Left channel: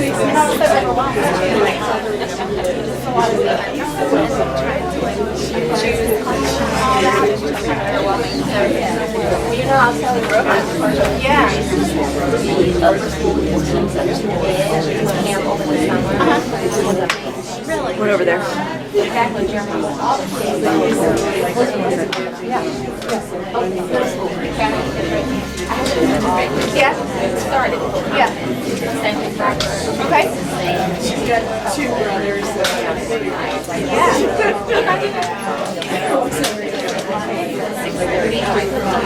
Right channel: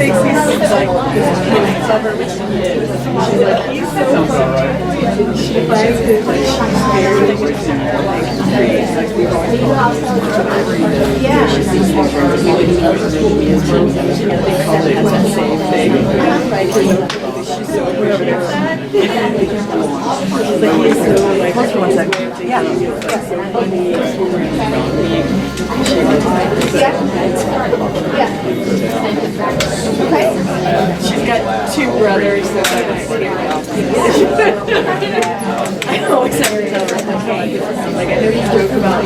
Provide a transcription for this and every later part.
She's got two brothers, so that might be I always like I know he's great about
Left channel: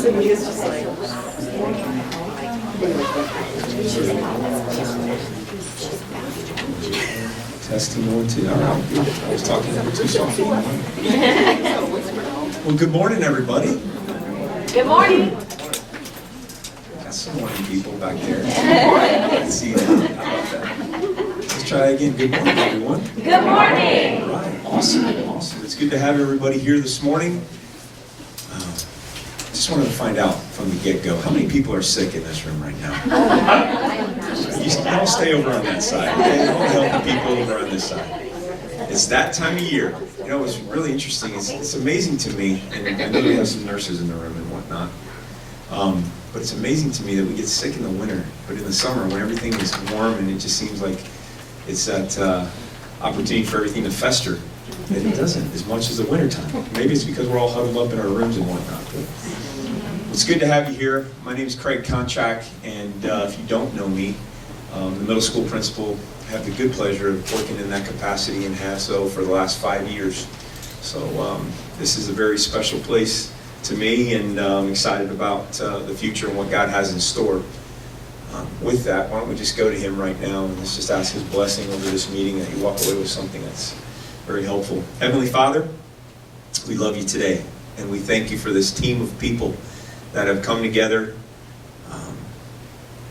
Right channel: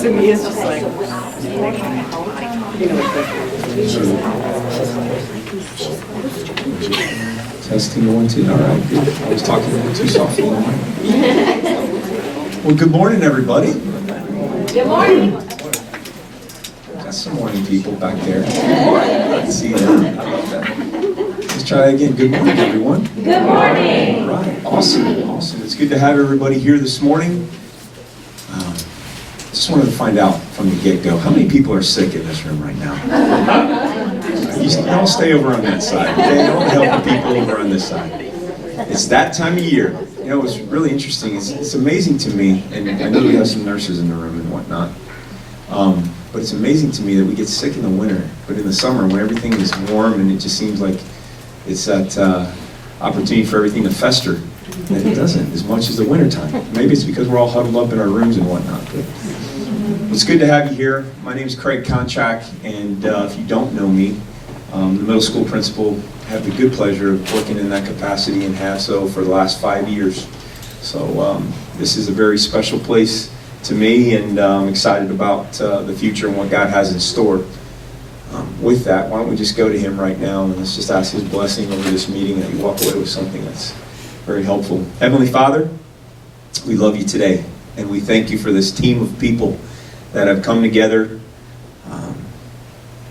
to me it's just like Testing 1, 2. All right, good. I was talking a little too softly. Well, good morning, everybody. Good morning. Got some morning people back there. Good morning. I can see that. I love that. Let's try again. Good morning, everyone. Good morning. All right. Awesome. Awesome. It's good to have everybody here this morning. Just wanted to find out from the get-go, how many people are sick in this room right now? Don't stay over on that side, okay? Don't help the people over on this side. It's that time of year. You know, it's really interesting. It's amazing to me, and I know we have some nurses in the room and whatnot, but it's amazing to me that we get sick in the winter, but in the summer when everything is warm and it just seems like it's that opportunity for everything to fester, and it doesn't as much as the wintertime. Maybe it's because we're all huddled up in our rooms and whatnot. But it's good to have you here. My name is Craig Konchak, and if you don't know me, the middle school principal. I have the good pleasure of working in that capacity and have so for the last 5 years. So this is a very special place to me, and I'm excited about the future and what God has in store. With that, why don't we just go to him right now and let's just ask his blessing over this meeting, that you walk away with something that's very helpful. Heavenly Father, we love you today, and we thank you for this team of people that have come together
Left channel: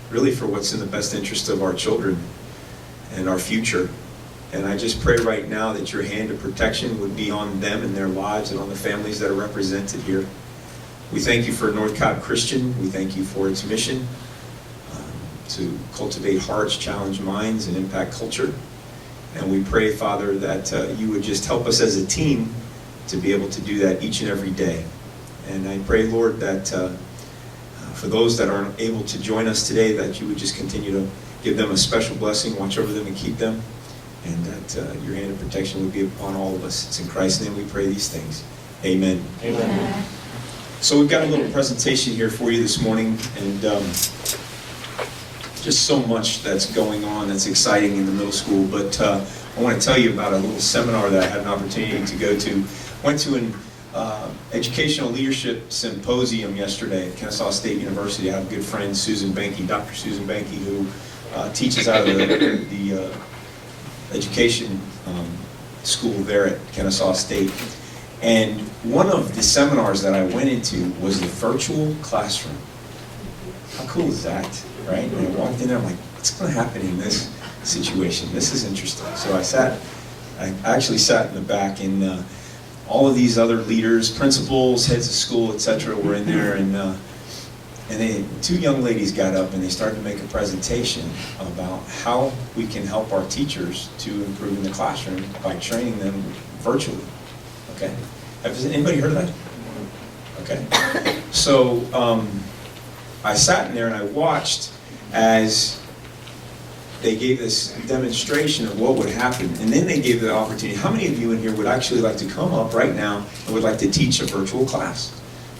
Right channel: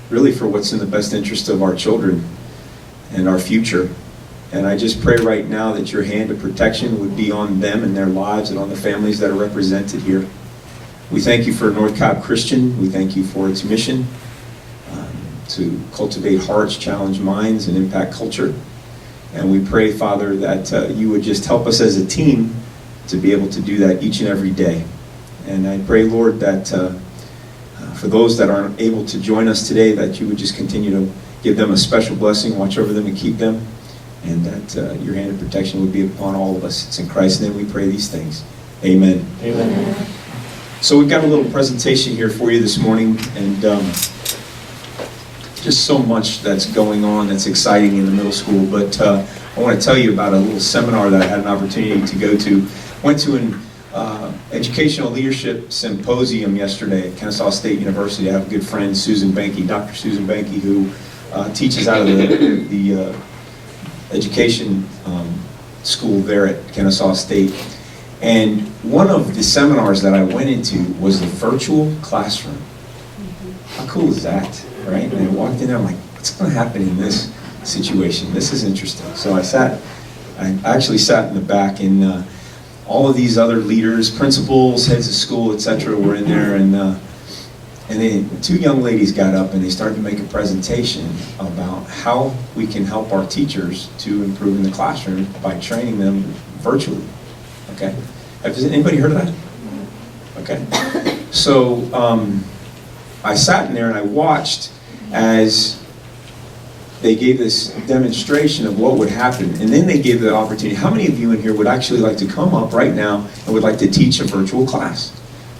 really for what's in the best interest of our children and our future. And I just pray right now that your hand of protection would be on them and their lives and on the families that are represented here. We thank you for North Cobb Christian. We thank you for its mission to cultivate hearts, challenge minds, and impact culture. And we pray, Father, that you would just help us as a team to be able to do that each and every day. And I pray, Lord, that for those that aren't able to join us today, that you would just continue to give them a special blessing, watch over them and keep them, and that your hand of protection would be upon all of us. It's in Christ's name we pray these things. Amen. Amen. So we've got a little presentation here for you this morning, and just so much that's going on that's exciting in the middle school. But I want to tell you about a little seminar that I had an opportunity to go to. Went to an educational leadership symposium yesterday at Kennesaw State University. I have a good friend, Susan Banky, Dr. Susan Banky, who teaches out of the education school there at Kennesaw State. And one of the seminars that I went into was the virtual classroom. How cool is that, right? And I walked in there, I'm like, what's going to happen in this situation? This is interesting. So I actually sat in the back, and all of these other leaders, principals, heads of school, etc., were in there, and then two young ladies got up and they started to make a presentation about how we can help our teachers to improve in the classroom by training them virtually. Okay, has anybody heard of that? Okay, so I sat in there and I watched as they gave this demonstration of what would happen, and then they gave the opportunity. How many of you in here would actually like to come up right now and would like to teach a virtual class?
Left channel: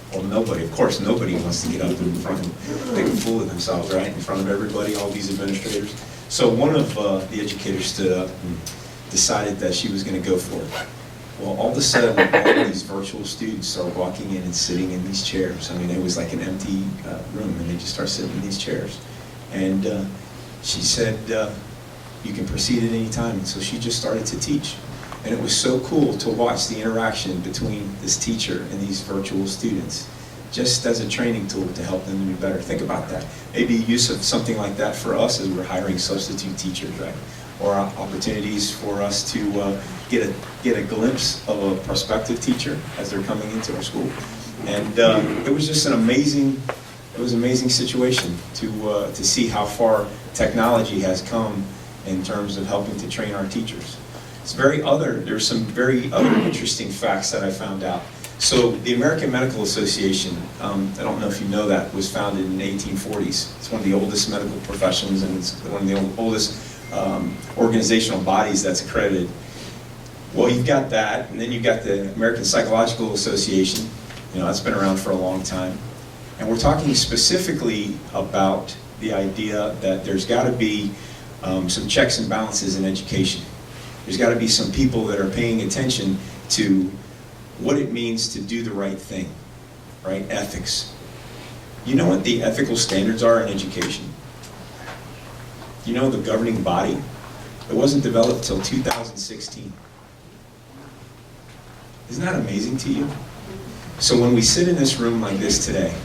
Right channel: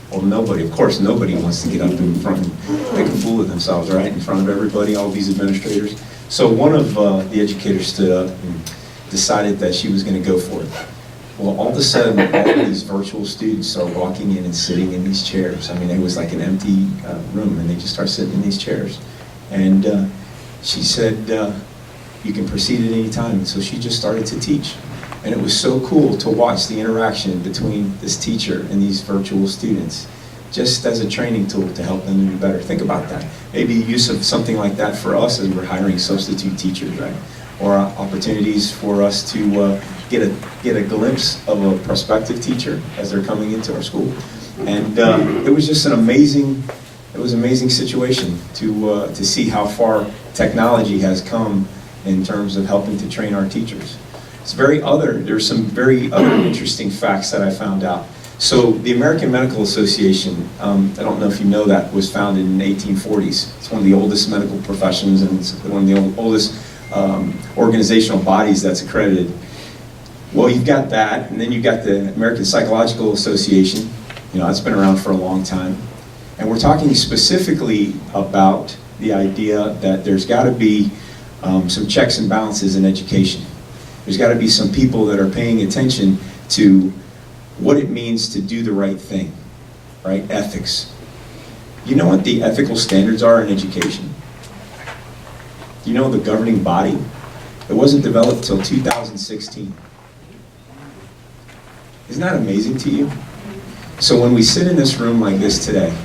Well, nobody. Of course, nobody wants to get up in front and make a fool of themselves, right, in front of everybody, all these administrators. So one of the educators stood up and decided that she was going to go for it. Well, all of a sudden, all of these virtual students start walking in and sitting in these chairs. I mean, it was like an empty room, and they just start sitting in these chairs. And she said, you can proceed at any time. And so she just started to teach. And it was so cool to watch the interaction between this teacher and these virtual students, just as a training tool to help them to be better. Think about that. Maybe use of something like that for us as we're hiring substitute teachers, right? Or opportunities for us to get a glimpse of a prospective teacher as they're coming into our school. And it was just an amazing situation to see how far technology has come in terms of helping to train our teachers. There's some very other interesting facts that I found out. So the American Medical Association, I don't know if you know that, was founded in the 1840s. It's one of the oldest medical professions, and it's one of the oldest organizational bodies that's accredited. Well, you've got that, and then you've got the American Psychological Association. That's been around for a long time. And we're talking specifically about the idea that there's got to be some checks and balances in education. There's got to be some people that are paying attention to what it means to do the right thing, right? Ethics. You know what the ethical standards are in education? You know the governing body? It wasn't developed till 2016. Isn't that amazing to you? So when we sit in this room like this today,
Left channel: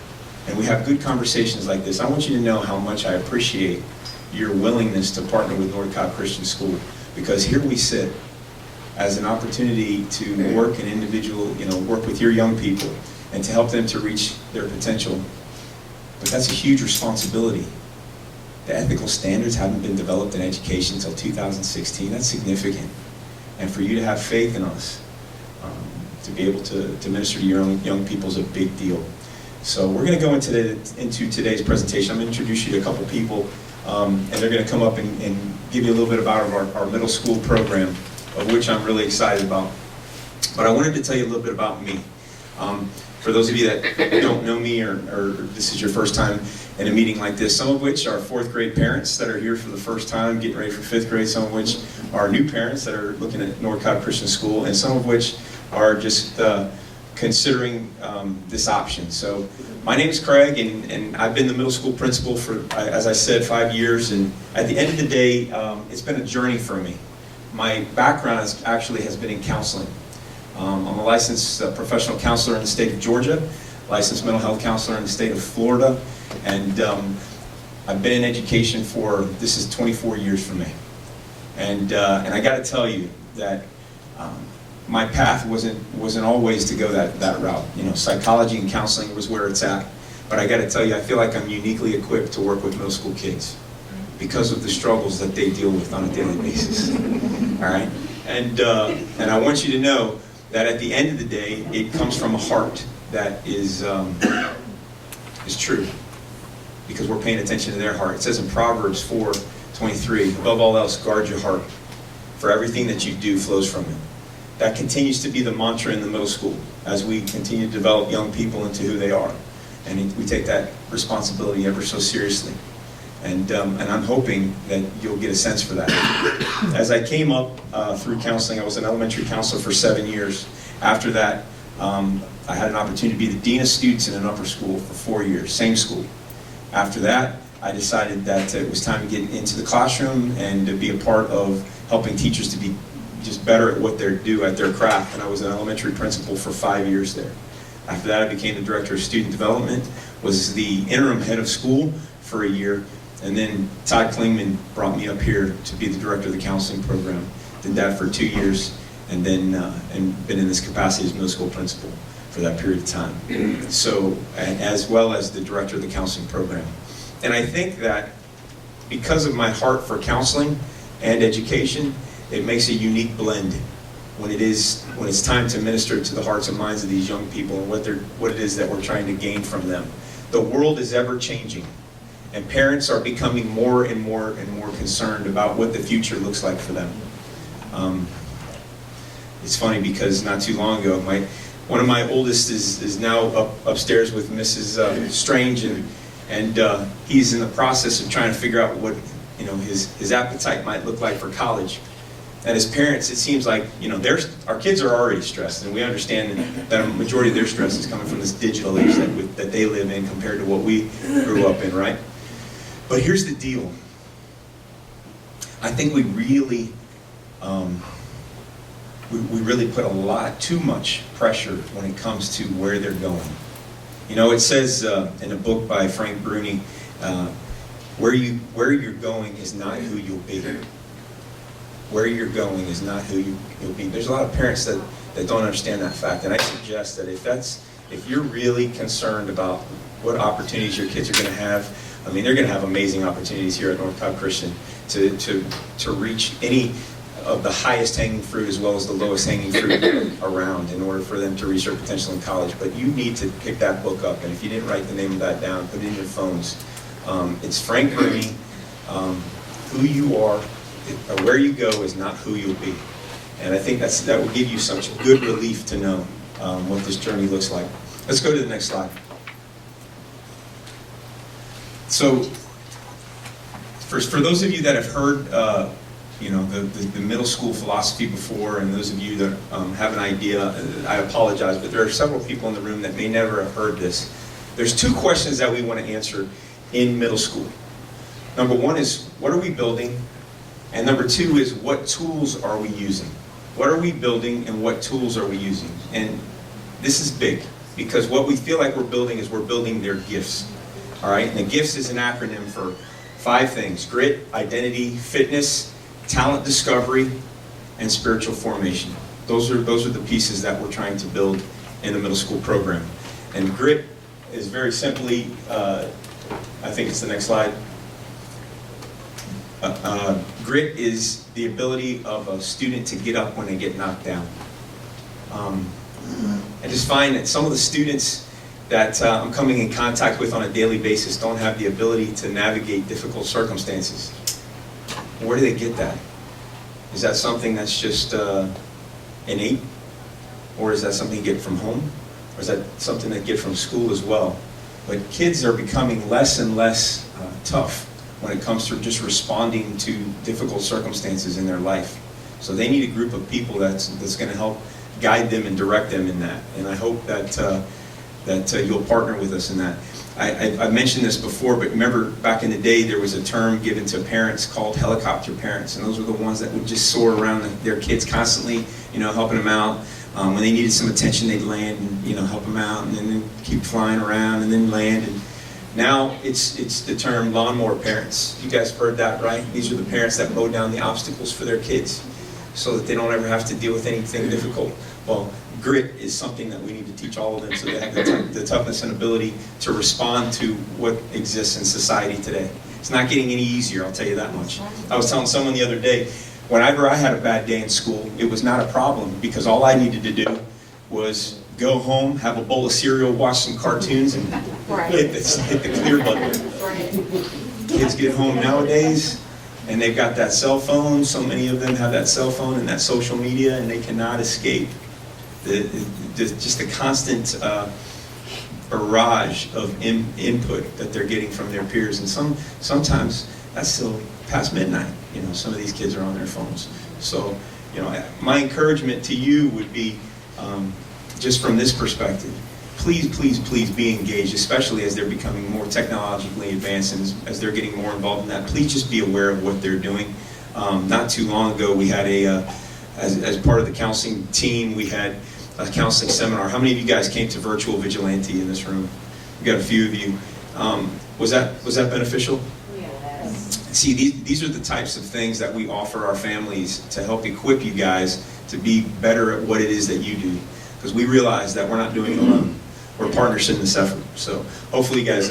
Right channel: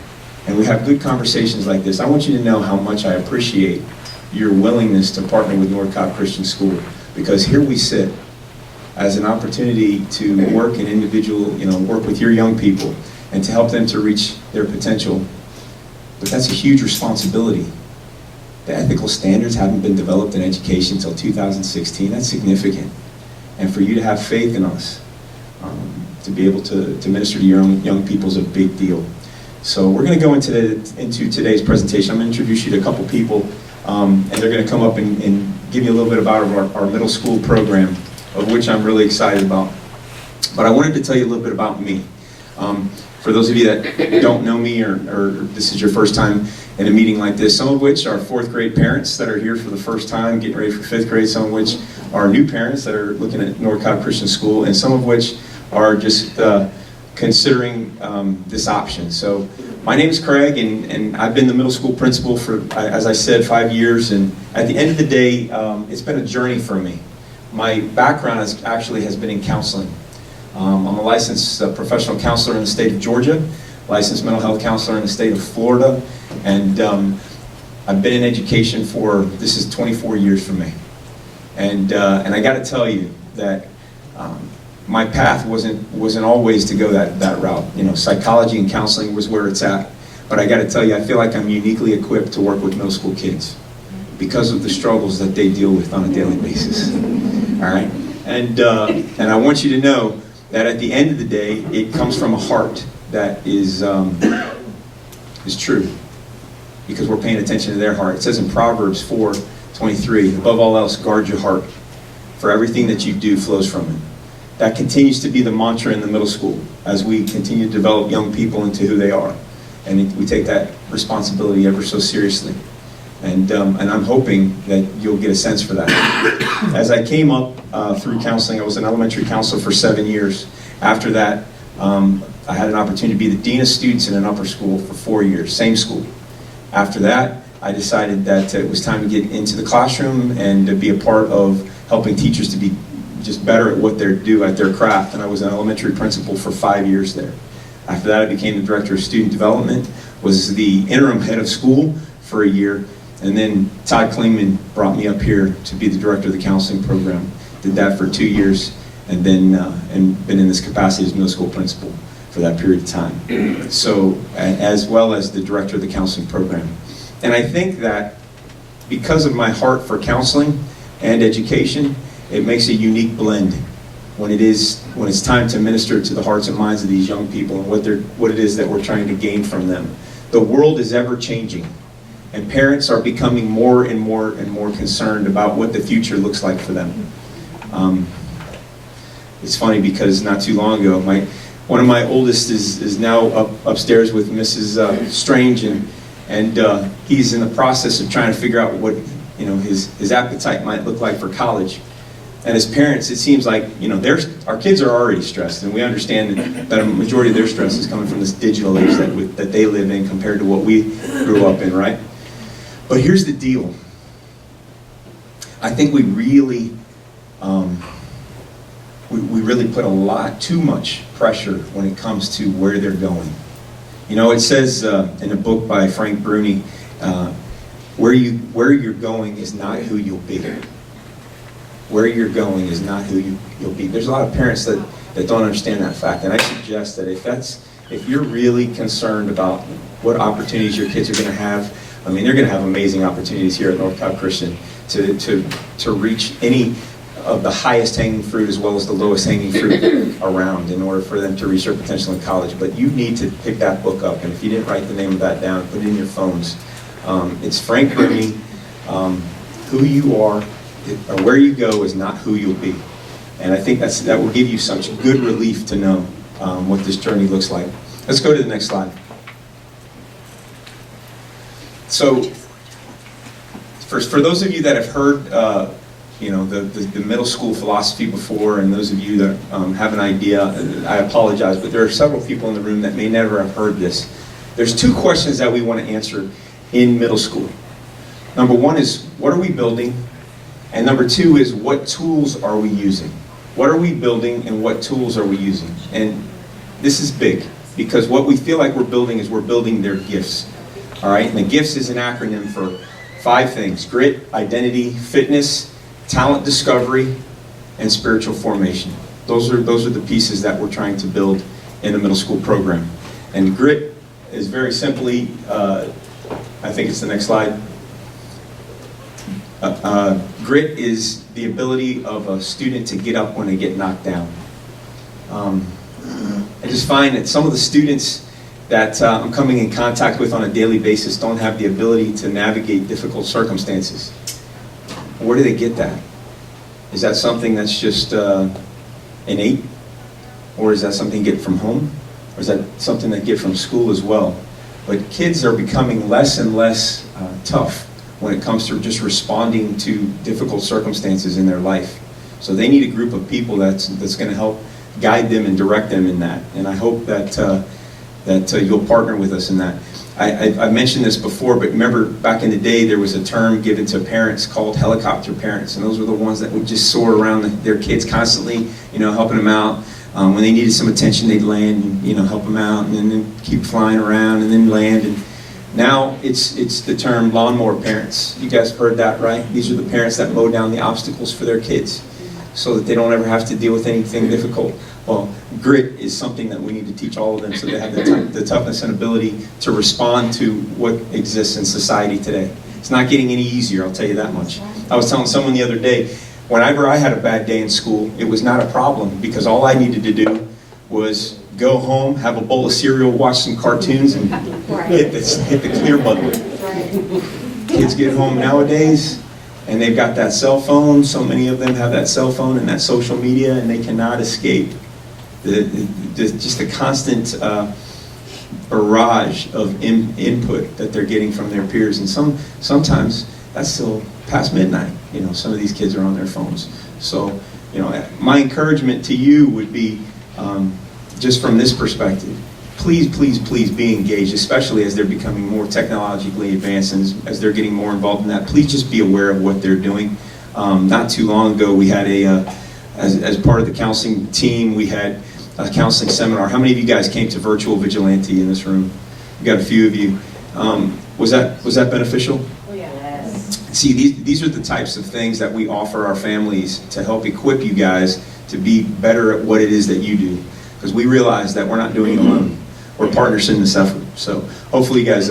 and we have good conversations like this, I want you to know how much I appreciate your willingness to partner with North Cobb Christian School, because here we sit as an opportunity to work in individual, work with your young people and to help them to reach their potential. But that's a huge responsibility. The ethical standards haven't been developed in education until 2016. That's significant. And for you to have faith in us, to be able to minister to your young people is a big deal. So we're going to go into today's presentation. I'm going to introduce you to a couple people, and they're going to come up and give you a little bit about our middle school program, of which I'm really excited about. But I wanted to tell you a little bit about me. For those of you that don't know me, or this is your first time in a meeting like this, some of which are fourth grade parents that are here for the first time, getting ready for fifth grade, some of which are new parents that are looking at North Cobb Christian School, and some of which are just considering this option. So my name is Craig, and I've been the middle school principal for, as I said, 5 years. And at the end of the day, it's been a journey for me. My background has been in counseling. I'm a licensed professional counselor in the state of Georgia, licensed mental health counselor in the state of Florida, and I've been in education this is 24 years for me. And I got to tell you that my path wasn't always to go that route. Psychology and counseling was where it's at. But I got to tell you, I feel like I'm uniquely equipped to work with middle school kids because of the struggles that they deal with on a daily basis. All right, and I want you to know that at the end of the day, it comes from a heart that is true, because we're paying attention to their heart. It says in Proverbs 4:23, above all else, guard your heart, for everything that you do flows from it. That continues to be the mantra in the middle school as we continue to develop young people into who they are. And we take that responsibility ever so seriously. And I'm hoping that you'll get a sense for that. As I came up through counseling, I was an elementary counselor for 7 years. After that, I had an opportunity to be the dean of students in an upper school for 4 years, same school. After that, I decided that it was time to get into the classroom and to be a part of helping teachers to be just better at what they do at their craft. And I was an elementary principal for 5 years there. After that, I became the director of student development, was the interim head of school for a year, and then Todd Klingman brought me up here to be the director of the counseling program. Did that for 2 years, and then and been in this capacity as middle school principal for that period of time. So, as well as the director of the counseling program. And I think that because of my heart for counseling and education, it makes a unique blend when it's time to minister to the hearts and minds of these young people and what it is that we're trying to gain from them. The world is ever changing, and parents are becoming more and more and more concerned about what the future looks like for them. It's funny because not too long ago, one of my oldest is now upstairs with Mrs. Strange, and he's in the process of trying to figure out what his appetite might look like for college. And as parents, it seems like our kids are already stressed, and we understand that a majority of their stress is coming from this digital age that they live in compared to what we grew up in, right? But here's the deal. I think we really put too much pressure when it comes to where they're going. It says in a book by Frank Bruni, where you're going is not who you'll be. where you're going is not who you'll be. There's a lot of parents that don't understand that fact, and I suggest that if you're really concerned about what opportunities your kids are going to have, I mean, they're going to have amazing opportunities here at North Cobb Christian to reach any of the highest hanging fruit as well as the lowest hanging fruit around in order for them to reach their potential in college. But you need to pick that book up, and if you didn't write the name of that down, put it in your phones. It's Frank Green. Who you are or where you go is not who you'll be. And I think that will give you such good relief to know what this journey looks like. Let's go to the next slide. So, for those of you that have heard, the middle school philosophy before, and those of you that have an idea, I apologize, but there are several people in the room that may never have heard this. There's two questions that we want to answer in middle school. Number one is, what are we building? And number two is, what tools are we using? What are we building and what tools are we using? And this is big, because what we feel like we're building is we're building their gifts. All right, and the GIFTS is an acronym for 5 things: grit, identity, fitness, talent discovery, and spiritual formation. Those are the pieces that we're trying to build in the middle school program. And grit is very simply, I think it's the next slide. Grit is the ability of a student to get up when they get knocked down. I just find that some of the students that I'm coming in contact with on a daily basis don't have the ability to navigate difficult circumstances. Where do they get that? Is that something that's just innate? Or is that something you get from home? Or is that something they get from school as well? But kids are becoming less and less tough when it comes to just responding to difficult circumstances in their life. So they need a group of people that's going to help guide them and direct them in that. And I hope that you'll partner with us in that. I mentioned this before, but remember back in the day there was a term given to parents called helicopter parents, and those were the ones that would just soar around their kids constantly, helping them out. When they needed some attention, they'd land and help them out, and then keep flying around and then land. And now it's the term lawnmower parents. You guys heard that, right? These are the parents that mow down the obstacles for their kids so that they don't ever have to deal with anything difficult. Well, grit is something that we need to teach all of them so they have the toughness and ability to respond to what exists in society today. It's not getting any easier, I'll tell you that much. I was telling someone the other day, whenever I had a bad day in school, it was not a problem because all I needed to do was go home, have a bowl of cereal, watch some cartoons, and hit the clear button. Kids get home nowadays, and they've got that cell phone. So many of them have that cell phone and that social media, and they cannot escape just the constant barrage of input that they're getting from their peers. And sometimes that's still past midnight. Some of these kids are on their phones. So, my encouragement to you would be, just from this perspective, please, please, please be engaged, especially as they're becoming more technologically advanced and as they're getting more involved in that. Please just be aware of what they're doing. Not too long ago, we had as part of the counseling team, we had a counseling seminar. How many of you guys came to Virtual Vigilante in this room? We got a few of you. Was that beneficial? Oh, yes. See, these are the types of things that we offer our families to help equip you guys to be better at what it is that you do. Because we realize that we're not doing it alone. We're partners in this effort. So hopefully you guys,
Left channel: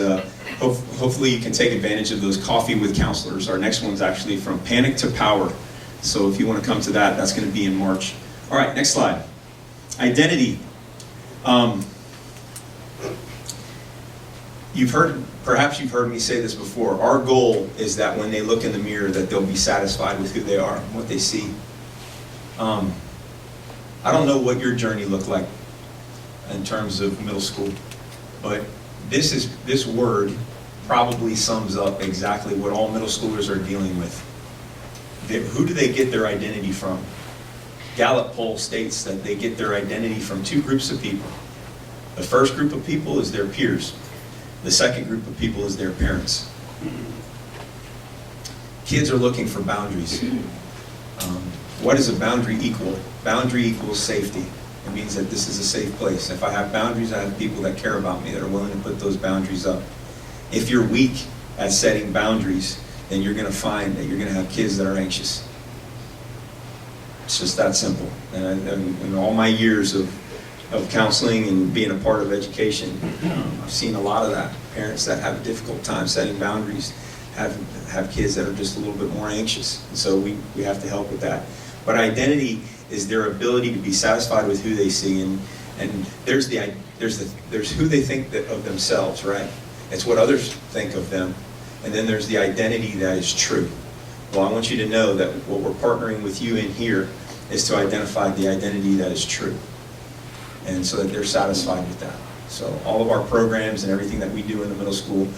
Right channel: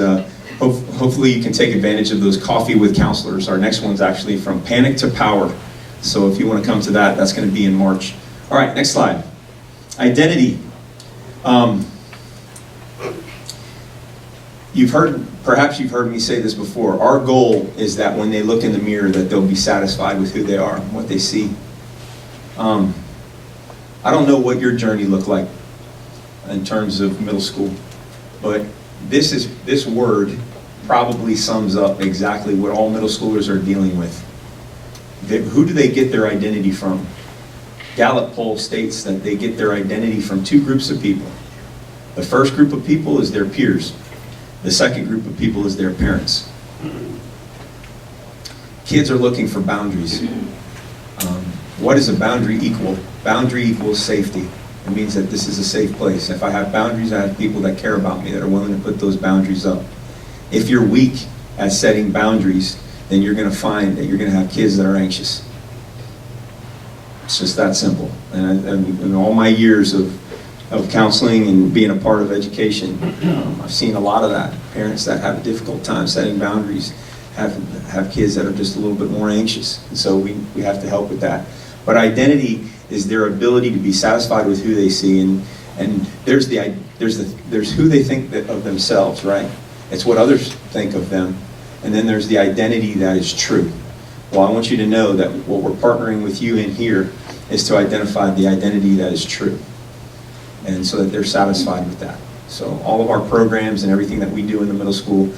hopefully you can take advantage of those Coffee with Counselors. Our next one's actually From Panic to Power. So if you want to come to that, that's going to be in March. All right, next slide. Identity. Perhaps you've heard me say this before. Our goal is that when they look in the mirror, that they'll be satisfied with who they are and what they see. I don't know what your journey looked like in terms of middle school, but this word probably sums up exactly what all middle schoolers are dealing with. Who do they get their identity from? Gallup poll states that they get their identity from 2 groups of people. The first group of people is their peers. The second group of people is their parents. Kids are looking for boundaries. What does a boundary equal? Boundary equals safety. It means that this is a safe place. If I have boundaries, I have people that care about me, that are willing to put those boundaries up. If you're weak at setting boundaries, then you're going to find that you're going to have kids that are anxious. It's just that simple. And in all my years of counseling and being a part of education, I've seen a lot of that. Parents that have a difficult time setting boundaries have kids that are just a little bit more anxious. And so we have to help with that. But identity is their ability to be satisfied with who they see, and there's who they think of themselves, right? It's what others think of them, and then there's the identity that is true. Well, I want you to know that what we're partnering with you in here is to identify the identity that is true, and so that they're satisfied with that. So all of our programs and everything that we do in the middle school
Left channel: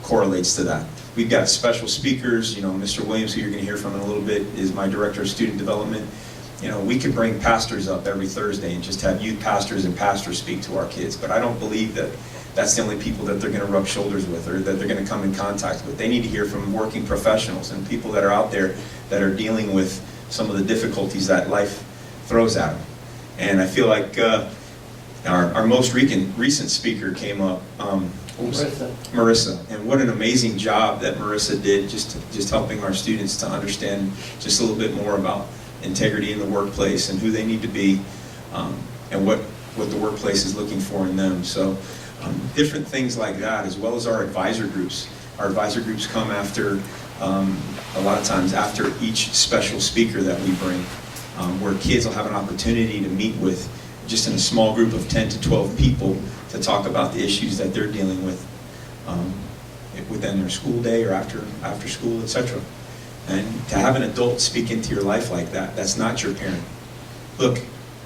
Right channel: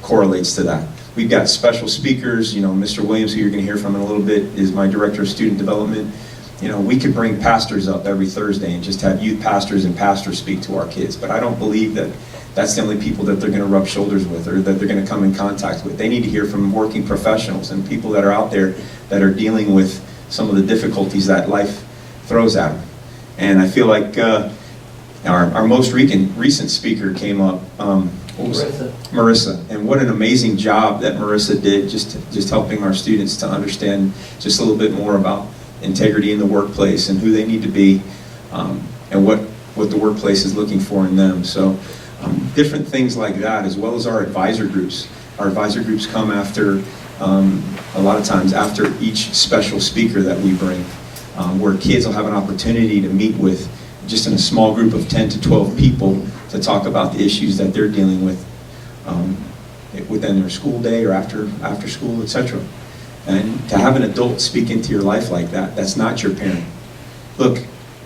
correlates to that. We've got special speakers. Mr. Williams, who you're going to hear from in a little bit, is my director of student development. We could bring pastors up every Thursday and just have youth pastors and pastors speak to our kids, but I don't believe that that's the only people that they're going to rub shoulders with or that they're going to come in contact with. They need to hear from working professionals and people that are out there that are dealing with some of the difficulties that life throws at them. And I feel like our most recent speaker came up, Marissa. And what an amazing job that Marissa did just helping our students to understand just a little bit more about integrity in the workplace and who they need to be, and what the workplace is looking for in them. So different things like that, as well as our advisor groups. Our advisor groups come after, a lot of times after each special speaker that we bring, where kids will have an opportunity to meet with just in a small group of 10 to 12 people to talk about the issues that they're dealing with within their school day or after school, etc. And to have an adult speak into your life like that, that's not your parent. Look,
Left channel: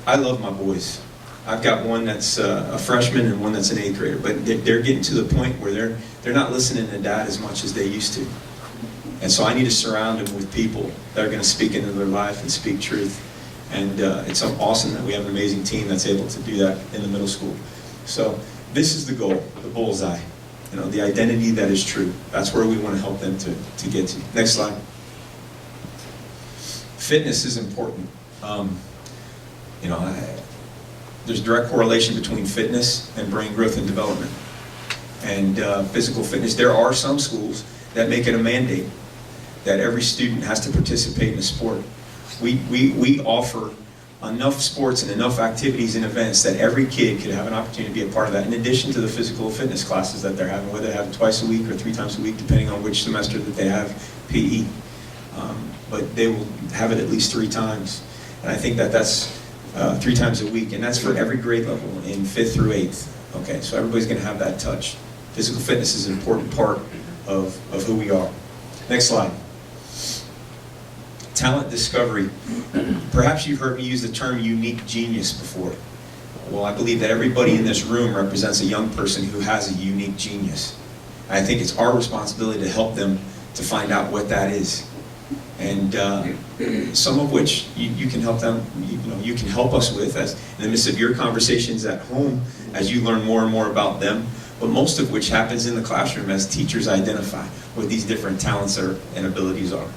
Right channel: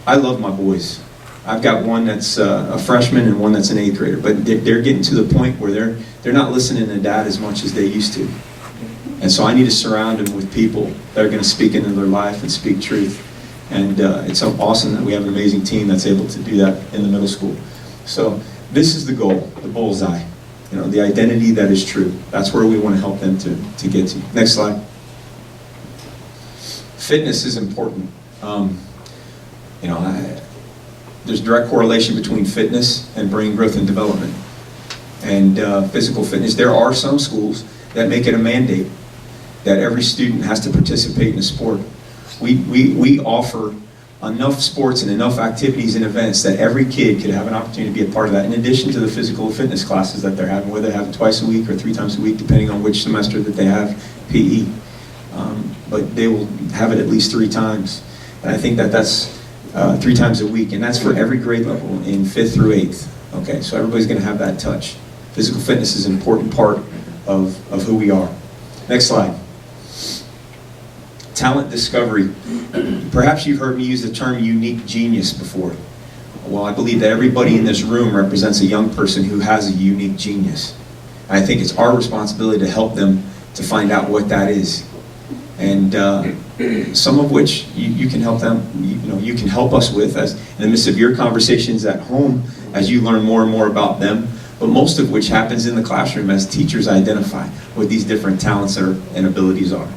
I love my boys. I've got one that's a freshman and one that's an 8th grader, but they're getting to the point where they're not listening to dad as much as they used to. And so I need to surround them with people that are going to speak into their life and speak truth. And it's so awesome that we have an amazing team that's able to do that in the middle school. So this is the goal, the bullseye. The identity that is true. That's where we want to help them to get to. Next slide. Fitness is important. There's direct correlation between fitness and brain growth and development and physical fitness. There are some schools that make it a mandate that every student has to participate in a sport. We offer enough sports and enough activities and events that every kid could have an opportunity to be a part of that, in addition to the physical fitness classes that they're having, whether they have it twice a week or 3 times a week, depending on which semester that they have PE. But they will have it at least 3 times. And I think that's 3 times a week, and that's for every grade level in 5th through 8th. Okay, so everybody's going to have that touch. Physical fitness is an important part of who we are. Next slide. Talent discovery. Perhaps you've heard me use the term unique genius before. Well, I believe that everybody in this room represents a young person who has a unique genius. And I think it's our responsibility to help them to find out what that is. And some of which you can help them, you can help us with as in the midst of your conversations at home as you learn more and more about them, but most of which happens in the classroom as teachers identify what these different talents and abilities are.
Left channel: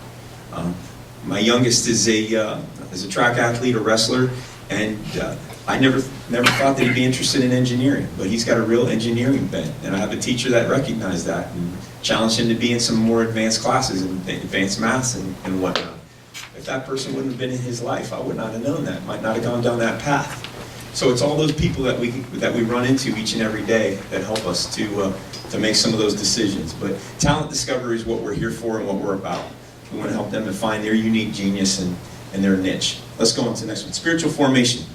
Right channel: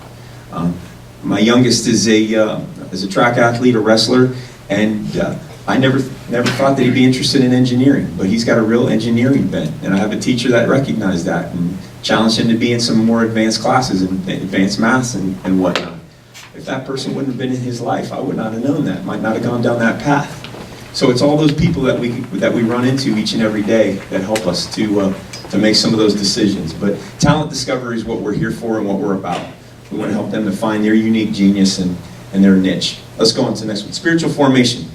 My youngest is a track athlete, a wrestler, and I never thought that he'd be interested in engineering, but he's got a real engineering bent, and I have a teacher that recognized that and challenged him to be in some more advanced classes and advanced maths and whatnot. If that person wouldn't have been in his life, I would not have known that, might not have gone down that path. So it's all those people that we run into each and every day that help us to make some of those decisions. But talent discovery is what we're here for and what we're about. We want to help them to find their unique genius and their niche. Let's go on to the next one. Spiritual formation.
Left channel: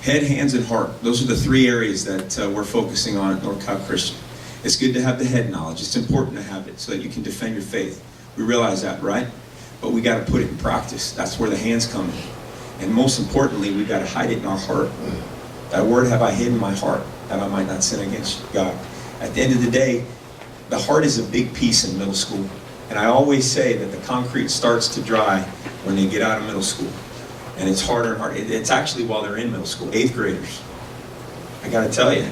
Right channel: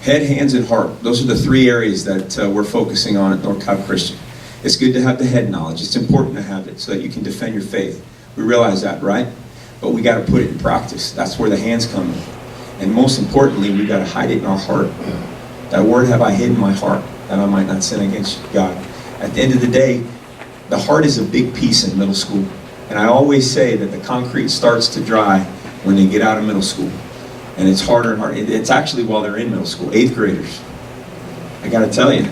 Head, hands, and heart. Those are the 3 areas that we're focusing on at North Cobb Christian. It's good to have the head knowledge. It's important to have it so that you can defend your faith. We realize that, right? But we got to put it in practice. That's where the hands come in. And most importantly, we got to hide it in our heart. That word have I hid in my heart, that I might not sin against God. At the end of the day, the heart is a big piece in middle school. And I always say that the concrete starts to dry when they get out of middle school. And it's harder and harder. It's actually while they're in middle school, 8th graders. I got to tell you,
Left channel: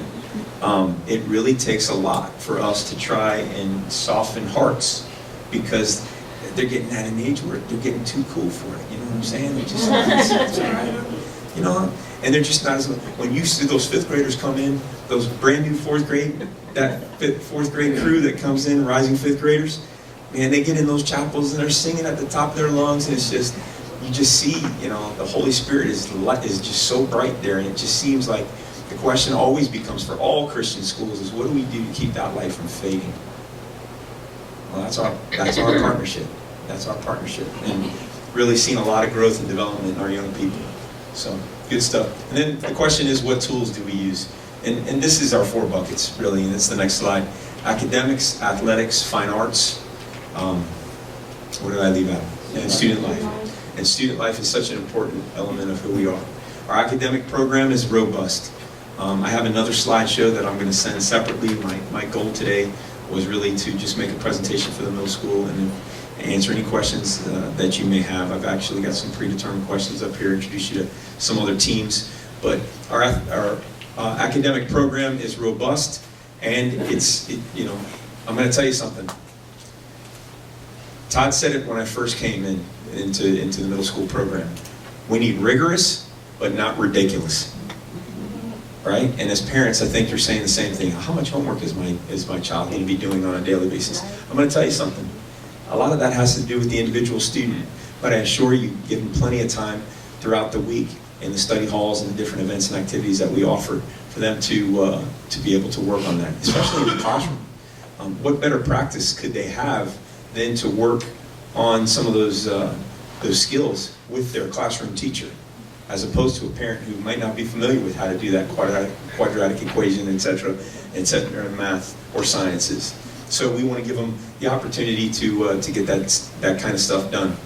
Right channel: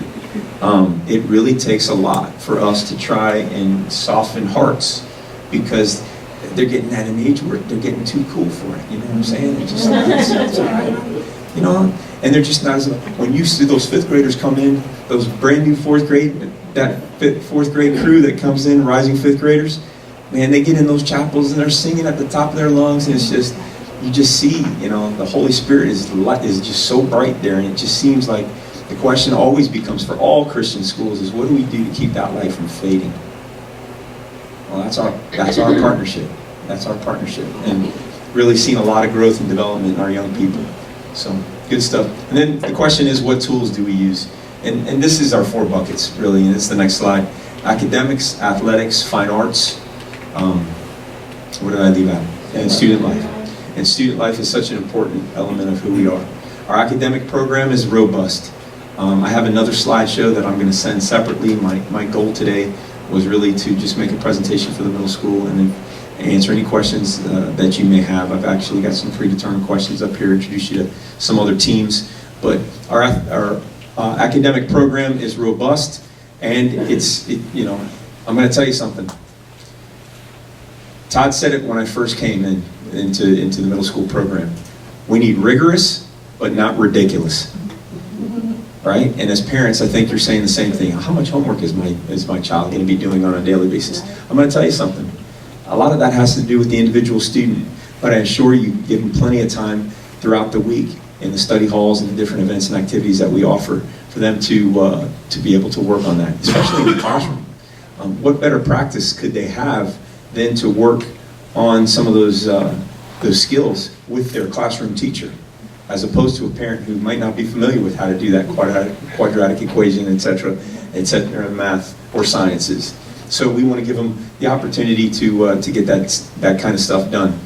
it really takes a lot for us to try and soften hearts, because they're getting at an age where they're getting too cool for it. You know what I'm saying? They're just not, it's all right. And they're just not as, when you see those 5th graders come in, those brand new 4th grade, that 4th grade crew that comes in, rising 5th graders, man, they get in those chapels and they're singing at the top of their lungs, and it's just, you just see, the Holy Spirit is just so bright there, and it just seems like the question always becomes for all Christian schools is, what do we do to keep that light from fading? Well, that's our partnership. That's our partnership, and really seen a lot of growth and development in our young people. So good stuff. And then the question is, what tools do we use? And this is our 4 buckets, really, and it's the next slide. Academics, athletics, fine arts. What did I leave out? And student life. And student life is such an important element of who we are. Our academic program is robust. I have another slideshow that I'm going to send separately. My goal today was really to just make a presentation for the middle school and then answer any questions that you may have. I've actually got some predetermined questions up here, introduce you to some other teams. But our academic program is robust, and I'm going to tell you something. Todd said it when I first came into the middle school program. We need rigorous, but not ridiculous. Right? And as parents, I think you're saying the same thing. How much homework is my child going to be doing on a daily basis? I'm going to tell you something. A lot of that has to do with the individual student, but I assure you, give them plenty of time throughout the week in the study halls and the different events and activities that we offer for them to be able to work on that, especially in the classroom. What better practice could they have than to work on some of those skills with their classroom teacher, as opposed to a parent who might not be familiar with how to do that quadratic equation, etc., in math or sciences. So we want to give them the opportunity to get that kind of stuff done.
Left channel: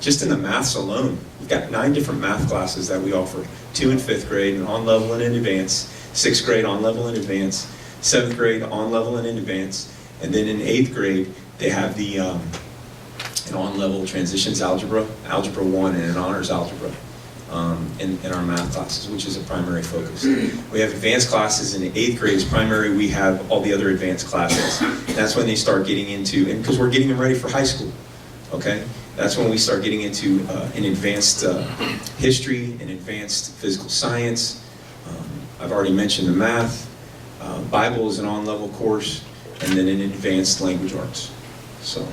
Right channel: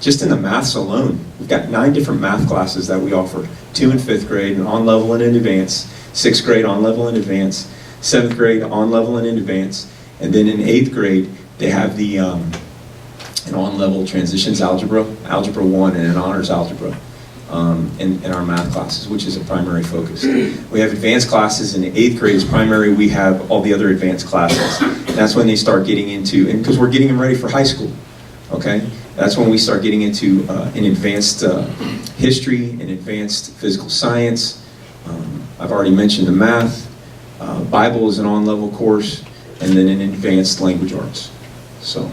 Just in the maths alone, we've got 9 different math classes that we offer. 2 in 5th grade, and on level and in advance. 6th grade, on level and advance. 7th grade, on level and in advance. And then in 8th grade, they have the an on-level transitions algebra, algebra 1, and an honors algebra in our math classes, which is a primary focus. We have advanced classes in the 8th grade as primary. We have all the other advanced classes. That's when they start getting into, and because we're getting them ready for high school, okay? That's when we start getting into an advanced history, an advanced physical science. I've already mentioned the math. Bible is an on-level course, and then an advanced language arts. So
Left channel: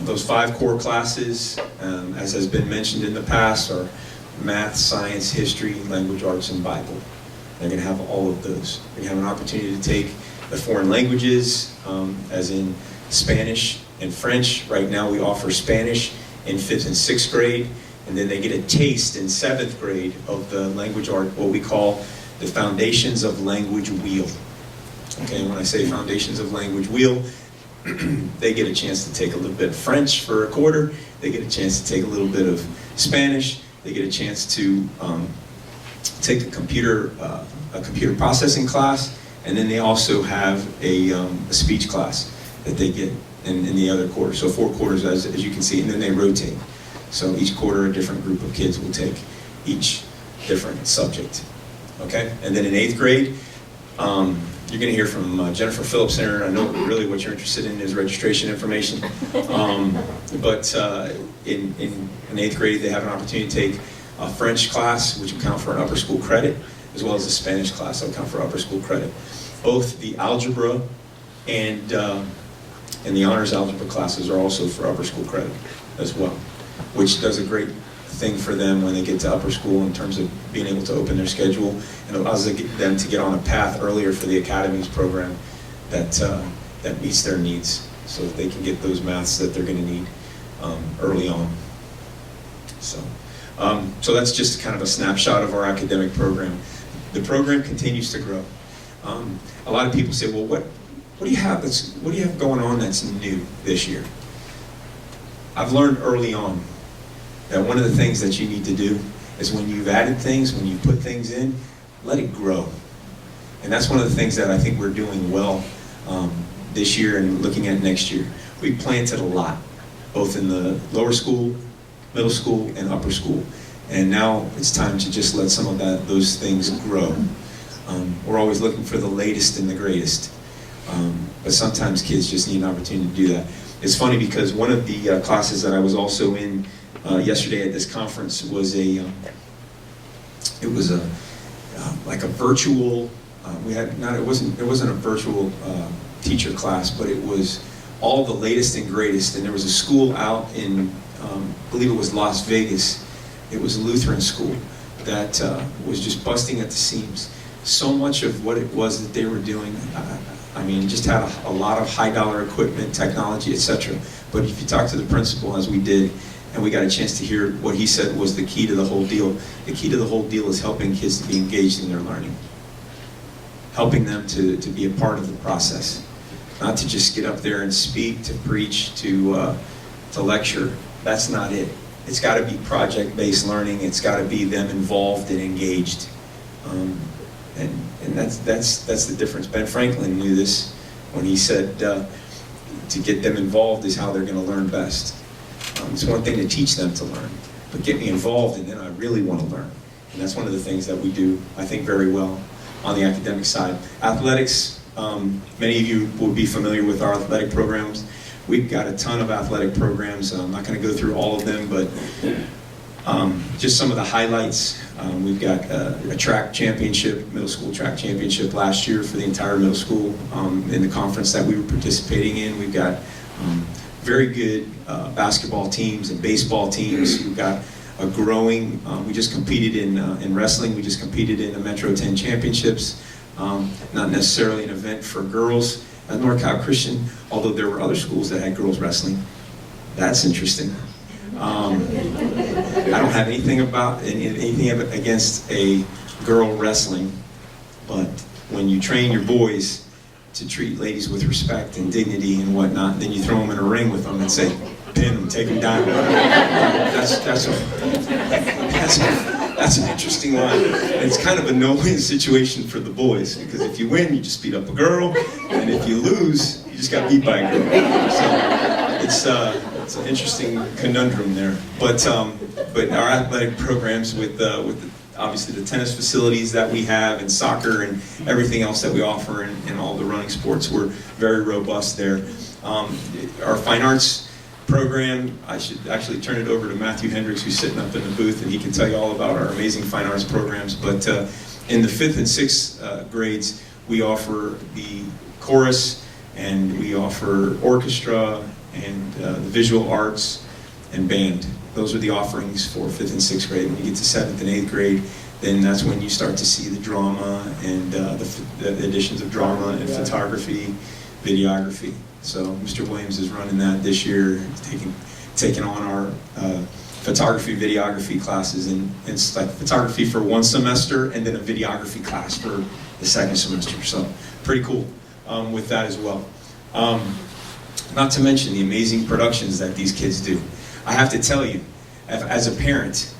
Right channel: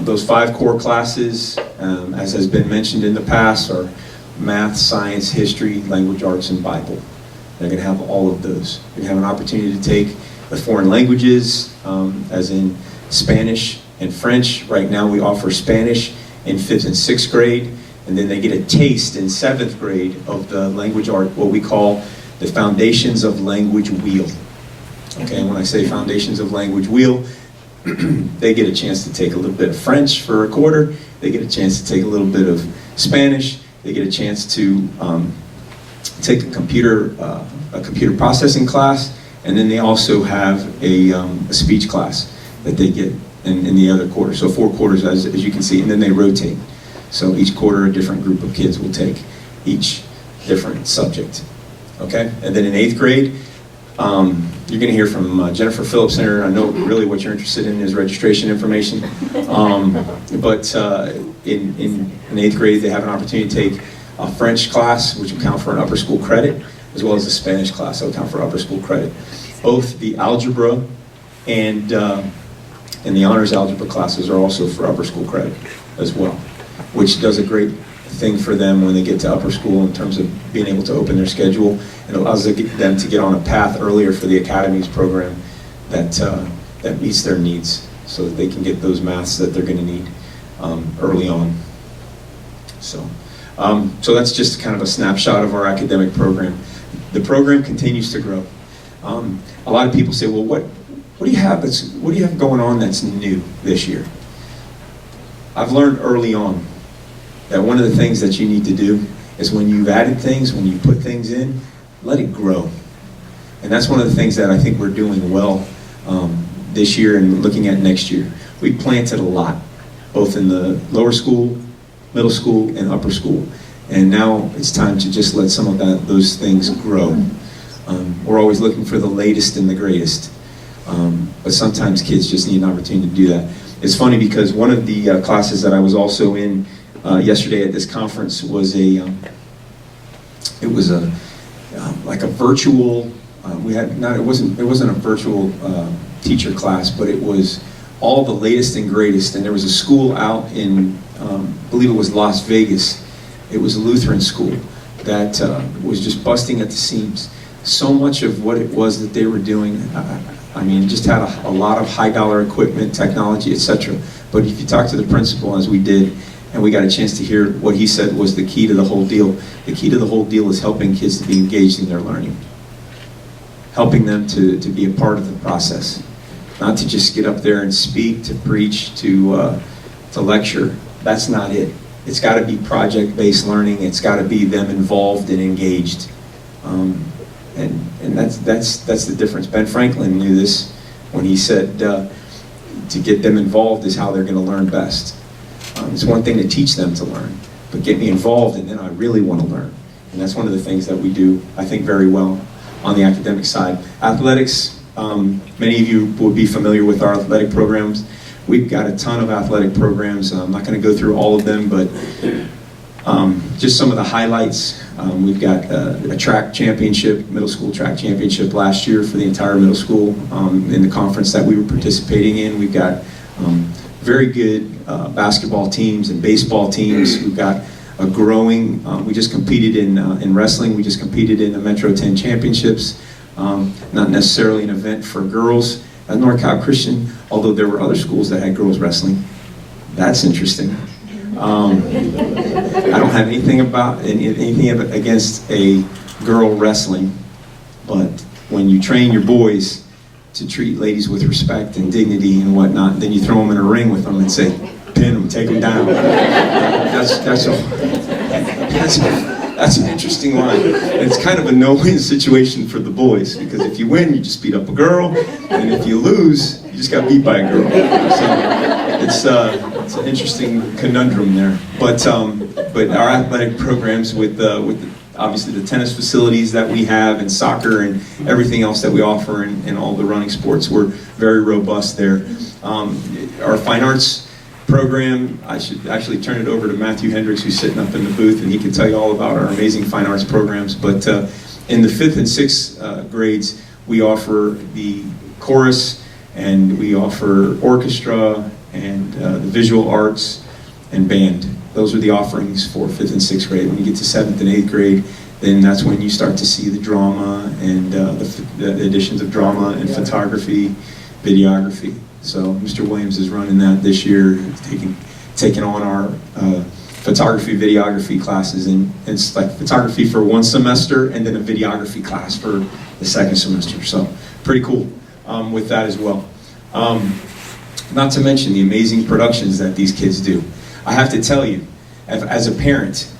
those 5 core classes, as has been mentioned in the past, are math, science, history, language arts, and Bible. They're going to have all of those. They have an opportunity to take the foreign languages, as in Spanish and French. Right now we offer Spanish in 5th and 6th grade, and then they get a taste in 7th grade of the language art, what we call the Foundations of Language Wheel. Okay, and when I say Foundations of Language Wheel, they get a chance to take a little bit of French for a quarter, they get a chance to take a little bit of Spanish, they get a chance to take a computer processing class, and then they also have a speech class that they get in the other quarter. So 4 quarters, as you can see, and then they rotate. So each quarter, a different group of kids will take each different subject. Okay? And then in 8th grade, you're going to hear from Jennifer Phillips Center. I know really what you're interested in is registration information. But in 8th grade, they have an opportunity to take a French class, which will count for an upper school credit, as well as a Spanish class that will count for upper school credit. Both the algebra and the honors algebra classes are also for upper school credit as well, which does a great thing for them when they get to upper school in terms of being able to open their schedule, and allows them to get on a path earlier for the academies program that meets their needs, so that they can get those maths that they're going to need early on. So that's just kind of a snapshot of our academic program. The program continues to grow. A lot of people say, well, what do you have going on that's new this year? I've learned early on that one of the things that you need to do is when you've added things, when you put things in, let it grow. And that's one of the things that I think we're doing well this year and looking at next year. We planted a lot, both in the lower school, middle school, and upper school. And now it's time to just let some of those things grow. We're always looking for the latest and the greatest. But sometimes kids just need an opportunity to do that. It's funny because one of the classes that I was also in yesterday at this conference was like a virtual. It wasn't a virtual teacher class, but it was all the latest and greatest. And there was a school out in, I believe it was Las Vegas. It was a Lutheran school that was just busting at the seams. So much of what it was that they were doing, I mean, just had a lot of high-dollar equipment, technology, etc. But if you talk to the principal, as we did, and we got a chance to hear what he said was the key to the whole deal. The key to the whole deal is helping kids to be engaged in their learning. Helping them to be a part of the process. Not to just get up there and speak, to preach, to lecture. That's not it. It's got to be project-based learning. It's got to be them involved and engaged. And that's the difference. Ben Franklin knew this when he said to get them involved is how they're going to learn best. It's one thing to teach them to learn, but get me involved and then I really want to learn. And that's one of the things that we do, I think, very well on the academic side. Athletics, many of you will be familiar with our athletic programs. We've got a ton of athletic programs. I'm not going to go through all of them, but just some of the highlights. We've got a track championship, middle school track championship last year for the entire middle school in the conference that we were participating in. We've got very good basketball teams and baseball teams. We've got a growing, we just competed in wrestling. We just competed in the Metro 10 championships. Not necessarily an event for girls at North Cal Christian, although there were other schools that had girls wrestling. That's interesting. I don't have anything against a girl wrestling, but when you train your boys to treat ladies with respect and dignity and whatnot, then you throw them in a ring with them and say, pin them, take them down. That's an interesting line. And it's kind of a no-win situation for the boys, because if you win, you just beat up a girl, and if you lose, you just got beat by a girl. So it's an interesting conundrum there. But our athletic programs with obviously the tennis facilities that we have and soccer and everything else that we offer in all the running sports, we're very robust there. Our fine arts program, I should actually turn it over to Matthew Hendricks, who's sitting up in the booth, and he can tell you all about our amazing fine arts programs. But in the 5th and 6th grades, we offer the chorus, and we offer orchestra, and the visual arts, and band. Those are the offerings for 5th and 6th grade. When you get to 7th and 8th grade, then that's when you start to see the drama and the additions of drama and photography, videography. So Mr. Williams is running that this year, taking on our photography, videography classes, and it's like photography for one semester and then a videography class for the second semester. So pretty cool with that as well. Not to mention the amazing productions that these kids do. I have to tell you, as a parent,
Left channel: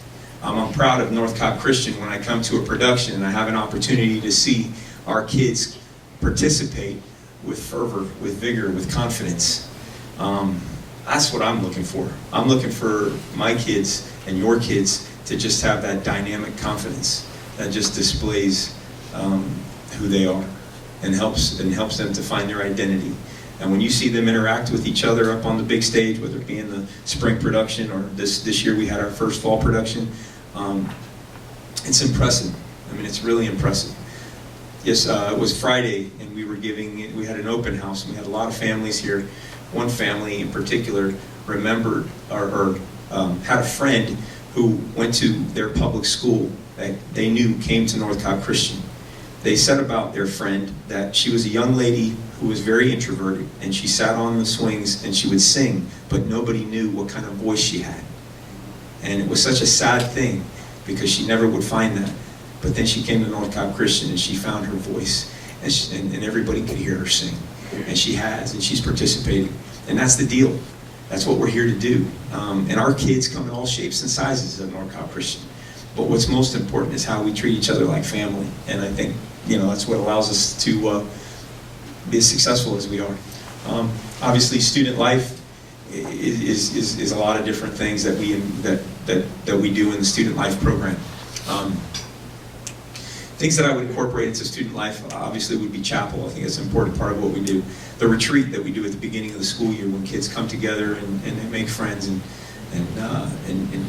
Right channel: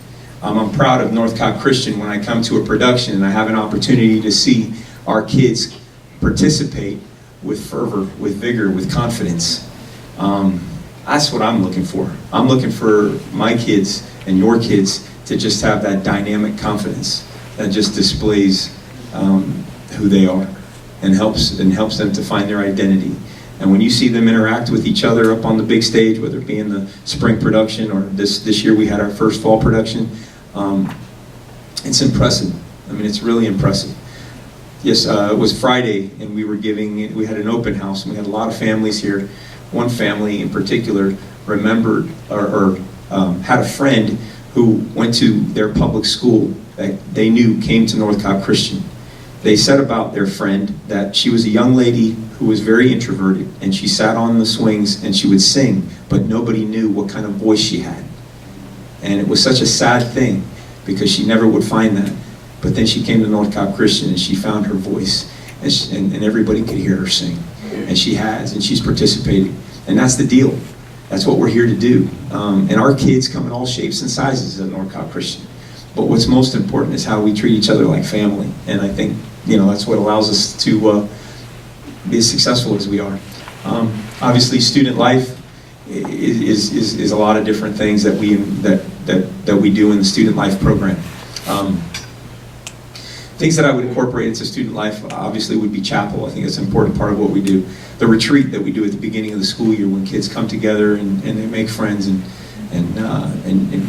I'm proud of North Cal Christian when I come to a production and I have an opportunity to see our kids participate with fervor, with vigor, with confidence. That's what I'm looking for. I'm looking for my kids and your kids to just have that dynamic confidence that just displays who they are and helps them to find their identity. And when you see them interact with each other up on the big stage, whether it be in the spring production or this year we had our first fall production, it's impressive. I mean, it's really impressive. Yes, it was Friday, and we had an open house, and we had a lot of families here. One family in particular remembered or had a friend who went to their public school that they knew came to North Cal Christian. They said about their friend that she was a young lady who was very introverted, and she sat on the swings and she would sing, but nobody knew what kind of voice she had. And it was such a sad thing because she never would find that. But then she came to North Cal Christian and she found her voice, and everybody could hear her sing. And she's participating. And that's the deal. That's what we're here to do. And our kids come in all shapes and sizes at North Cal Christian. But what's most important is how we treat each other like family. And I think, that's what allows us to be as successful as we are. Obviously, student life is a lot of different things that we do in the student life program. Things that I would incorporate into student life obviously would be chapel. I think it's an important part of what we do. The retreat that we do at the beginning of the school year when kids come together and they make friends and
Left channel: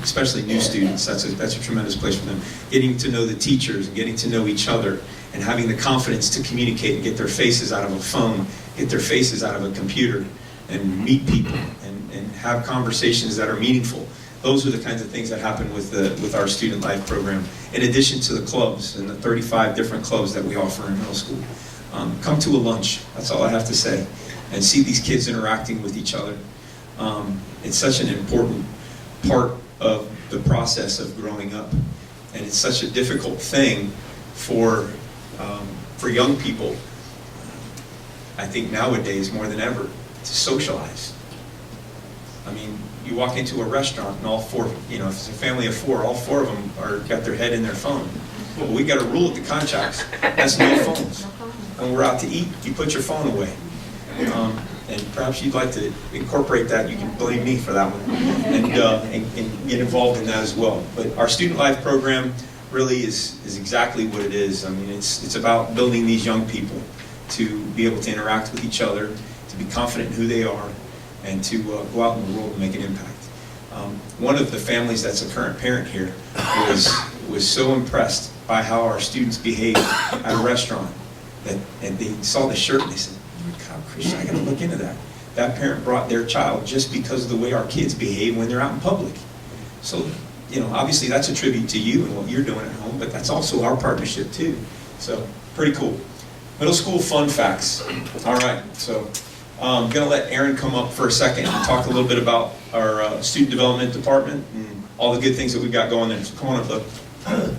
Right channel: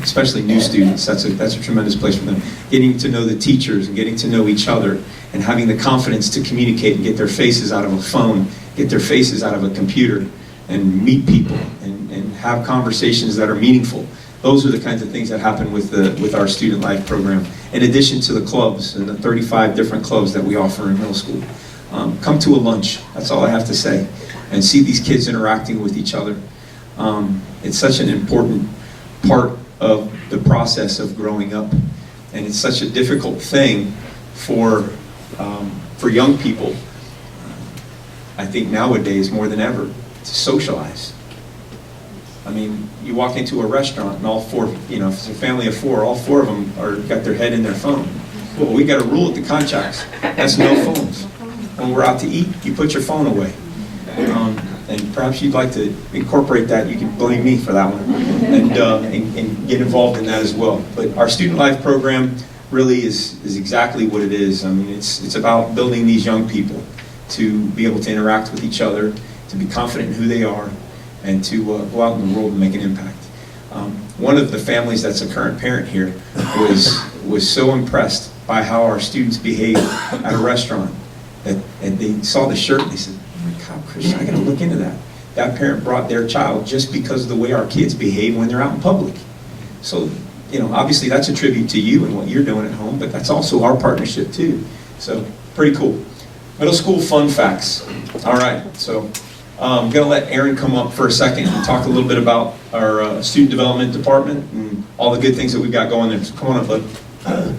especially new students, that's a tremendous place for them. Getting to know the teachers and getting to know each other and having the confidence to communicate and get their faces out of a phone, get their faces out of a computer, and meet people and have conversations that are meaningful. Those are the kinds of things that happen with our Student Life program, in addition to the clubs and the 35 different clubs that we offer in middle school. Come to a lunch, that's all I have to say, and see these kids interacting with each other. It's such an important part of the process of growing up, and it's such a difficult thing for young people, I think nowadays more than ever, to socialize. I mean, you walk into a restaurant and all four, if it's a family of four, all four of them got their head in their phone. Well, we got a rule at the contracts. That's no phones. When we're out to eat, you put your phone away. And perhaps you'd like to incorporate that. You can blame me for that one, and get involved in that as well. But our Student Life program really is exactly what it is. I mean, it's about building these young people to be able to interact with each other, to be confident in who they are, and to go out in the world and make an impact. One of the families that's a current parent here was so impressed by how our students behaved at a restaurant and they saw the shirt and they said, "Oh my God, Christian, I got to look into that." That parent brought their child just because of the way our kids behave when they're out in public. So, obviously that's a tribute to you and what you're doing at home, but that's also our partnership too. So, pretty cool. Middle school fun facts. All right, so I'm going to let Aaron come up for a second and talk a little bit about our student development department and all the good things that we've got going there. So come on up, bud.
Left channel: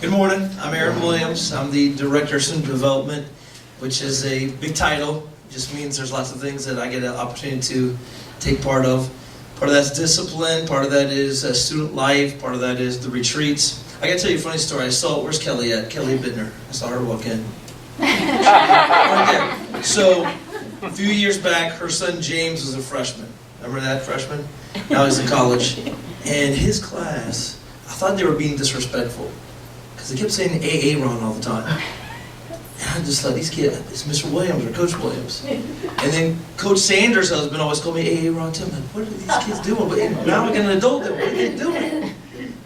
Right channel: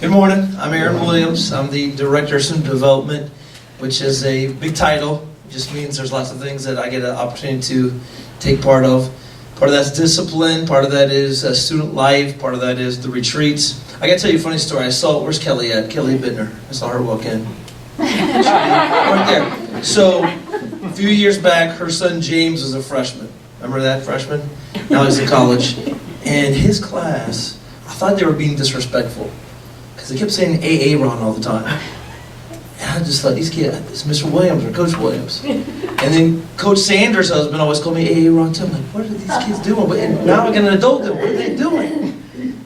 Good morning. I'm Aaron Williams. I'm the Director of Student Development, which is a big title. It just means there's lots of things that I get an opportunity to take part of. Part of that's discipline. Part of that is student life. Part of that is the retreats. I got to tell you a funny story. Where's Kelly at? Kelly Bittner. I saw her walk in. Right there. So, a few years back, her son James was a freshman. Remember that freshman? Now he's in college. And his class, I thought they were being disrespectful. Because they kept saying AA Ron all the time. And I just thought, these kids, it's Mr. Williams or Coach Williams. And then Coach Sanders' husband always called me AA Ron too. I'm like, what are these kids doing? But now I got an adult doing. What are they doing?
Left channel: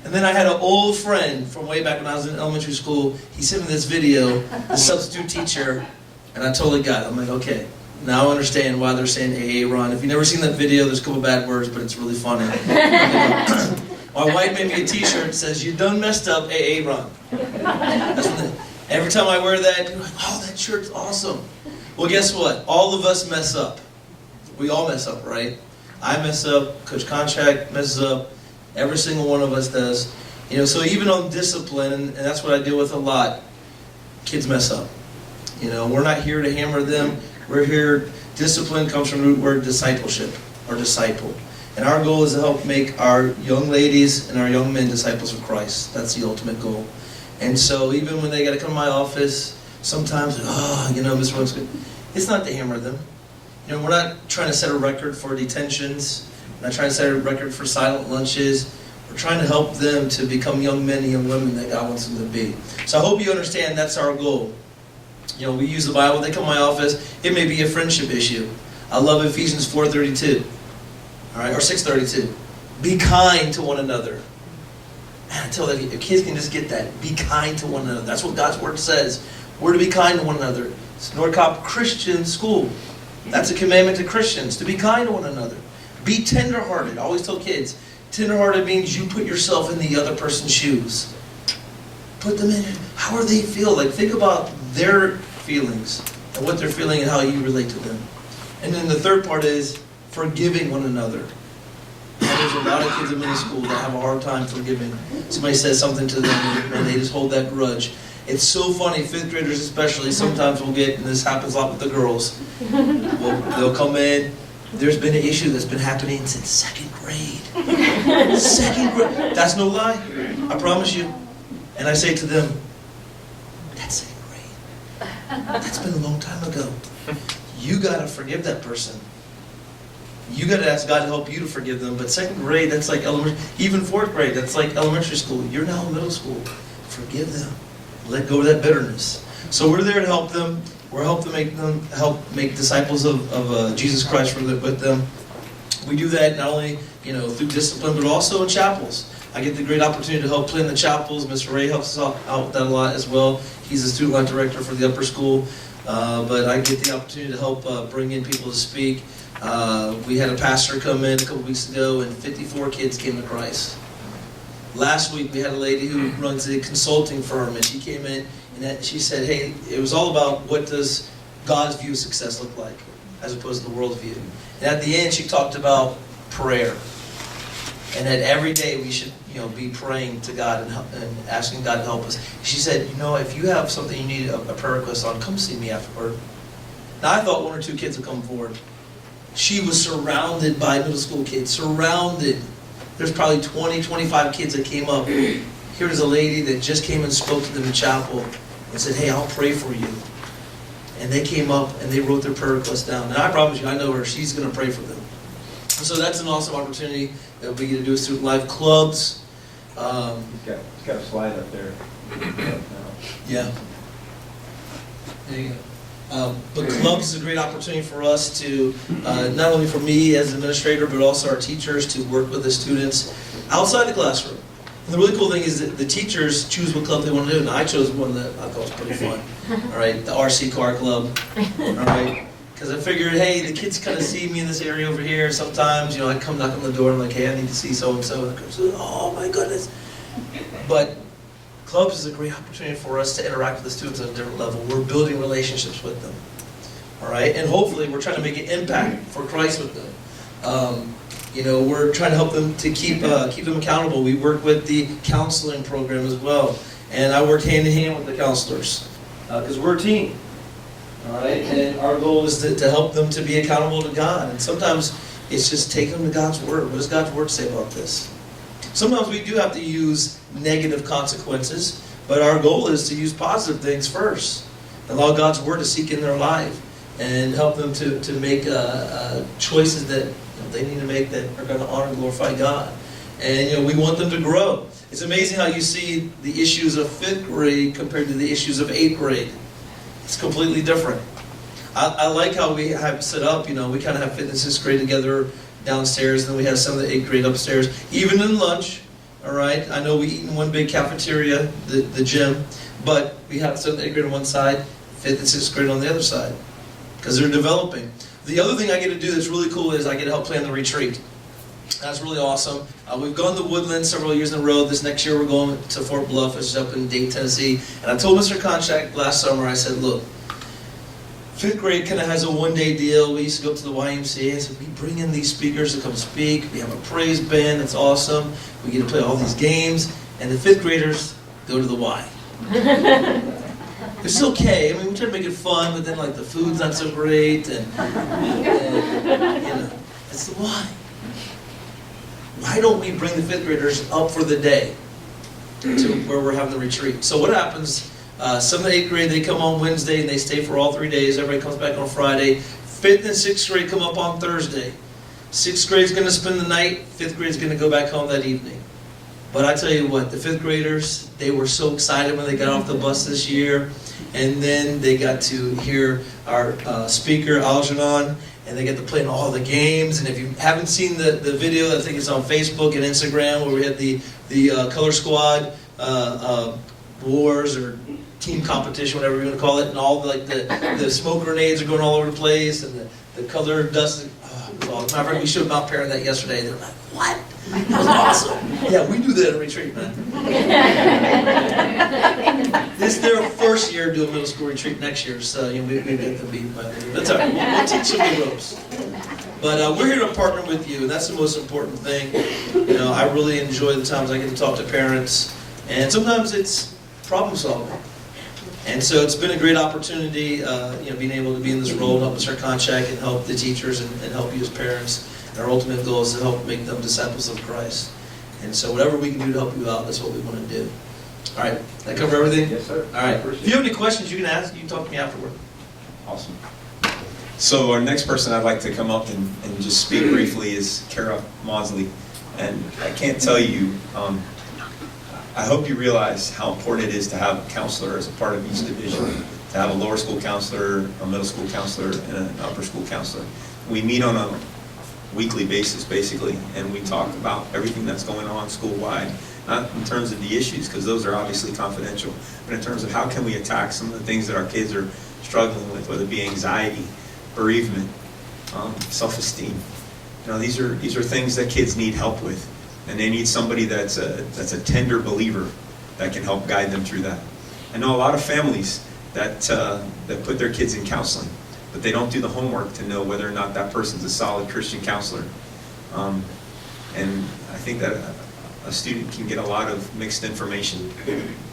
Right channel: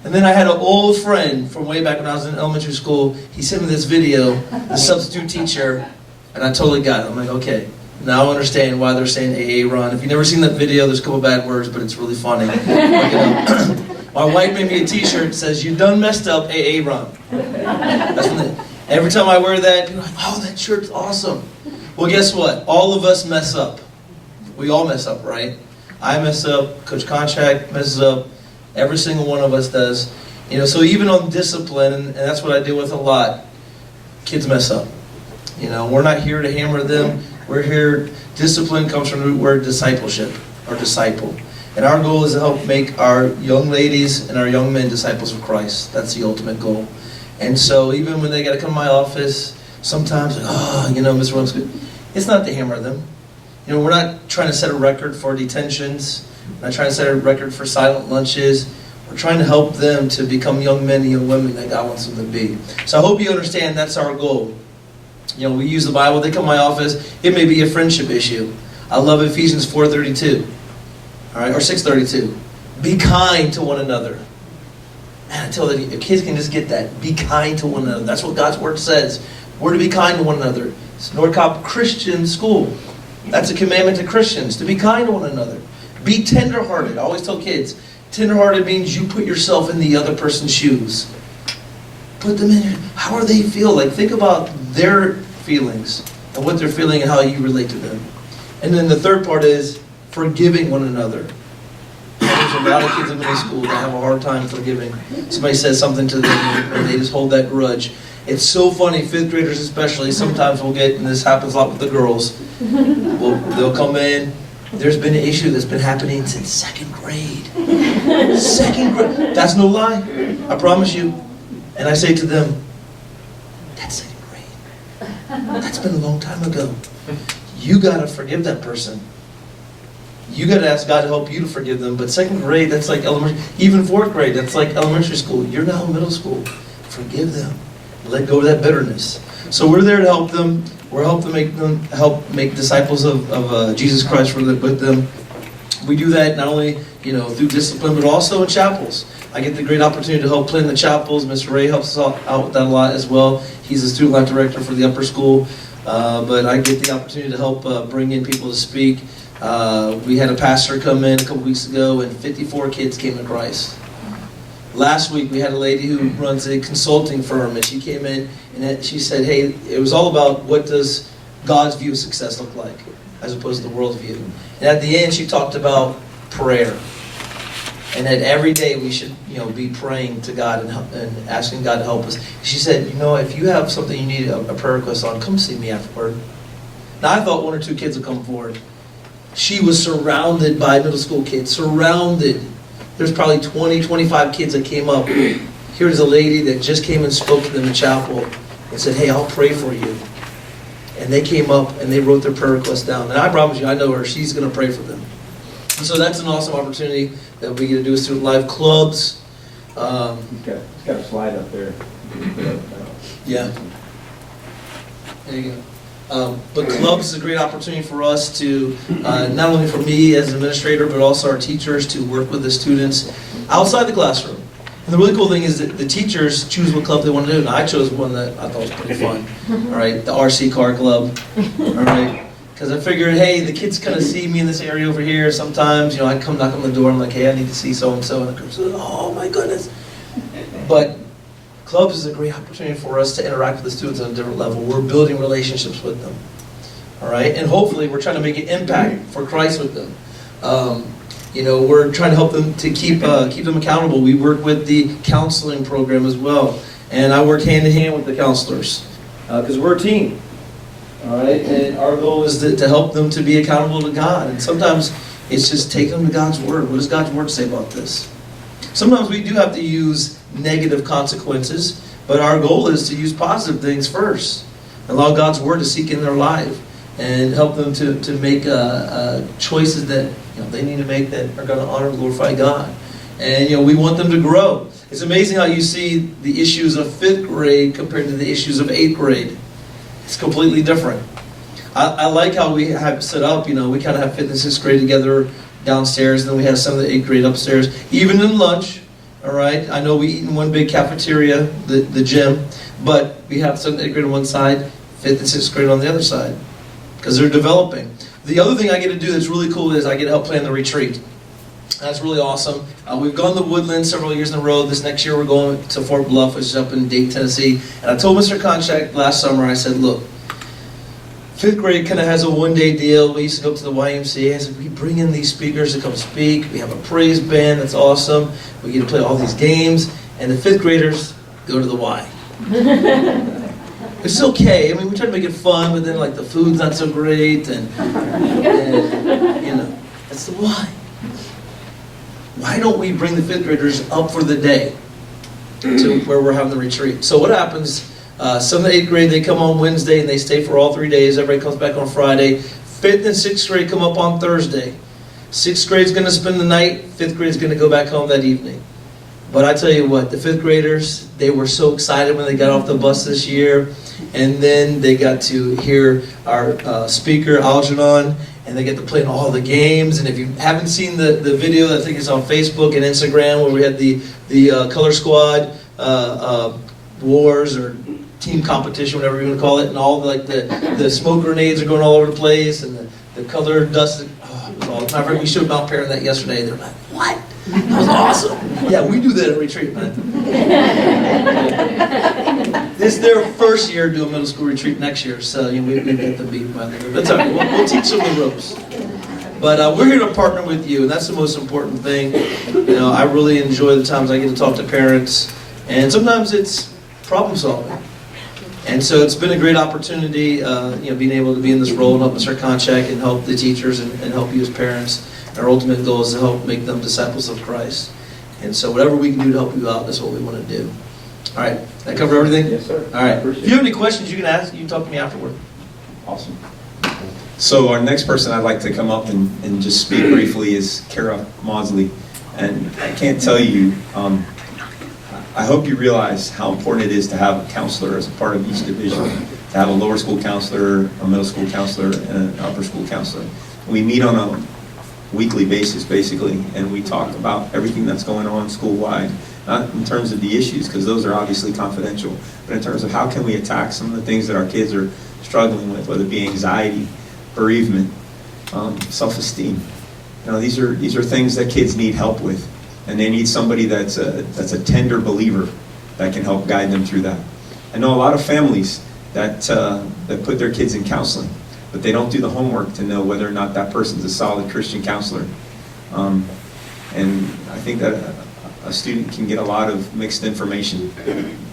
And then I had an old friend from way back when I was in elementary school. He sent me this video, the substitute teacher, and I totally got it. I'm like, okay, now I understand why they're saying AA Ron. If you've never seen that video, there's a couple bad words, but it's really funny. My wife made me a t-shirt that says, "You done messed up, AA Ron." Every time I wear that, people are like, "Oh, that shirt's awesome." Well, guess what? All of us mess up. We all mess up, right? I mess up, Coach Contract messes up, every single one of us does. So even on discipline, and that's what I deal with a lot, kids mess up. We're not here to hammer them. We're here, discipline comes from the root word discipleship, or disciple. And our goal is to help make our young ladies and our young men disciples of Christ. That's the ultimate goal. And so even when they got to come to my office, sometimes, Mr. Williams, good. It's not to hammer them. We're not trying to set a record for detentions. We're not trying to set a record for silent lunches. We're trying to help them to become young men and young women that God wants them to be. So I hope you understand that's our goal. We use the Bible. They come to my office. It may be a friendship issue. I love Ephesians 4:32. All right, or 6:32. Be kind to one another. Man, I tell you, if kids can just get that. Be kind to one another. That's what God's Word says. We're to be kind to one another. It's Norcop Christian School. That's a commandment to Christians, to be kind to one another. Be tenderhearted. I always tell kids, tenderhearted means you put yourself in the other person's shoes. Put them in. How are they feel? Think about their feelings and what they're feeling and how you relate to them. And then the third part is forgiving one another. There's a lot of kids in middle school that have a hard time forgiving. Somebody says something to them and they just hold that grudge. It's so funny, fifth graders especially, sometimes we'll get, and this happens a lot with the girls, they'll come in, there's been an issue that's been happening since second grade. Second grade. That's no lie. I promise you. And I say to them, that's second grade. That's been a long time ago. You got to forgive that person. You got to ask God to help you to forgive them. But second grade, that's like elementary. Even fourth grade, that's like elementary school. You're now in middle school. Forgive them. Let go of that bitterness. So we're there to help them. We're help make disciples of Jesus Christ with them. We do that not only through discipline, but also in chapels. I get the great opportunity to help plan the chapels. Mr. Ray helps us out with that a lot as well. He's the student life director for the upper school. But I get the opportunity to help bring in people to speak. We had a pastor come in a couple weeks ago, and 54 kids came to Christ. Last week, we had a lady who runs a consulting firm, and she came in, and she said, hey, it was all about what does God's view of success look like, as opposed to the world's view. And at the end, she talked about prayer. And that every day we should, be praying to God and asking God to help us. She said, if you have something you need a prayer request on, come see me afterward. Now, I thought 1 or 2 kids would come forward. She was surrounded by middle school kids, surrounded. There's probably 20, 25 kids that came up. Here's a lady that just came and spoke to them in chapel and said, hey, I'll pray for you. And they came up and they wrote their prayer request down. And I promise you, I know her. She's going to pray for them. And so that's an awesome opportunity that we get to do with Student Life clubs. He's got a slide up there. Yeah. There you go. But clubs is a great opportunity for us to, not only for me as an administrator, but also our teachers to work with the students outside the classroom. And the really cool thing is that the teachers choose what club they want to do. Now, I chose one that I thought was pretty fun. All right, the RC car club. All right. Because I figured, hey, the kids kind of see me in this area over here. Sometimes, I come knock on the door. I'm like, hey, I need to see so-and-so. And the girl says, oh, my goodness. But clubs is a great opportunity for us to interact with the students on a different level. We're building relationships with them. All right? And hopefully we're trying to make an impact for Christ with them. We're trying to help them to keep them accountable. We work with the counseling program as well. And I work hand in hand with the counselors because we're a team. All right, and our goal is to help them to be accountable to God. And sometimes it's just take them to God's Word. What does God's Word say about this? Sometimes we do have to use negative consequences, but our goal is to use positive things first. Allow God's Word to seek in their life and help them to make choices that they need to make that are going to honor and glorify God. And we want them to grow. It's amazing how you see the issues of 5th grade compared to the issues of 8th grade. It's completely different. I like how we have set up, we kind of have 5th and 6th grade together downstairs, and then we have some of the 8th grade upstairs, even in lunch, all right? I know we eat in one big cafeteria, the gym, but we have 7th and 8th grade on one side, 5th and 6th grade on the other side, because they're developing. The other thing I get to do that's really cool is I get to help plan the retreat. That's really awesome. We've gone to Woodlands several years in a row. This next year we're going to Fort Bluff, which is up in Dayton, Tennessee. And I told Mr. Konchak last summer, I said, look, 5th grade kind of has a one-day deal. We used to go up to the YMCA. I said, we bring in these speakers to come speak. We have a praise band that's awesome. We get to play all these games. And the 5th graders go to the Y. Which is okay. I mean, we try to make it fun, but then the food's not so great. And it's the Y. Why don't we bring the 5th graders up for the day to where we're having the retreat? So what happens, some of the 8th grade, they come on Wednesday and they stay for all 3 days. Everybody comes back on Friday. 5th and 6th grade come up on Thursday. 6th grade's going to spend the night. 5th grade's going to go back home that evening. But I tell you what, the 5th graders, they were so excited when they got off the bus this year. And then they got to hear our speaker, Algernon, and they get to play in all the games. And if you haven't seen the video, I think it's on Facebook and Instagram, where we had the color squad wars or team competition, whatever you want to call it, and all the smoke grenades are going all over the place, and the color dust. We showed Mount Perrin that yesterday. They're like, "What? That was awesome!" Yeah, we do that at retreat, man. This is their first year doing middle school retreat next year, so we've got to be. But it's okay. We'll teach them the ropes. But we're here to partner with you, and that's the most important thing. I really enjoy the times I get to talk to parents, and sometimes it's problem solving. And so it's been a great opportunity, being able to be in this role and help Mr. Konchak and help the teachers and help you as parents. And our ultimate goal is to help make them disciples of Christ. And so whatever we can do to help you out, that's what we want to do. All right. Did I cover everything? Yes, sir. All right. If you have any questions, you can ask. You can talk to me afterward. Awesome. So our next person I'd like to come up and just speak briefly is Kara Maudsley. And I can't tell you, I hope you realize how important it is to have a counselor as a part of each division. To have a lower school counselor, a middle school counselor, and an upper school counselor. We meet on a weekly basis, basically, and we talk about everything that's going on school-wide. Not in terms of the issues, because those are obviously confidential, but in terms of how can we attack some of the things that our kids are struggling with, whether it be anxiety, bereavement, self-esteem. These are things that kids need help with, and they need somebody that's a tender believer that can help guide them through that. I know a lot of families that put their kids in counseling, but they don't do the homework to know whether or not that person's a solid Christian counselor. And I think that a student can get a lot of mixed information,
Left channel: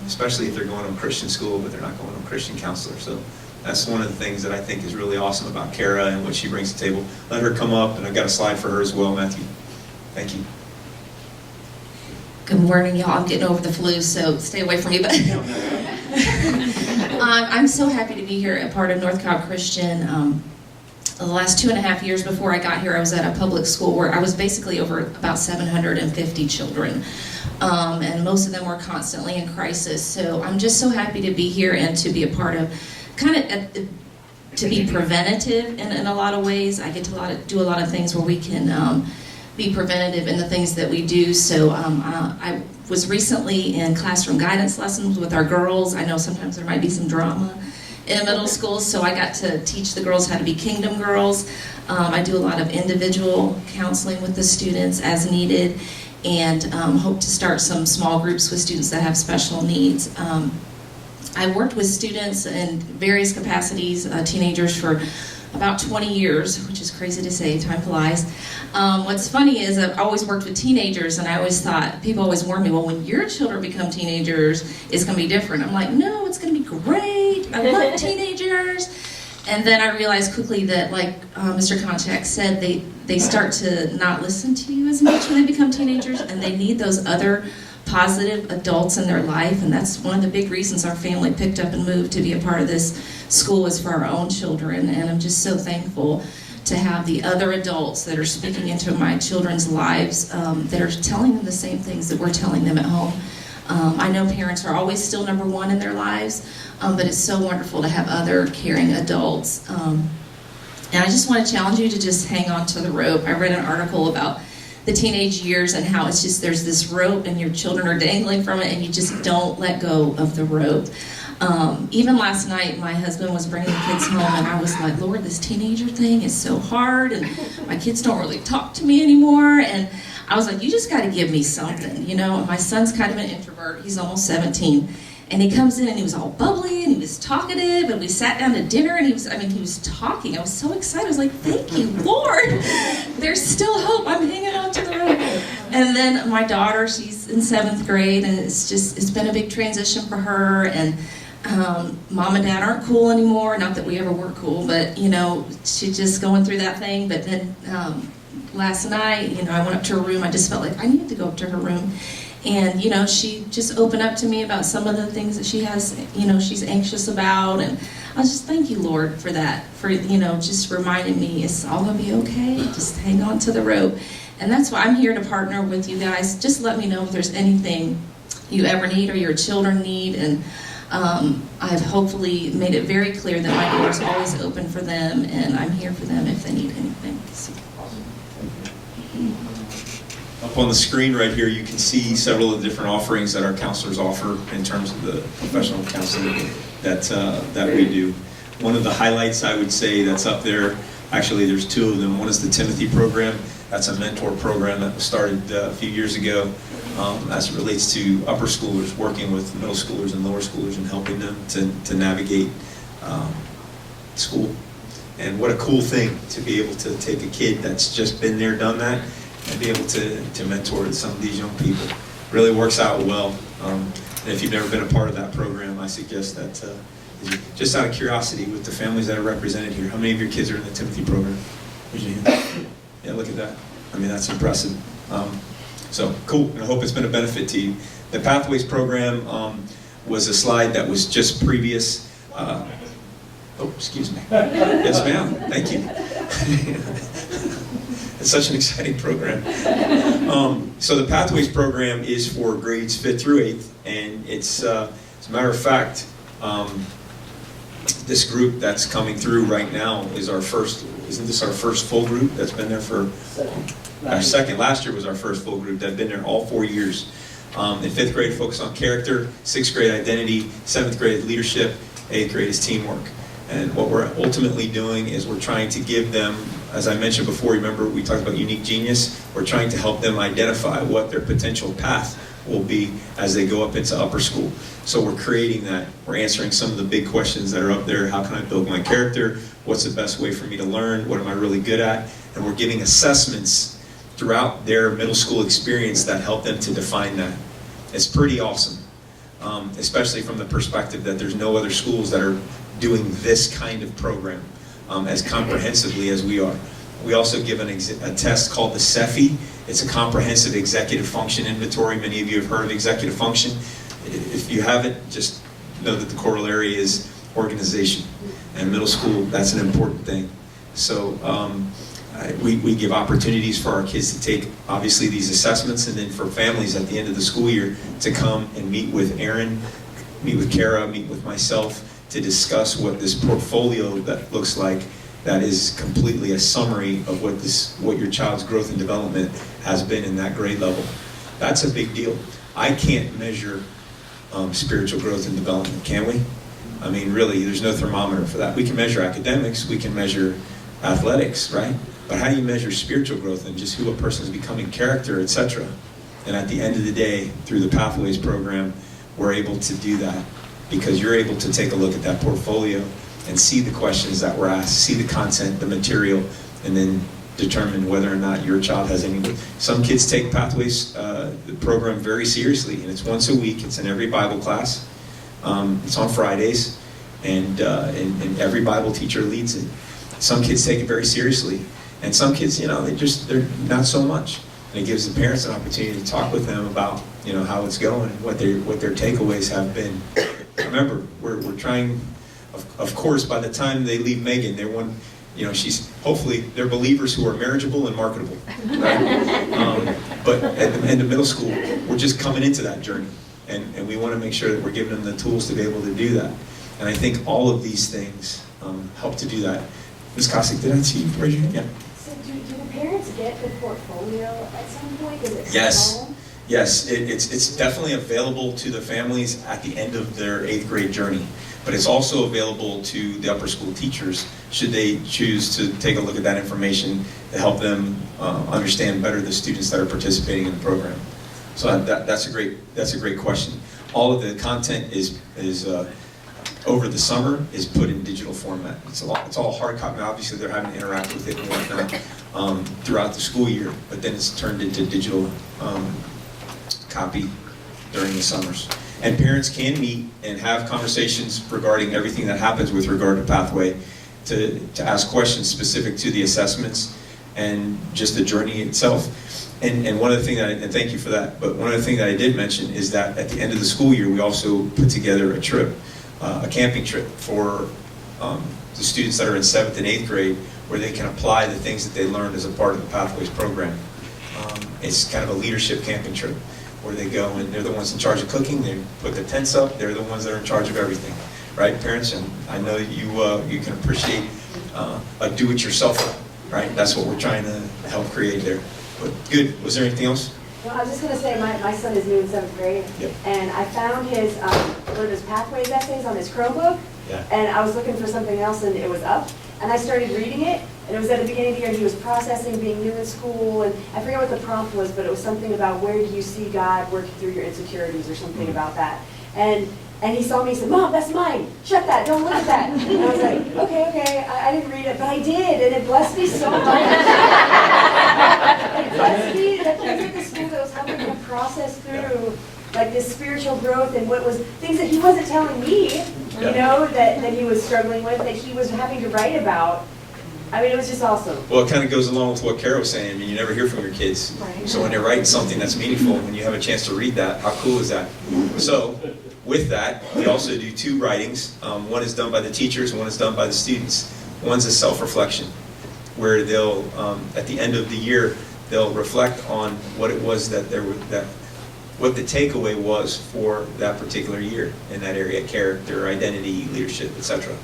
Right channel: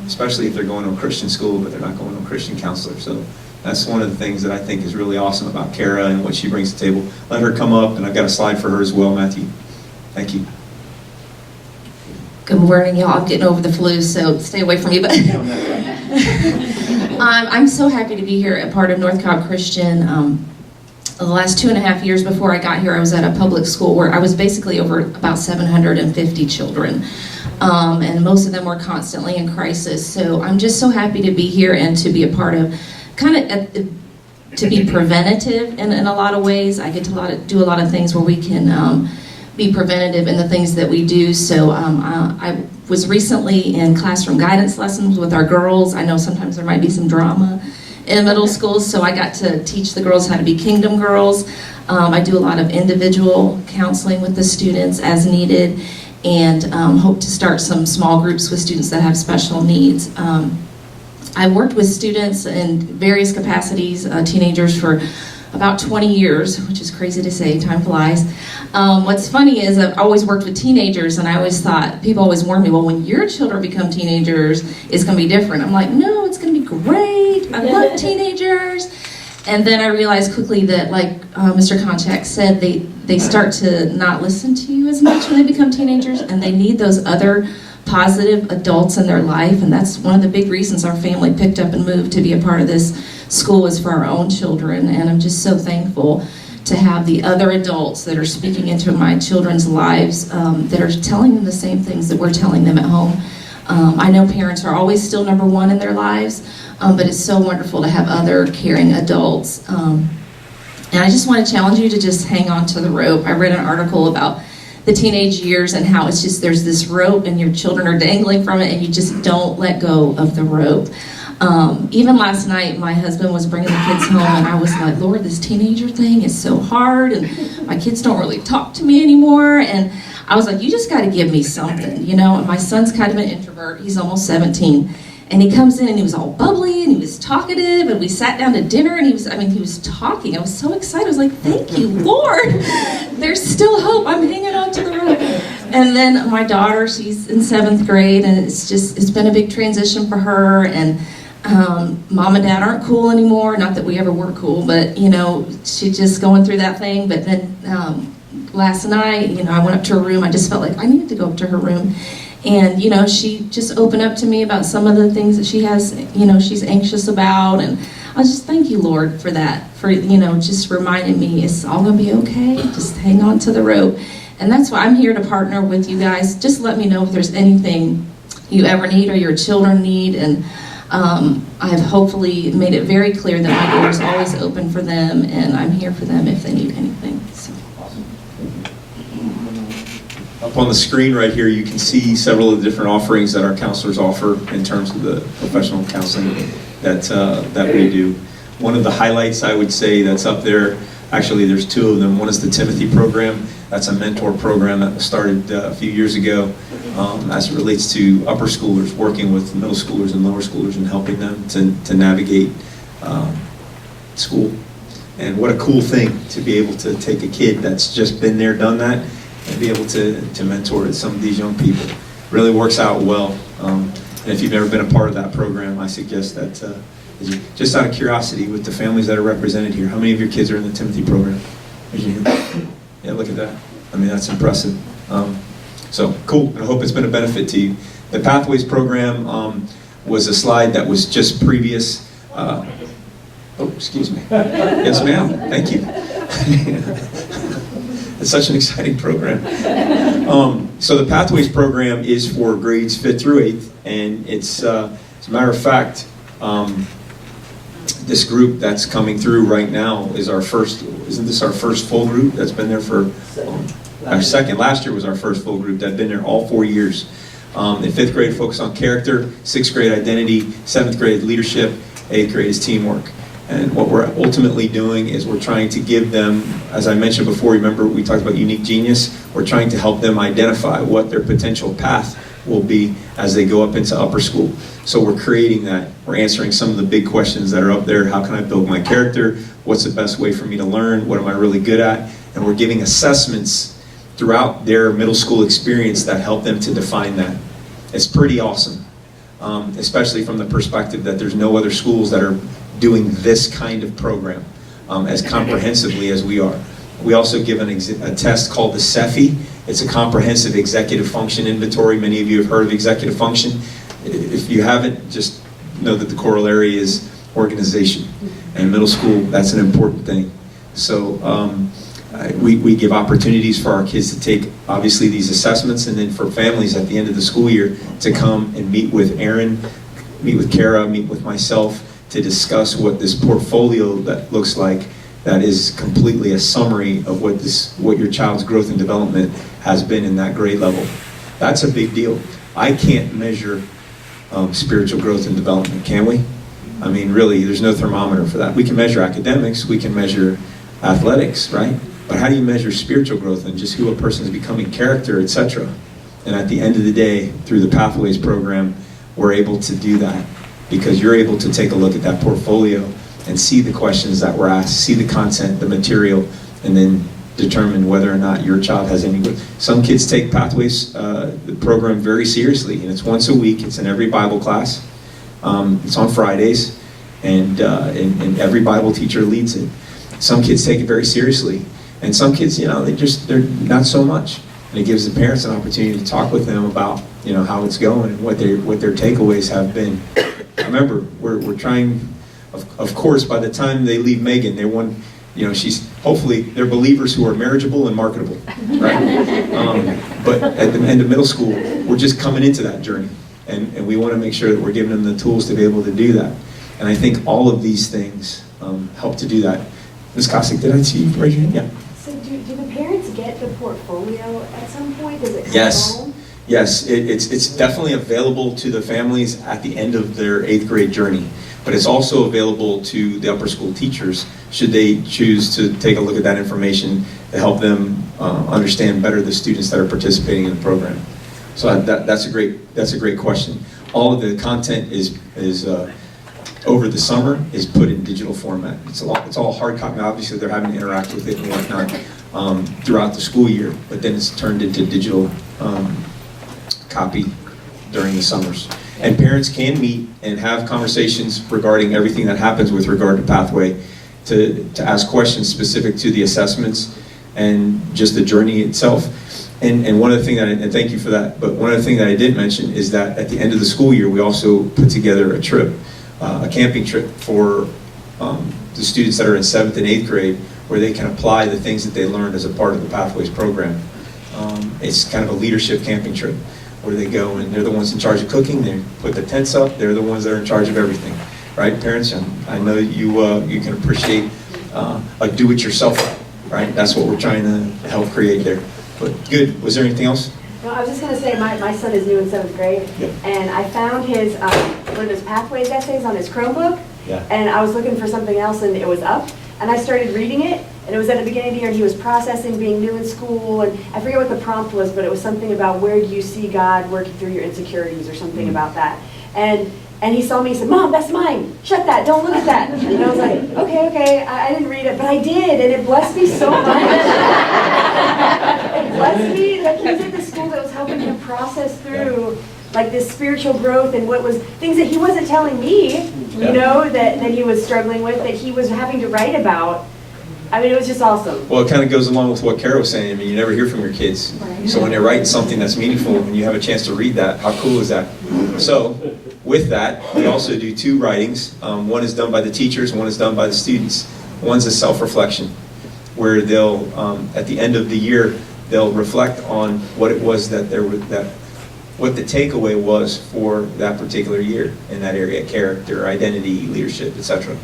especially if they're going to a Christian school, but they're not going to a Christian counselor. So that's one of the things that I think is really awesome about Kara and what she brings to the table. Let her come up, and I've got a slide for her as well, Matthew. Thank you. Good morning, y'all. I'm getting over the flu, so stay away from me. But I'm so happy to be here, a part of North Cobb Christian. The last 2.5 years before I got here, I was at a public school where I was basically over about 750 children. And most of them were constantly in crisis. So I'm just so happy to be here and to be a part of to be preventative in a lot of ways. I get to do a lot of things where we can be preventative in the things that we do. So I was recently in classroom guidance lessons with our girls. I know sometimes there might be some drama in middle school, so I got to teach the girls how to be kingdom girls. I do a lot of individual counseling with the students as needed, and hope to start some small groups with students that have special needs. I worked with students in various capacities, teenagers, for about 20 years, which is crazy to say, time flies. What's funny is I've always worked with teenagers, and I always thought, people always warn me, well, when your children become teenagers, it's going to be different. I'm like, no, it's going to be great. I love teenagers. And then I realized quickly that, like Mr. Konchak said, they start to not listen to you as much when they become teenagers, and they need those other positive adults in their life. And that's one of the big reasons our family picked up and moved to be a part of this school, was for our own children. And I'm just so thankful to have the other adults that are speaking into my children's lives, that are telling them the same things that we're telling them at home. I know parents are always still number one in their lives, but it's so wonderful to have other caring adults. And I just want to challenge you to just hang on to the rope. I read an article about the teenage years and how it's just, there's this rope and your children are dangling from it and you just don't let go of the rope. Even last night, my husband was bringing the kids home, and I was like, Lord, this teenager thing is so hard, and my kids don't really talk to me anymore. And I was like, you just got to give me something, And my son's kind of an introvert. He's almost 17. And he comes in, and he was all bubbly, and he was talkative, and we sat down to dinner, and he was talking. I was so excited. I was like, thank you, Lord. There's still hope. I'm hanging on to the rope. And then my daughter, she's in 7th grade, and it's been a big transition for her, and mom and dad aren't cool anymore. Not that we ever were cool, but she's just going through that thing. But then last night, I went up to her room. I just felt like I needed to go up to her room, and she just opened up to me about some of the things that she has, she's anxious about. And I just thank you, Lord, for that, for just reminding me it's all gonna be okay. Just hang on to the rope. And that's why I'm here to partner with you guys. Just let me know if there's anything you ever need or your children need. And I've hopefully made it very clear that my door is always open for them, and I'm here for them if they need anything. So. Awesome. Up on the screen right here, you can see several of the different offerings that our counselors offer in terms of the professional counseling that we do. One of the highlights, I would say, that's up there, actually there's two of them. One is the Timothy program. That's a mentor program that was started a few years ago as it relates to upper schoolers, working with middle schoolers and lower schoolers and helping them to navigate school. And what a cool thing to be able to take a kid that's just been there, done that, and be able to mentor some of these young people. Really works out well. And if you've never been a part of that program, I suggest that, just out of curiosity, with the families that are represented here, how many of your kids are in the Timothy program? Raise your hand. Yeah, look at that. I mean, that's impressive. So cool, and I hope it's been a benefit to you. The Pathways program was a slide that was just previous. Excuse me. Yes, ma'am. Thank you. It's such an exciting program. So the Pathways program is for grades 5th through 8th, and it's, as a matter of fact, this group that's coming through right now is our first. Isn't this our first full group that's been there for our second? Last year was our first full group that's been there all 4 years. In 5th grade, focus on character. 6th grade, identity. 7th grade, leadership. 8th grade is teamwork. And what we're ultimately doing is we're trying to give them, as I mentioned before, remember we talked about unique genius? We're trying to help them identify what their potential path will be as they go up into upper school. So we're creating that. We're answering some of the big questions that are up there. How can I build my character? What's the best way for me to learn? What am I really good at? And we're giving assessments throughout their middle school experience that help them to define that. It's pretty awesome, especially from the perspective that there's no other schools that are doing this kind of program as comprehensively as we are. We also give a test called the CEFI. It's a comprehensive executive function inventory. Many of you have heard of executive function. If you haven't, just know that the corollary is organization. And middle school, that's an important thing. So we give opportunities for our kids to take, obviously, these assessments, and then for families at the end of the school year to come and meet with Aaron, meet with Kara, meet with myself, to discuss what this portfolio that looks like, that is completely a summary of what your child's growth and development has been in that grade level. That's a big deal. I can't measure spiritual growth and development, can we? I mean, really, there's no thermometer for that. We can measure academics, we can measure athletics, right? But how do you measure spiritual growth and just who a person is becoming, character, etc.? And at the end of the day, through the Pathways program, we're able to do that, because you're able to take a look at that portfolio and see the questions that were asked, see the content, the material, and then determine whether or not your child has any good. Some kids take Pathways, the program, very seriously, and it's once a week. It's in every Bible class. It's on Fridays, and every Bible teacher leads it. Some kids take it very seriously, and some kids, they're not so much. And it gives the parents an opportunity to talk with them about, how it's going and what their takeaways have been. Remember, we're trying. Of course, by the time they leave Megan, they're hopefully they're believers who are marriageable and marketable, right? But at the end of middle school, we're just coming into that journey, and we want to make sure that we're giving them the tools to be able to do that. And I think all of these things help to do that. Ms. Kosick, did I see you raise your hand? Yeah. So do the parents get the portfolio at some point? Does it come Yes. home? Yes, it's definitely available to the families at the end of their 8th grade journey, but it's also available to the upper school teachers should they choose to take a look at that information to help them understand better the students that are participating in the program. So that's a great question. All of the content is over the summer is put in digital format. It's all hard copy. Now, obviously, they're having to interact with it and whatnot throughout the school year, but then it's turned into digital copy during the summers. And parents can meet and have conversations regarding everything that happens with regard to Pathway, to ask questions specific to the assessments and just the journey itself. And one of the things and thank you for that, but one of the things that I did mention is that at the end of the school year, we also put together a trip, a camping trip for the students that are in 7th and 8th grade, where they can apply the things that they learned as a part of the Pathways program. It's kind of a leadership camping trip, where they go and they're the ones in charge of cooking, they put the tents up, they're the ones that are in charge of everything. Right, parents? And I know you can appreciate a do-it-yourselfer, right? That's what we're trying to help create there. But good. Was there anything else? No, I was just going to say, my son is new in 7th grade, Yep. and I found his one of his Pathways essays on his Chromebook, Yeah. and I was looking for something else, and it was up, and I started reading it, and it was at the beginning of the year, and he was processing being new in school, and I forget what the prompt was, but it was something about where do you see God working through your insecurities, or something about that. And he saw me, he said, "Mom, that's mine. Shut that. Don't look at that." And I was like, okay. I didn't read it, but I did, and it blessed me so much. It blessed me. The things at the school that was helping me process through, like this spiritual growth and what was things that he wasn't telling me, that he was struggling with, that he was having to write about. I mean, it was just awesome. Well, it kind of goes along with what Kara was saying. I mean, you never hear from your kids. Right. So when they're writing something that's meaningful and you have a chance to read that, how cool is that? So with that, we also do 2 writings. One is done by the teachers, one is done by the students. One's a self-reflection, where they'll, at the end of the year, they'll reflect on what it was what the takeaway was for that particular year in that area: character, identity, leadership, etc.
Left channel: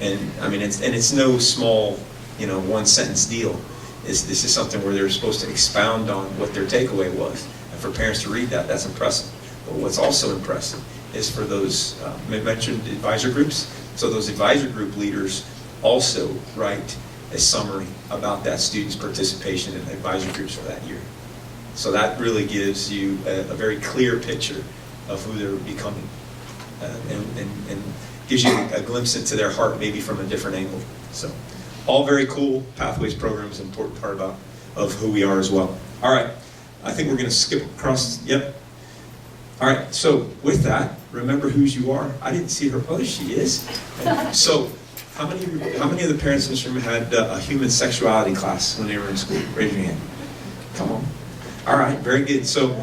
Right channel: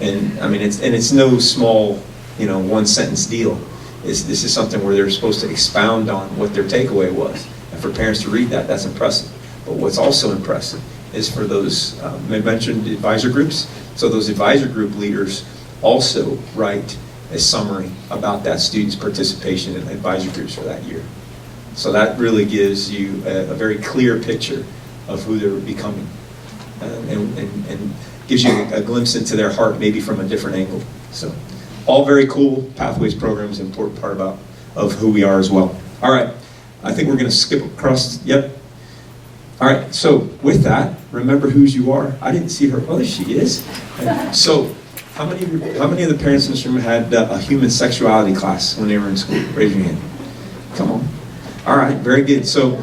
And I mean, it's no small, 1-sentence deal. This is something where they're supposed to expound on what their takeaway was, and for parents to read that's impressive. But what's also impressive is for those mentioned advisor groups So those advisor group leaders also write a summary about that student's participation in advisor groups for that year. So that really gives you a very clear picture of who they're becoming, and gives you a glimpse into their heart, maybe from a different angle. So all very cool. Pathways program is an important part of who we are as well. All right, I think we're going to skip across. Yep. All right, so with that, remember whose you are. I didn't see her. Oh, there she is. So how many of the parents in this room had a human sexuality class when they were in school? Raise your hand. Come on. All right, very good. So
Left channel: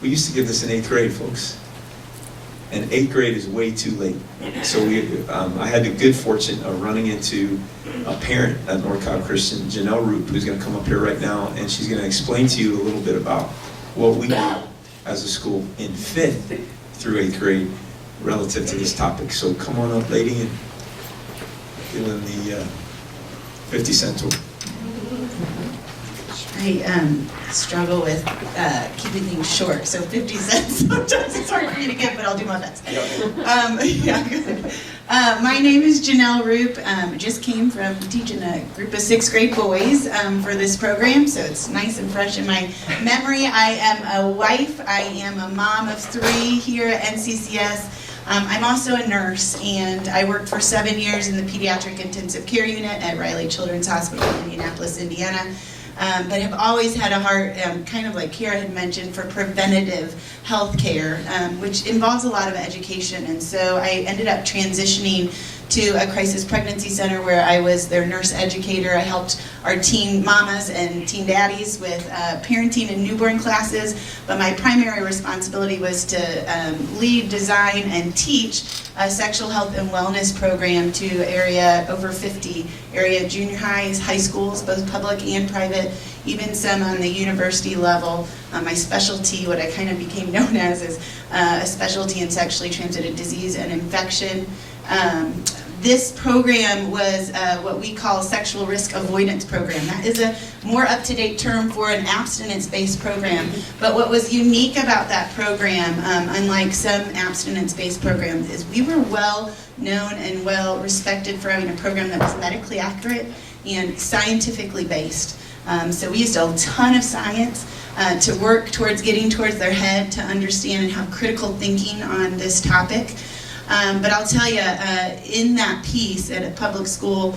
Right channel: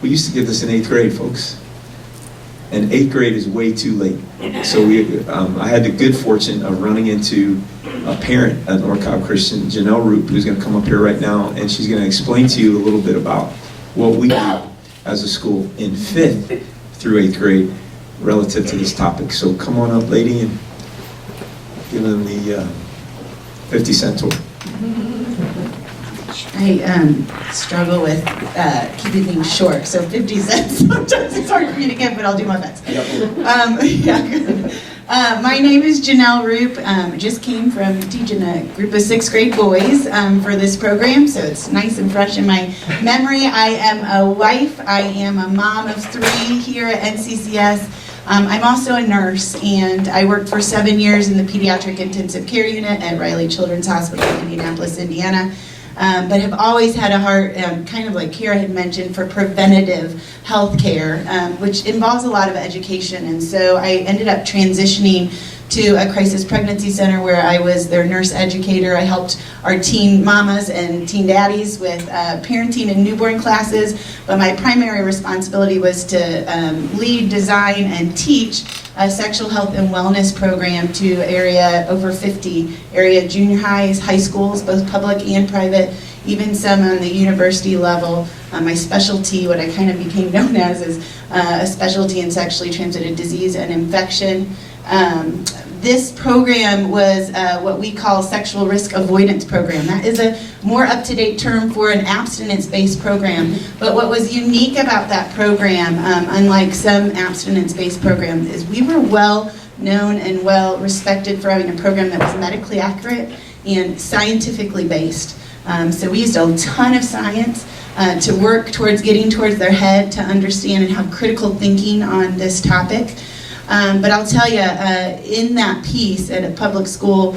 we used to give this in 8th grade, folks. And 8th grade is way too late. So I had the good fortune of running into a parent at North Cobb Christian, Janelle Roop, who's going to come up here right now, and she's going to explain to you a little bit about what we do as a school in 5th through 8th grade relative to this topic. So come on up, lady, and give them the 50-cent tour. I struggle with keeping things short, so 50 cents sometimes it's hard for me to give, but I'll do my best. My name is Janelle Roop. Just came from teaching a group of 6th grade boys for this program, so it's nice and fresh in my memory. I am a wife. I am a mom of 3 here at NCCS. I'm also a nurse, and I worked for 7 years in the pediatric intensive care unit at Riley Children's Hospital in Indianapolis, Indiana. But have always had a heart, kind of like Kira had mentioned, for preventative health care, which involves a lot of education. And so I ended up transitioning to a crisis pregnancy center where I was their nurse educator. I helped our teen mamas and teen daddies with parenting and newborn classes. But my primary responsibility was to lead, design, and teach a sexual health and wellness program to over 50 area junior highs, high schools, both public and private, even some on the university level. My specialty, what I kind of became known as, is a specialty in sexually transmitted disease and infection. This program was what we call sexual risk avoidance program. That is a more up-to-date term for an abstinence-based program. But what was unique about that program, unlike some abstinence-based programs, is we were well known and well respected for having a program that was medically accurate and scientifically based. So we used a ton of science to work towards getting towards their head, to understand and have critical thinking on this topic. But I'll tell you, in that piece at a public school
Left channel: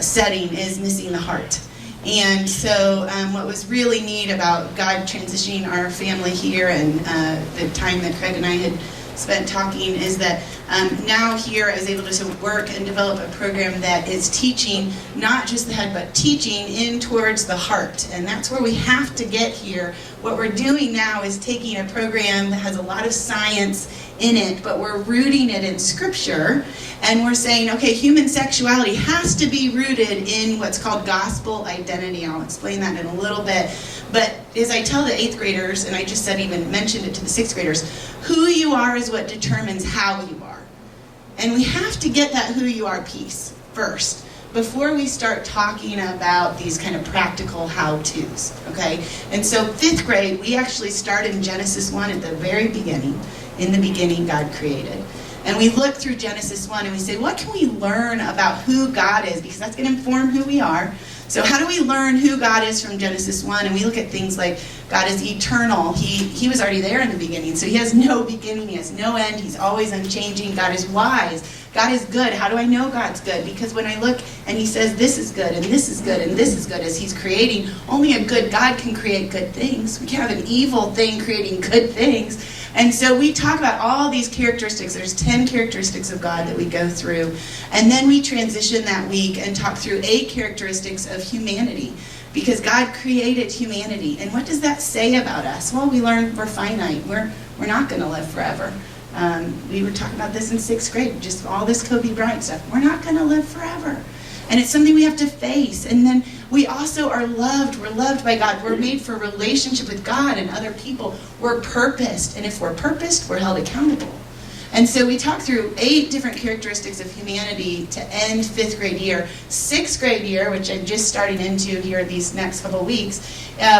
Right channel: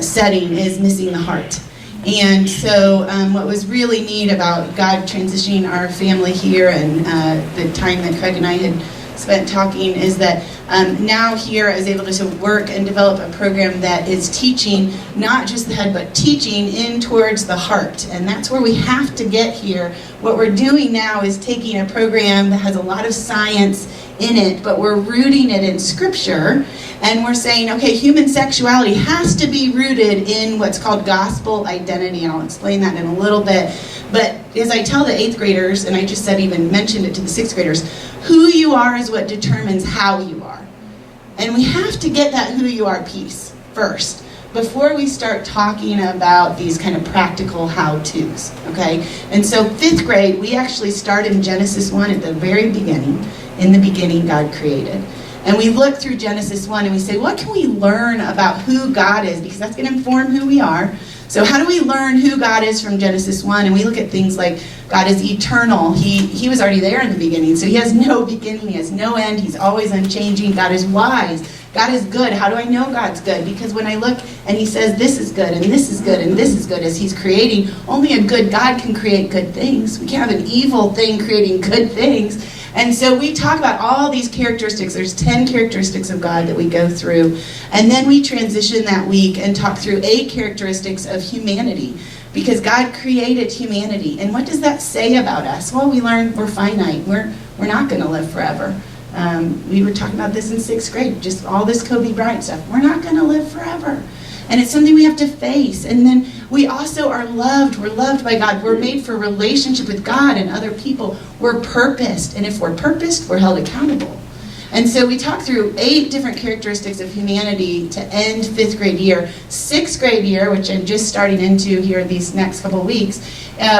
setting is missing the heart. And so what was really neat about God transitioning our family here and the time that Craig and I had spent talking is that now here I was able to work and develop a program that is teaching not just the head, but teaching in towards the heart. And that's where we have to get here. What we're doing now is taking a program that has a lot of science in it, but we're rooting it in Scripture, and we're saying, okay, human sexuality has to be rooted in what's called gospel identity. I'll explain that in a little bit. But as I tell the 8th graders, and I just mentioned it to the 6th graders, who you are is what determines how you are. And we have to get that who you are piece first before we start talking about these kind of practical how-tos, okay? And so 5th grade, we actually start in Genesis 1 at the very beginning. In the beginning, God created. And we look through Genesis 1 and we say, what can we learn about who God is? Because that's going to inform who we are. So how do we learn who God is from Genesis 1? And we look at things like God is eternal. He was already there in the beginning. So he has no beginning. He has no end. He's always unchanging. God is wise. God is good. How do I know God's good? Because when I look and he says this is good and this is good and this is good as he's creating, only a good God can create good things. We can't have an evil thing creating good things. And so we talk about all these characteristics. There's 10 characteristics of God that we go through. And then we transition that week and talk through 8 characteristics of humanity. Because God created humanity. And what does that say about us? Well, we learn we're finite. We're not going to live forever. We were talking about this in 6th grade. Just all this Kobe Bryant stuff. We're not going to live forever. And it's something we have to face. And then we also are loved. We're loved by God. We're made for relationship with God and other people. We're purposed. And if we're purposed, we're held accountable. And so we talk through 8 different characteristics of humanity to end 5th grade year. 6th grade year, which I'm just starting into here these next couple of weeks,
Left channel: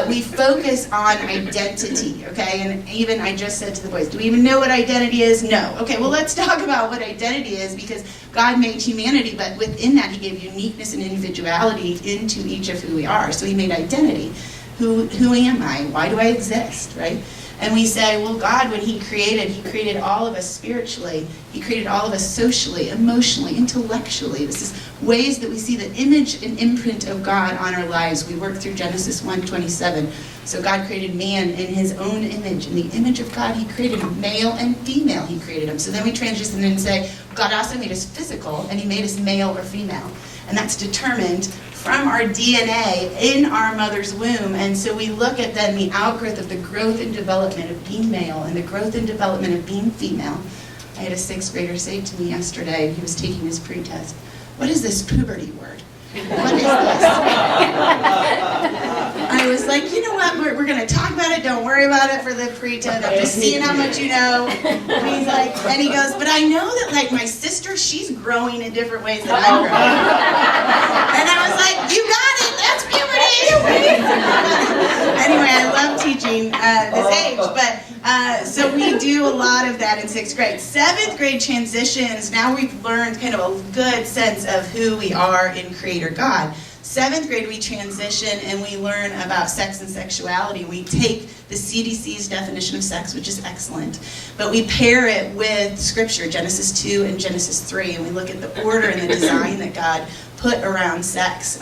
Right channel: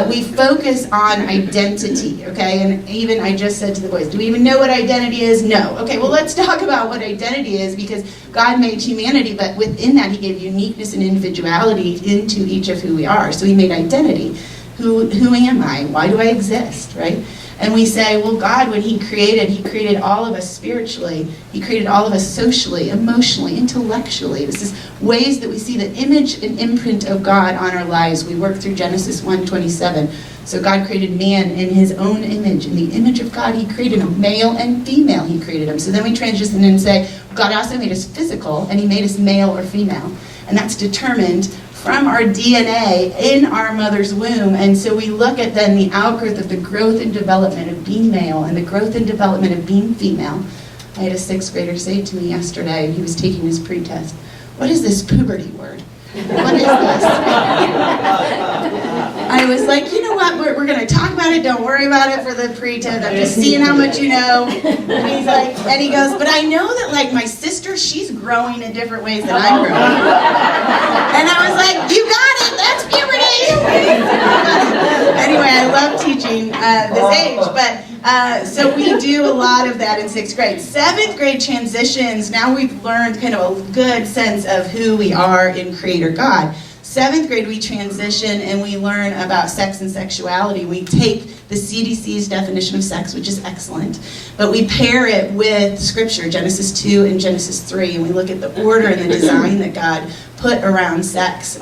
we focus on identity, okay? And even I just said to the boys, do we even know what identity is? No. Okay, well, let's talk about what identity is, because God made humanity, but within that, he gave uniqueness and individuality into each of who we are. So he made identity. Who am I? Why do I exist, right? And we say, well, God, when he created all of us spiritually. He created all of us socially, emotionally, intellectually. This is ways that we see the image and imprint of God on our lives. We work through Genesis 1:27. So God created man in his own image. In the image of God, he created him. Male and female, he created them. So then we transition and say, God also made us physical, and he made us male or female. And that's determined from our DNA in our mother's womb. And so we look at then the outgrowth of the growth and development of being male and the growth and development of being female. I had a 6th grader say to me yesterday, he was taking his pre-test, what is this puberty word? What is this? I was like, you know what, we're going to talk about it, don't worry about it for the pre-test, I'm just seeing how much you know. And he's like, and he goes, but I know that like my sister, she's growing in different ways than I'm growing. And I was like, you got it, that's puberty. Anyway, I love teaching this age, but so we do a lot of that in 6th grade. 7th grade transitions, now we've learned kind of a good sense of who we are in Creator God. 7th grade, we transition and we learn about sex and sexuality. We take the CDC's definition of sex, which is excellent, but we pair it with Scripture, Genesis 2 and Genesis 3, and we look at the order and the design that God put around sex.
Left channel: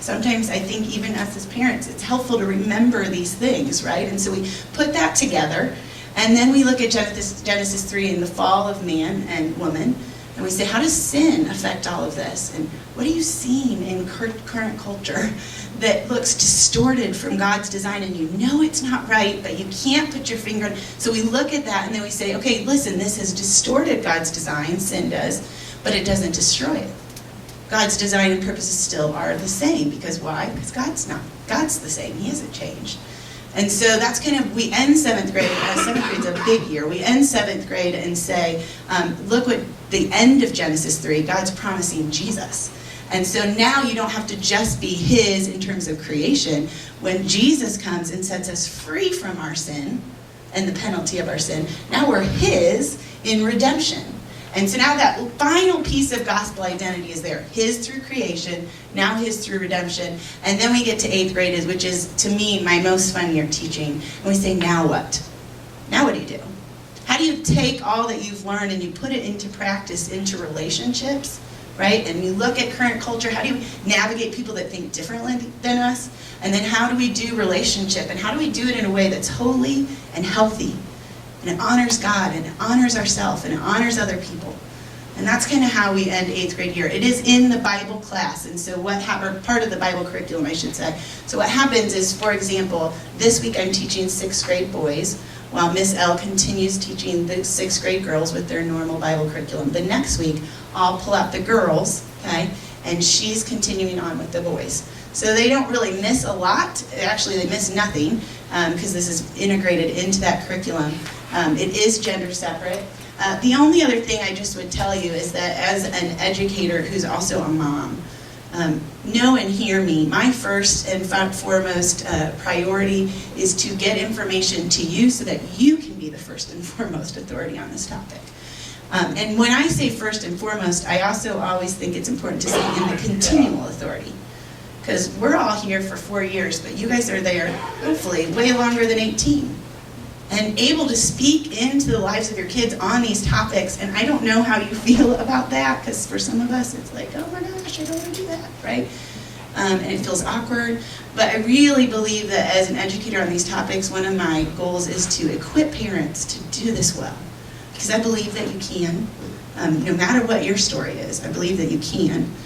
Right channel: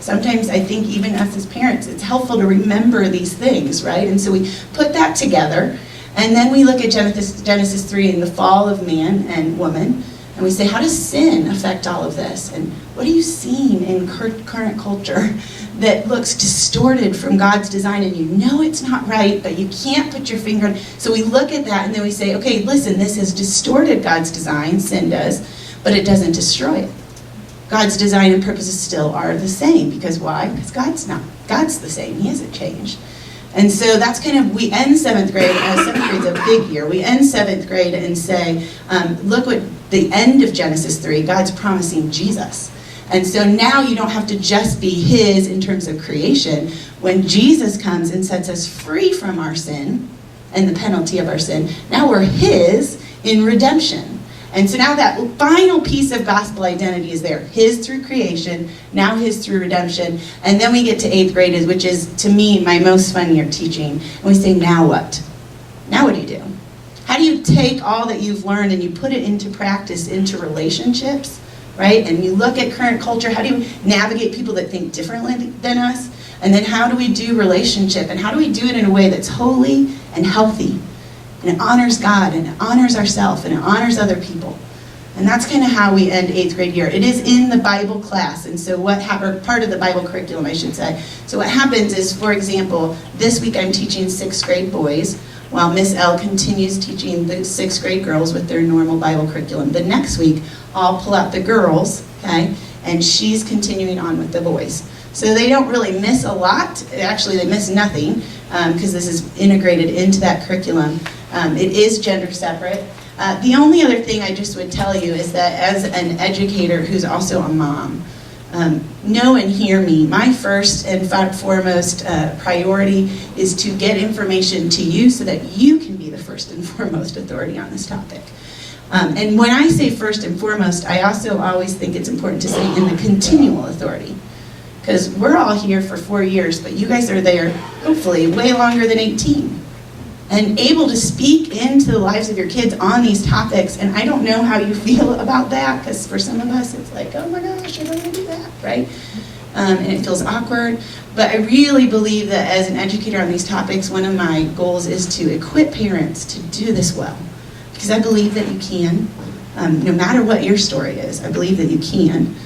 Sometimes I think even us as parents, it's helpful to remember these things, right? And so we put that together, and then we look at Genesis 3 and the fall of man and woman, and we say, how does sin affect all of this? And what are you seeing in current culture that looks distorted from God's design, and you know it's not right, but you can't put your finger on it? So we look at that and then we say, okay, listen, this has distorted God's design, sin does, but it doesn't destroy it. God's design and purposes still are the same. Because why? Because God's the same. He hasn't changed. And so that's kind of, we end 7th grade, 7th grade's a big year. We end 7th grade and say, look what the end of Genesis 3, God's promising Jesus. And so now you don't have to just be his in terms of creation. When Jesus comes and sets us free from our sin and the penalty of our sin, now we're his in redemption. And so now that final piece of gospel identity is there. His through creation, now his through redemption. And then we get to 8th grade, which is, to me, my most fun year teaching. And we say, now what? Now what do you do? How do you take all that you've learned and you put it into practice, into relationships, right? And you look at current culture. How do you navigate people that think differently than us? And then how do we do relationship? And how do we do it in a way that's holy and healthy? And it honors God, and it honors ourselves, and it honors other people. And that's kind of how we end 8th grade year. It is in the Bible class, and so or part of the Bible curriculum, I should say. So what happens is, for example, this week I'm teaching 6th grade boys, while Miss L continues teaching the 6th grade girls with their normal Bible curriculum. The next week, I'll pull out the girls, okay, and she's continuing on with the boys. So they don't really miss a lot. Actually, they miss nothing, because this is integrated into that curriculum. It is gender separate. The only other thing I just would tell you is that as an educator who's also a mom, know and hear me. My first and foremost priority is to get information to you so that you can be the first and foremost authority on this topic. And when I say first and foremost, I also always think it's important to say in the continual authority. Because we're all here for 4 years, but you guys are there, hopefully, way longer than 18. And able to speak into the lives of your kids on these topics. And I don't know how you feel about that, because for some of us, it's like, oh my gosh, I don't want to do that, right? And it feels awkward. But I really believe that as an educator on these topics, one of my goals is to equip parents to do this well. Because I believe that you can, no matter what your story is, I believe that you can.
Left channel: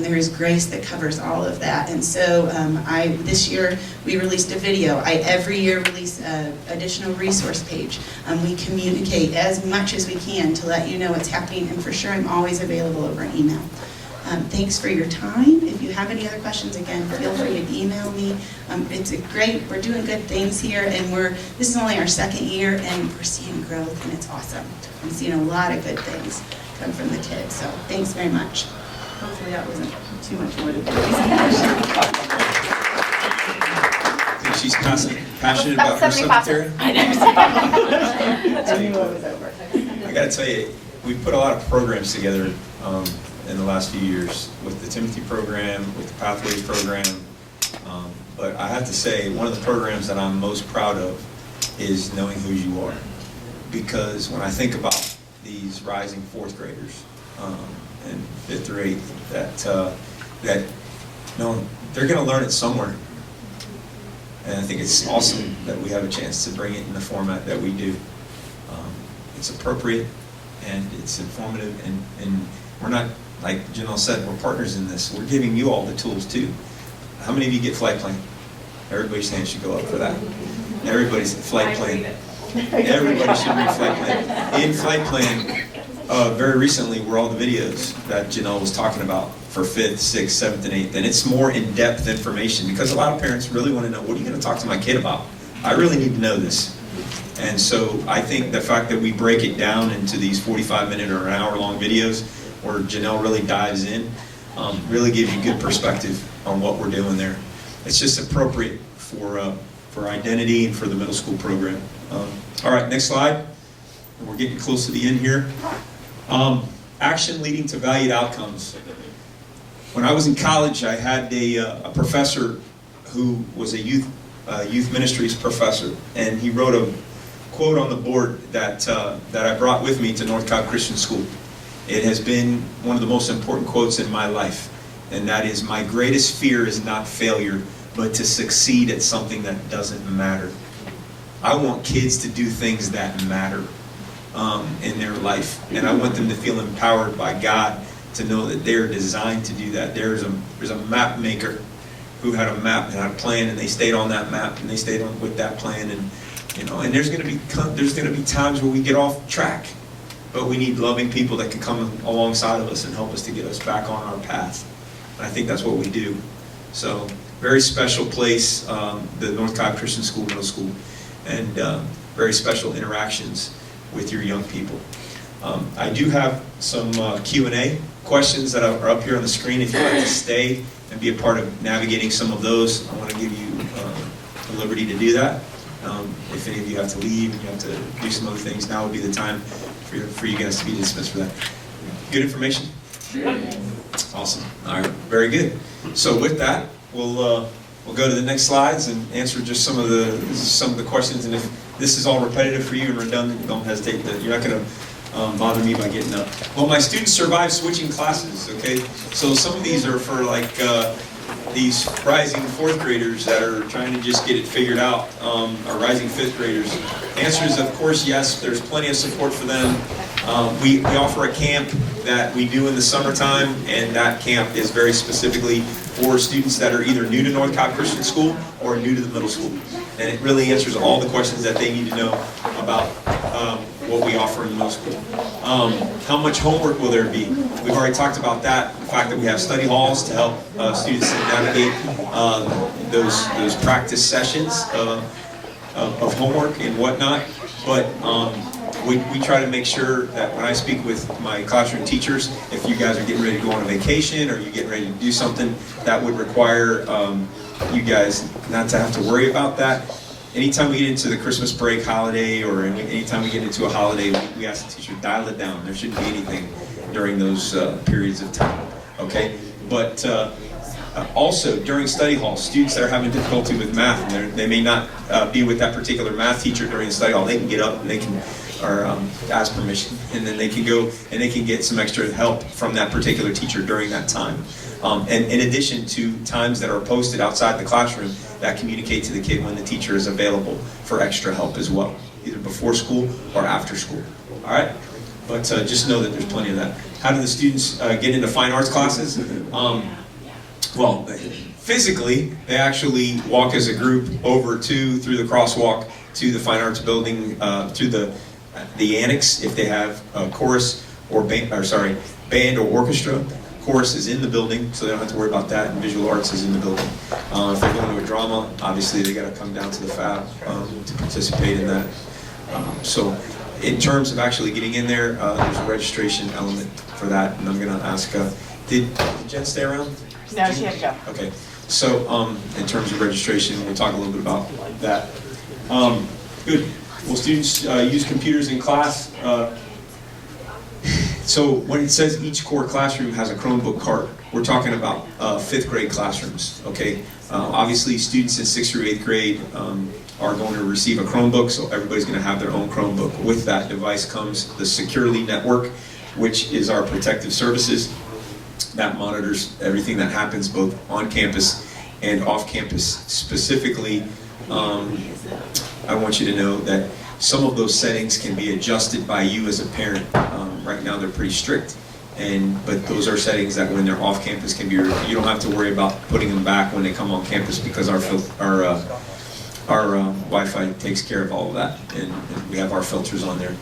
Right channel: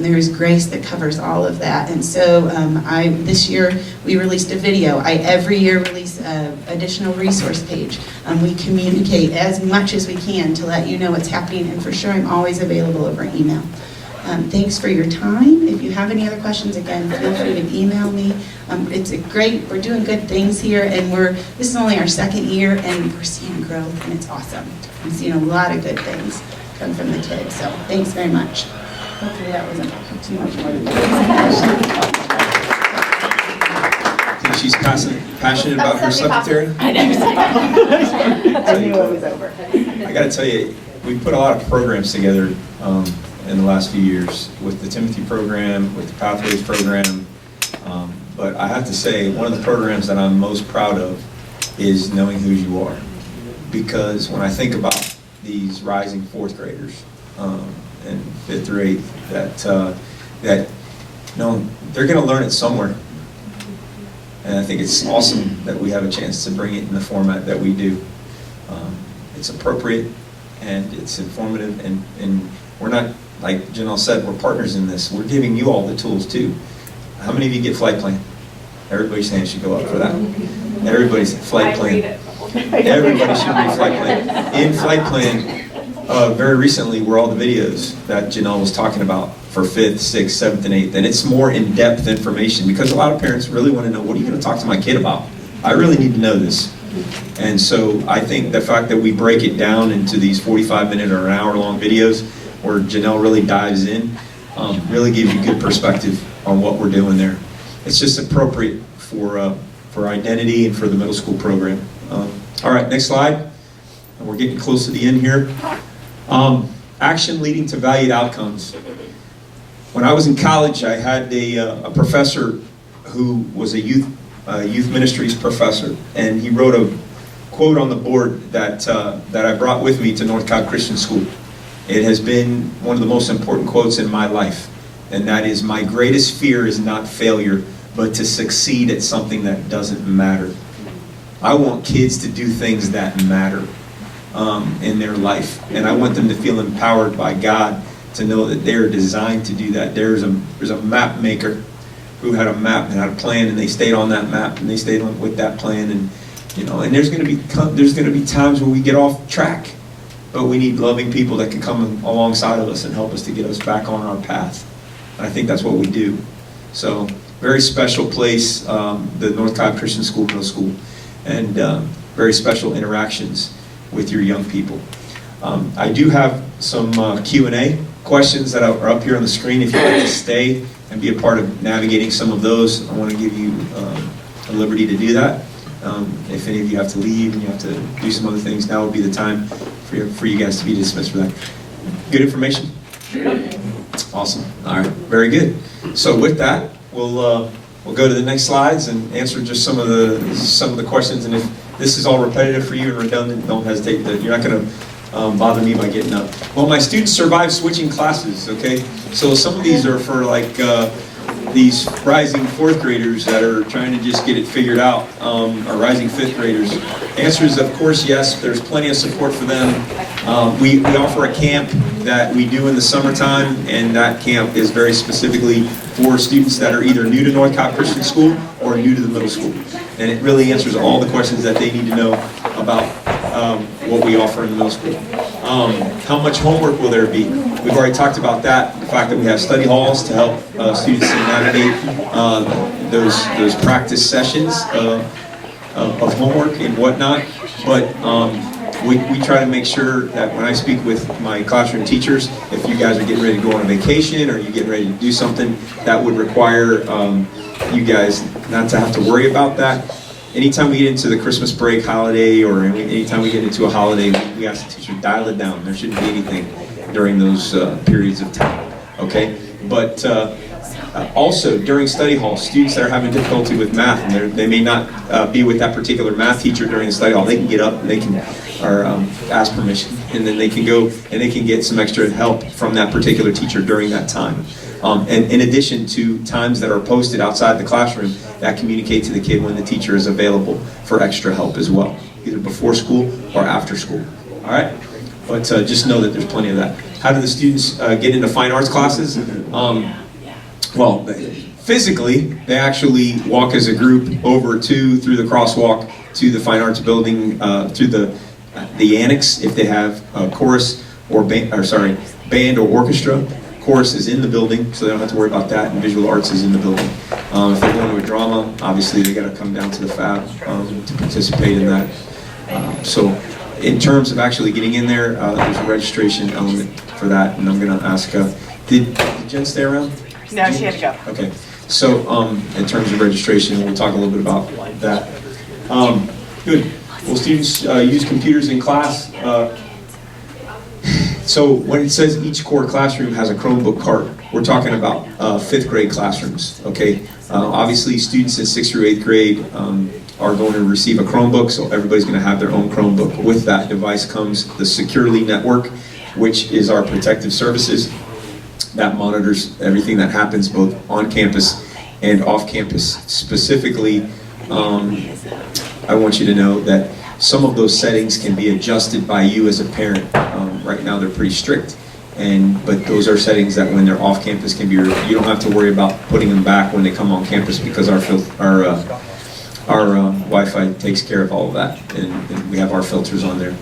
There is grace that covers all of that. And so this year we released a video. I every year release an additional resource page. We communicate as much as we can to let you know what's happening. And for sure, I'm always available over email. Thanks for your time. If you have any other questions, again, feel free to email me. We're doing good things here, and this is only our 2nd year, and we're seeing growth, and it's awesome. I'm seeing a lot of good things come from the kids. So thanks very much. Hopefully that wasn't too much more to do. think she's passionate about her secretary. I never said that. I knew it was over. I got to tell you, we put a lot of programs together in the last few years with the Timothy program, with the Pathways program. But I have to say, one of the programs that I'm most proud of is Knowing Who You Are. Because when I think about these rising fourth graders and fifth through eighth, that they're going to learn it somewhere. And I think it's awesome that we have a chance to bring it in the format that we do. It's appropriate and it's informative, and we're not, like Janelle said, we're partners in this. We're giving you all the tools too. How many of you get flight plan? Everybody's hand should go up for that. Everybody's flight plan. Everybody should read flight plan. In flight plan, very recently were all the videos that Janelle was talking about for 5th, 6th, 7th, and 8th. And it's more in-depth information because a lot of parents really want to know, what are you going to talk to my kid about? I really need to know this. And so I think the fact that we break it down into these 45-minute or an hour-long videos where Janelle really dives in really gives you good perspective on what we're doing there. It's just appropriate for identity and for the middle school program. All right, next slide. And we're getting close to the end here. Action leading to valued outcomes. When I was in college, I had a professor who was a youth ministries professor, and he wrote a quote on the board that I brought with me to North Cobb Christian School. It has been one of the most important quotes in my life, and that is, "My greatest fear is not failure, but to succeed at something that doesn't matter." I want kids to do things that matter in their life, and I want them to feel empowered by God to know that they're designed to do that. There's a map maker who had a map and had a plan, and they stayed on that map, and they stayed on with that plan, and and there's going to be times where we get off track, but we need loving people that can come alongside of us and help us to get us back on our path. And I think that's what we do. So, very special place, the North Cobb Christian School Middle School, and very special interactions with your young people. I do have some Q&A questions that are up here on the screen. If you'd like to stay and be a part of navigating some of those, I want to give you a liberty to do that. If any of you have to leave and you have to do some other things, now would be the time for you guys to be dismissed for that. Good information? Awesome. All right. Very good. So with that, we'll go to the next slides and answer just some of the questions. And if this is all repetitive for you and redundant, don't hesitate. You're not going to bother me by getting up. Well, my students survived switching classes. Okay, so some of these are for like these rising fourth graders that are trying to just get it figured out, or rising fifth graders. Answer is, of course, yes. There's plenty of support for them. We offer a camp that we do in the summertime, and that camp is very specifically for students that are either new to North Cobb Christian School or new to the middle school. And it really answers all the questions that they need to know about what we offer in the middle school. How much homework will there be? We've already talked about that, the fact that we have study halls to help students to navigate those practice sessions of homework and whatnot. But we try to make sure that when I speak with my classroom teachers, if you guys are getting ready to go on a vacation or you're getting ready to do something that would require you guys not to have to worry about that. Anytime we get into the Christmas break holiday or anytime we get into a holiday, we ask the teacher, dial it down. There shouldn't be anything during those periods of time. Okay? But also, during study hall, students that are having difficulty with math, and they may not be with that particular math teacher during the study hall, they can get up and they can ask permission, and then they can go and they can get some extra help from that particular teacher during that time. And in addition to times that are posted outside the classroom that communicate to the kid when the teacher is available for extra help as well, either before school or after school. All right? But just know that there's plenty of that. How do the students get into fine arts classes? Well, physically, they actually walk as a group over through the crosswalk to the fine arts building, through the annex if they have chorus or band or orchestra. Chorus is in the building, so they don't have to worry about that, and visual arts is in the building. If they're going to a drama, obviously they got to come down to the FAB to participate in that. So in terms of actually getting in there, there's a registration element for that, and I'm going to ask, did Jen stay around? No, she had to go. Okay. So in terms of registration, we'll talk a little bit about that. Good. Will students use computers in class? So when it says each core classroom has a Chromebook cart, we're talking about 5th grade classrooms, okay? Obviously, students in 6th through 8th grade are going to receive a Chromebook, so everybody's going to have their own Chromebook. With that device comes the Securely Network, which is our protective services that monitors everything that happens both on campus and off campus. Specifically, I want you to know that some of those settings can be adjusted by you as a parent. Right now they're pretty strict, but those are settings that when they're off campus can be, you don't have to worry about putting them back when they come on campus because our Wi-Fi takes care of all of that, and we have our filters on there.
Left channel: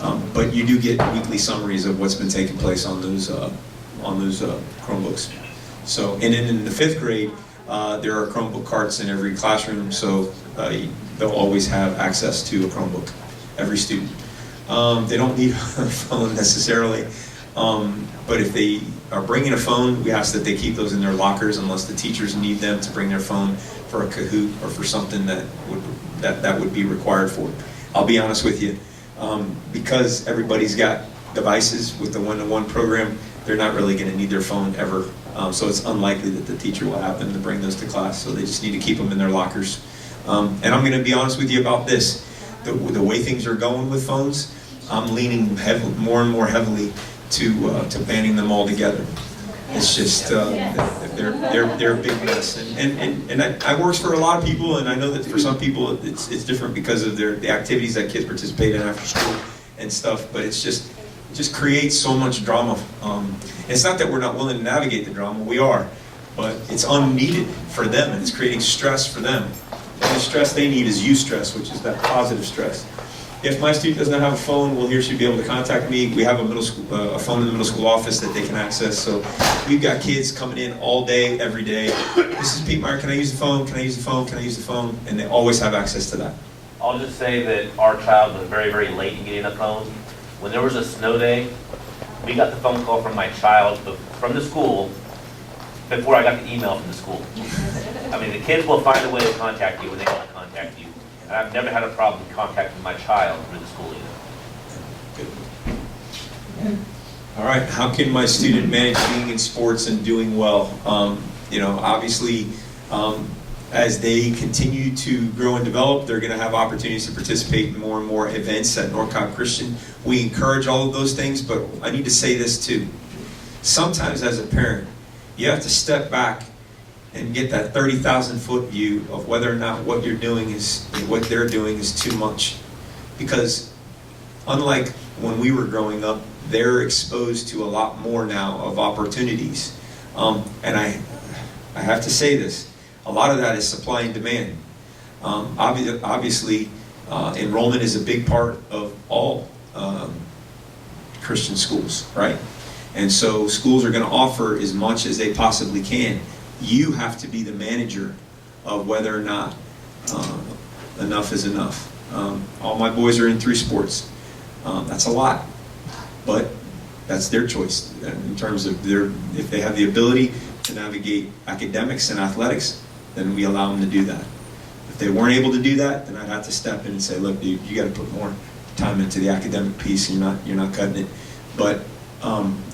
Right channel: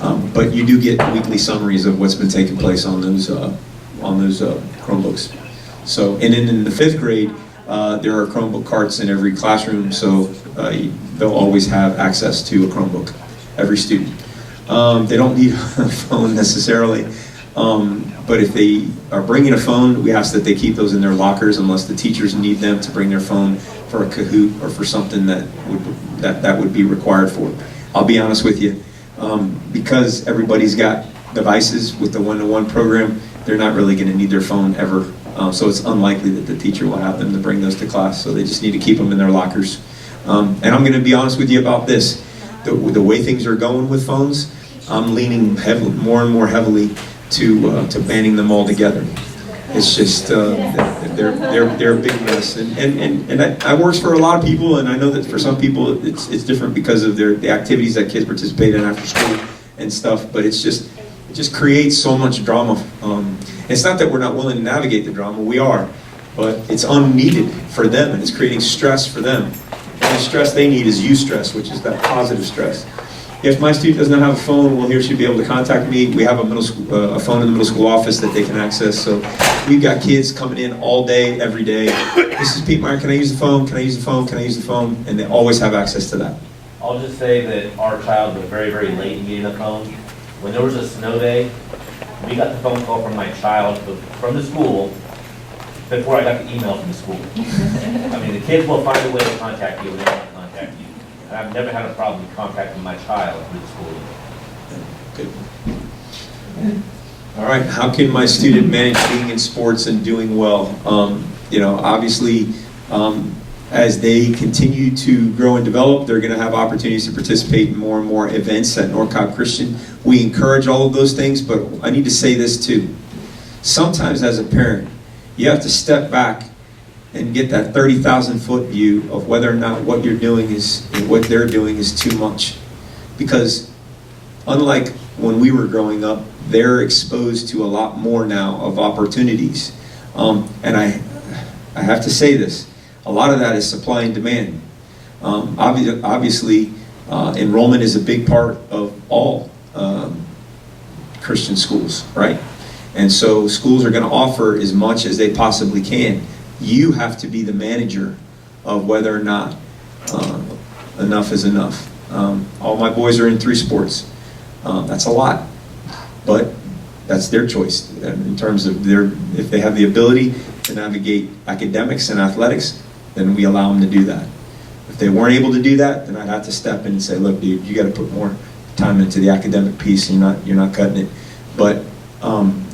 But you do get weekly summaries of what's been taking place on those Chromebooks. So, and then in the 5th grade, there are Chromebook carts in every classroom, so they'll always have access to a Chromebook, every student. They don't need a phone necessarily, but if they are bringing a phone, we ask that they keep those in their lockers unless the teachers need them to bring their phone for a Kahoot or for something that would be required for it. I'll be honest with you, because everybody's got devices with the one-to-one program, they're not really going to need their phone ever. So it's unlikely that the teacher will have them to bring those to class. So they just need to keep them in their lockers. And I'm going to be honest with you about this. The way things are going with phones, I'm leaning more and more heavily to banning them altogether. It's just they're a big mess, and I works for a lot of people, and I know that for some people it's different because of the activities that kids participate in after school and stuff. But it just creates so much drama. It's not that we're not willing to navigate the drama, we are, but it's unneeded for them, and it's creating stress for them. And the stress they need is eustress, which is that positive stress. If my student doesn't have a phone, well, he or she will be able to contact me. We have a phone in the middle school office that they can access. So we've got kids coming in all day, every day. Mrs. Pietmeyer, can I use the phone? Can I use the phone? Can I use the phone? And they always have access to that. I'll just say that our child was very, very late in getting a phone. When there was a snow day, we got the phone call from my child from the school before I got the email from the school. I mean, the kids will find a way to contact you when they want to contact you. And I've never had a problem contacting my child through the school either. Good. All right. How can my student manage being in sports and doing well? Obviously, as they continue to grow and develop, they're going to have opportunities to participate in more and more events at North Cobb Christian. We encourage all of those things, but I need to say this too. Sometimes as a parent, you have to step back and get that 30,000-foot view of whether or not what you're doing and what they're doing is too much. Because unlike when we were growing up, they're exposed to a lot more now of opportunities. And I have to say this, a lot of that is supply and demand. Obviously, enrollment is a big part of all Christian schools, right? And so schools are going to offer as much as they possibly can. You have to be the manager of whether or not enough is enough. All my boys are in 3 sports. That's a lot, but that's their choice in terms of if they have the ability to navigate academics and athletics, then we allow them to do that. If they weren't able to do that, then I'd have to step in and say, look, dude, you got to put more time into the academic piece, and you're not cutting it. But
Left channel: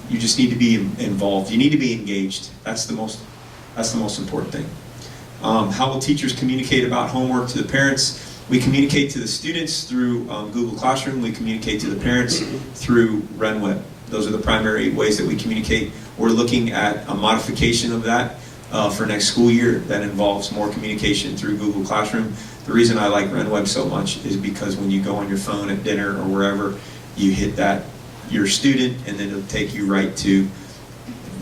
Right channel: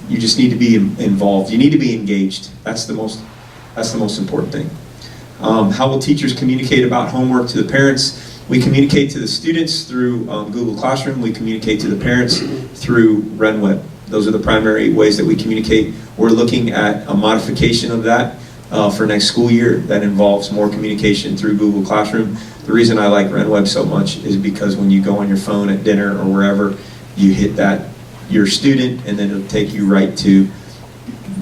you just need to be involved. You need to be engaged. That's the most important thing. How will teachers communicate about homework to the parents? We communicate to the students through Google Classroom. We communicate to the parents through RenWeb. Those are the primary ways that we communicate. We're looking at a modification of that for next school year that involves more communication through Google Classroom. The reason I like RenWeb so much is because when you go on your phone at dinner or wherever, you hit your student, and then it'll take you right to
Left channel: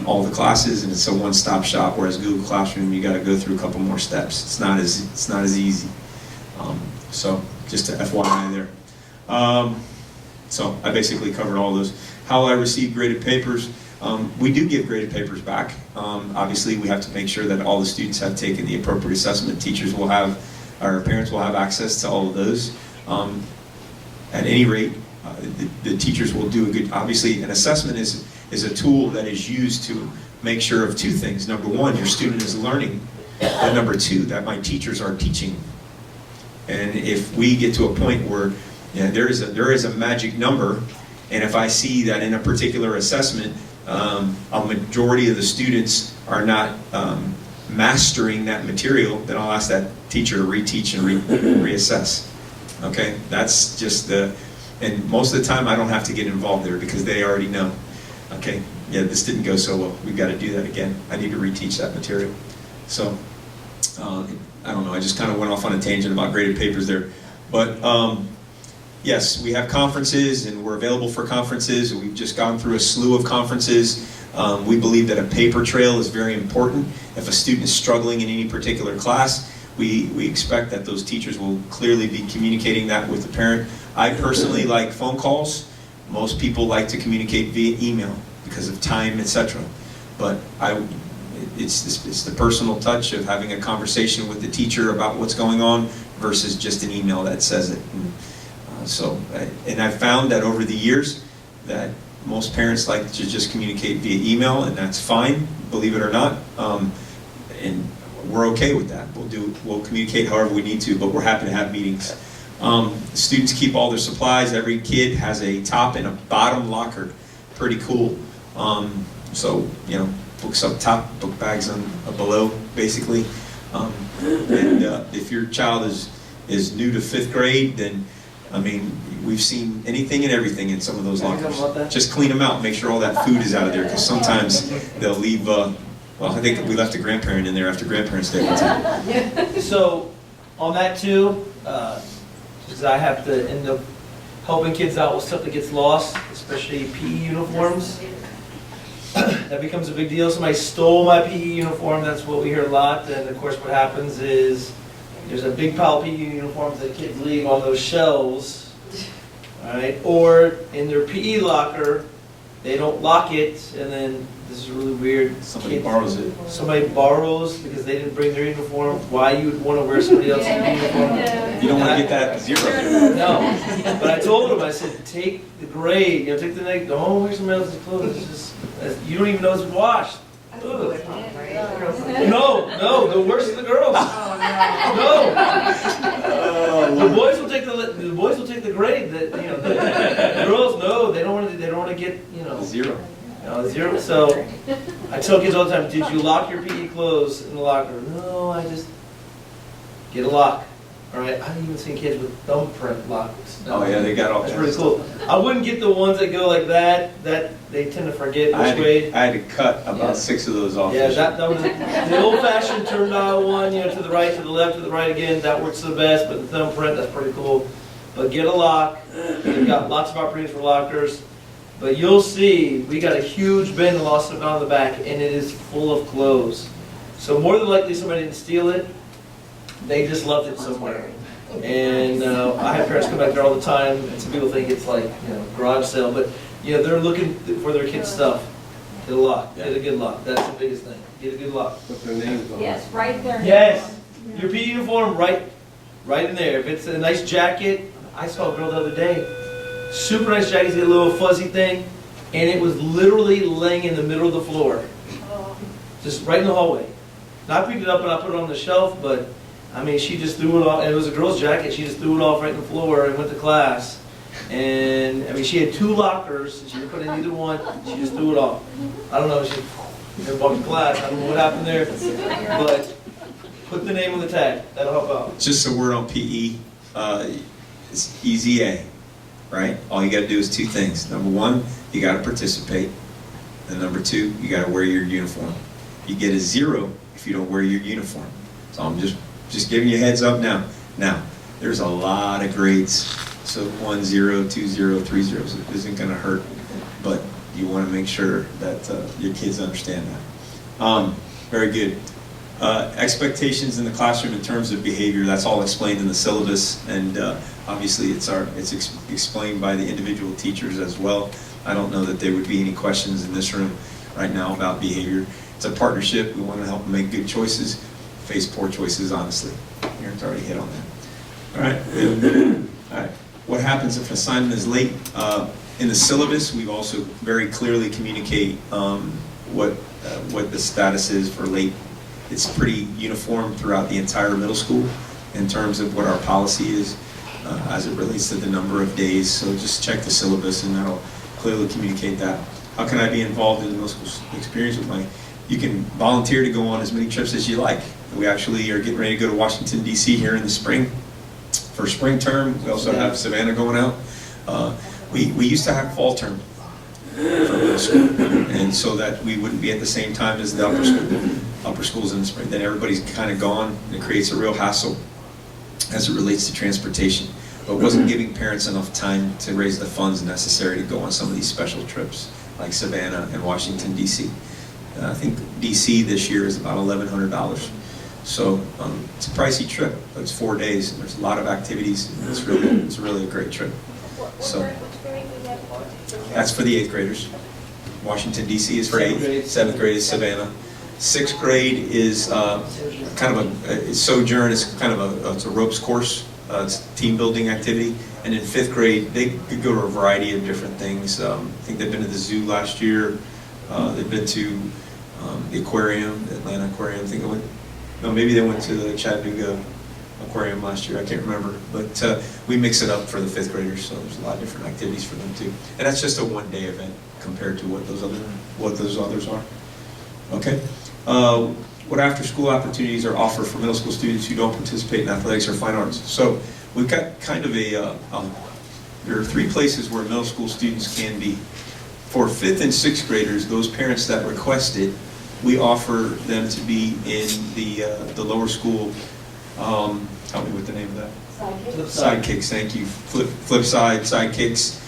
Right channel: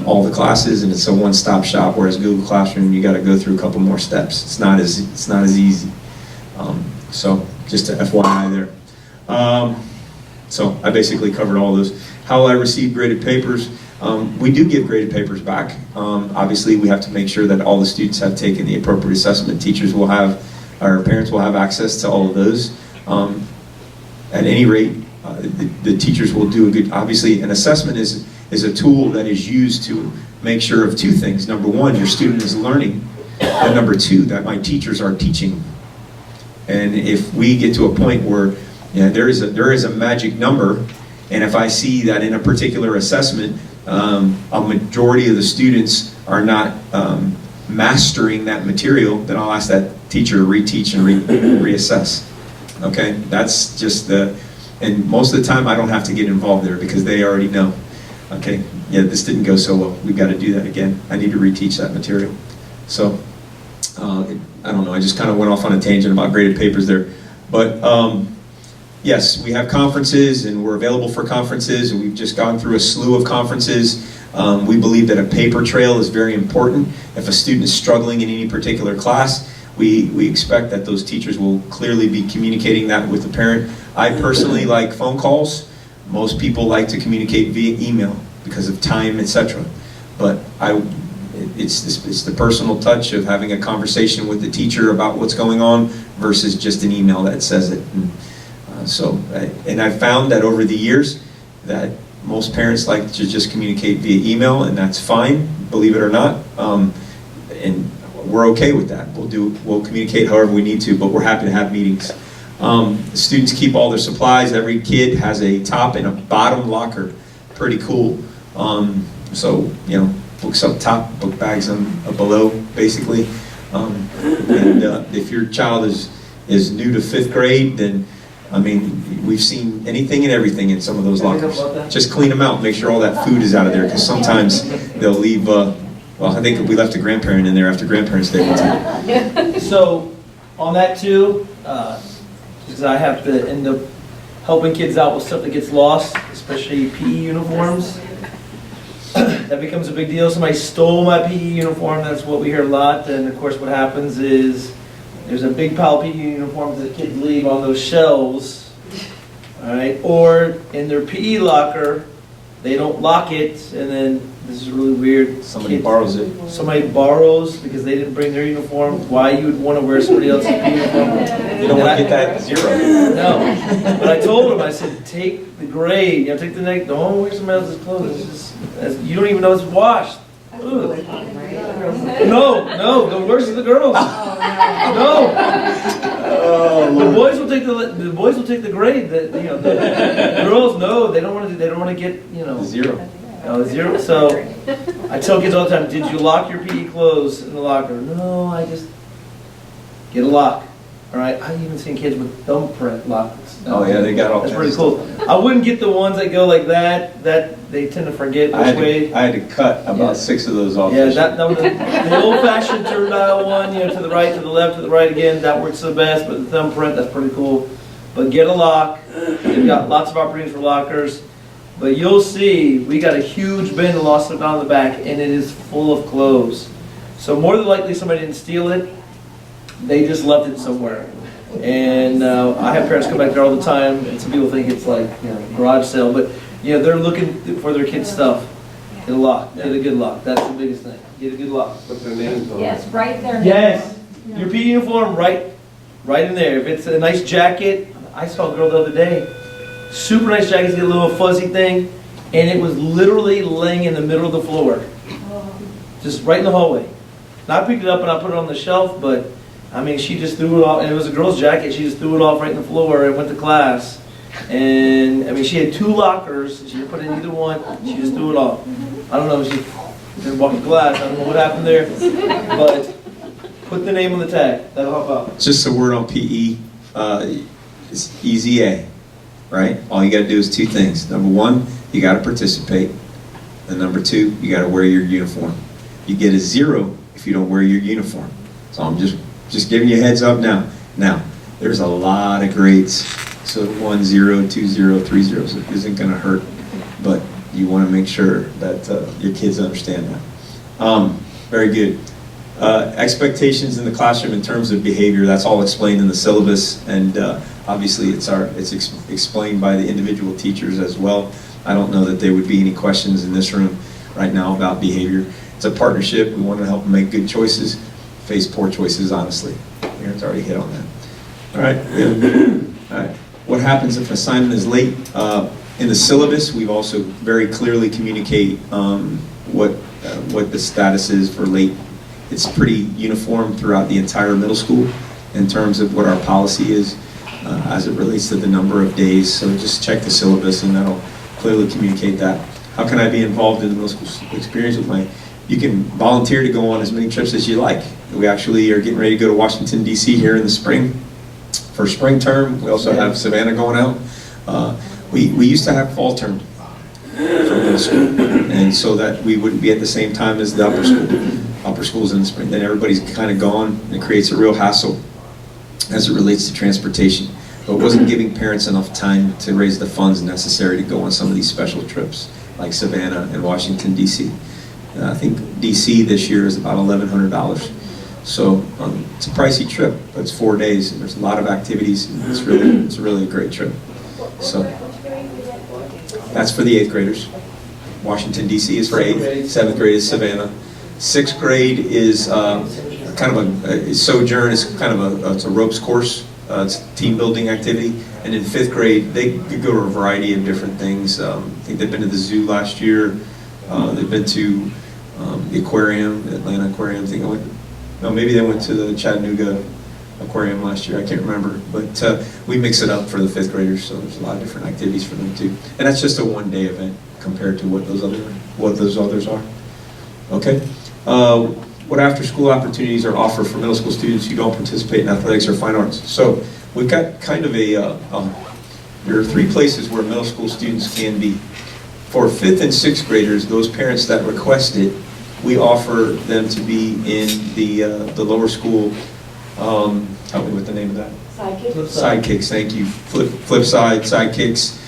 all the classes, and it's a one-stop shop. Whereas Google Classroom, you got to go through a couple more steps. It's not as easy. So just a FYI there. So I basically covered all those. How will I receive graded papers? We do give graded papers back. Obviously, we have to make sure that all the students have taken the appropriate assessment. Teachers will have, our parents will have access to all of those. At any rate, the teachers will do a good. Obviously, an assessment is a tool that is used to make sure of 2 things. Number one, your student is learning And number two, that my teachers are teaching. And if we get to a point where there is a magic number, and if I see that in a particular assessment, a majority of the students are not mastering that material, then I'll ask that teacher to reteach and reassess. Okay, that's just and most of the time I don't have to get involved there because they already know. Okay, yeah, this didn't go so well. We've got to do that again. I need to reteach that material. So, I don't know, I just kind of went off on a tangent about graded papers there. But yes, we have conferences and we're available for conferences, and we've just gone through a slew of conferences. We believe that a paper trail is very important. If a student is struggling in any particular class, we expect that those teachers will clearly be communicating that with the parent. I personally like phone calls. Most people like to communicate via email because of time, etc. But it's the personal touch of having a conversation with the teacher about what's going on versus just an email that says it. And I found that over the years that most parents like to just communicate via email, and that's fine, believe it or not. And we're okay with that. We'll communicate however we need to, but we're happy to have meetings. Students keep all their supplies. Every kid has a top and a bottom locker. Pretty cool. So, books up top, book bags below, basically. And if your child is new to 5th grade, then, we've seen anything and everything in some of those lockers. Just clean them out, make sure all that food is out of there, because sometimes they'll leave, I think we left a grandparent in there after Grandparents' Day one time. So, on that too, because I have to end up helping kids out with stuff that gets lost, especially PE uniforms. That becomes a big deal. Somebody stole my PE uniform. That's what we hear a lot. And of course, what happens is there's a big pile of PE uniforms that kids leave on those shelves, all right? Or in their PE locker, they don't lock it, and then this is really weird. Somebody borrows it. Somebody borrows because they didn't bring their uniform. Why you would want to wear somebody else's uniform? You don't want to get that 0. No, but I told him, I said, take the grade, take the neck. Don't wear somebody else's clothes. It's just, you don't even know it's washed. Ugh. No, the worst is the girls. No, the boys will take the grade. That the girls no, they don't want to get 0. 0. So I tell kids all the time, did you lock your PE clothes in the locker? No, I just get a lock. All right, I've even seen kids with thumbprint locks. Oh yeah, they got all. That's pretty cool. I wouldn't get the ones that go like that. That they tend to forget which way. I had to cut about 6 of those off. Yeah, that was the old-fashioned turn dial one. To the right, to the left, to the right again. That works the best. But the thumbprint, that's pretty cool. But get a lock. We've got lots of opportunities for lockers. But you'll see, we got a huge bin of lost stuff down the back, and it is full of clothes. So more than likely, somebody didn't steal it. They just left it somewhere. And I have parents come back there all the time, and some people think it's like, garage sale. But, they're looking for their kids' stuff. Get a lock. Get a good lock. That's the biggest thing. Get a good lock. Put their names on. Yes, right there. Yes. Your PE uniform, right in there. If it's a nice jacket, I saw a girl the other day. Super nice jacket, get a little fuzzy thing, and it was literally laying in the middle of the floor. Just right in the hallway. And I picked it up and I put it on the shelf, but she just threw it off, and it was a girl's jacket. She just threw it off right in the floor and went to class. And she had 2 lockers. She didn't put in either one. She just threw it off. I don't know. She walked to class. I don't know what happened there, but put the name on the tag. That'll help out. Just a word on PE. It's easy A, right? All you got to do is 2 things. Number 1, you got to participate, and number 2, you got to wear your uniform. You get a 0 if you don't wear your uniform. So I'm just giving you a heads up now. Now, there's a lot of grades. So 1 0, 2 0, 3 zeros isn't going to hurt, but you want to make sure that your kids understand that. Very good. Expectations in the classroom in terms of behavior, that's all explained in the syllabus, and obviously it's explained by the individual teachers as well. I don't know that there would be any questions in this room right now about behavior. It's a partnership. We want to help them make good choices, face poor choices, honestly. Aaron's already hit on that. All right. All right. What happens if an assignment is late? In the syllabus, we've also very clearly communicate what the status is for late it's pretty uniform throughout the entire middle school in terms of what our policy is as it relates to the number of days. So just check the syllabus and that'll clearly communicate that. How can I be involved in the middle school experience with you can volunteer to go on as many trips as you like. We actually are getting ready to go to Washington, D.C. here in the spring for spring term. We also have Savannah going out. We used to have fall term for middle school, and so that we wouldn't be at the same time as the upper school. Upper school's in the spring. Then everybody's kind of gone. It creates a real hassle as it relates to transportation. But it wasn't giving parents enough time to raise the funds necessary to go on some of these special trips, like Savannah and Washington, D.C. I think D.C. this year is about $1,100. So it's a pricey trip, but it's 4 days, and there's a lot of activities, and it's really a great trip. So Which grade was that for? that's for the 8th graders. Washington, D.C. is for 8th. 7th grade is Savannah. 6th grade is kind of a sojourn. It's kind of it's a ropes course. It's a team building activity. And in 5th grade, they could go to a variety of different things. I think they've been to the zoo last year. They've been to the aquarium, the Atlanta Aquarium. Maybe they went to the Chattanooga Aquarium last year. I can't remember. But we mix it up for the 5th graders, so there's a lot of different activities for them too. And that's just a one-day event compared to what those others are. Okay. What after-school opportunities are offered for middle school students who don't participate in athletics or fine arts? So we've got kind of there are 3 places where middle school students can be. For 5th and 6th graders, those parents that request it, we offer them to be in the lower school. Help me with the name of that. Sidekicks, thank you. Flip side, sidekicks.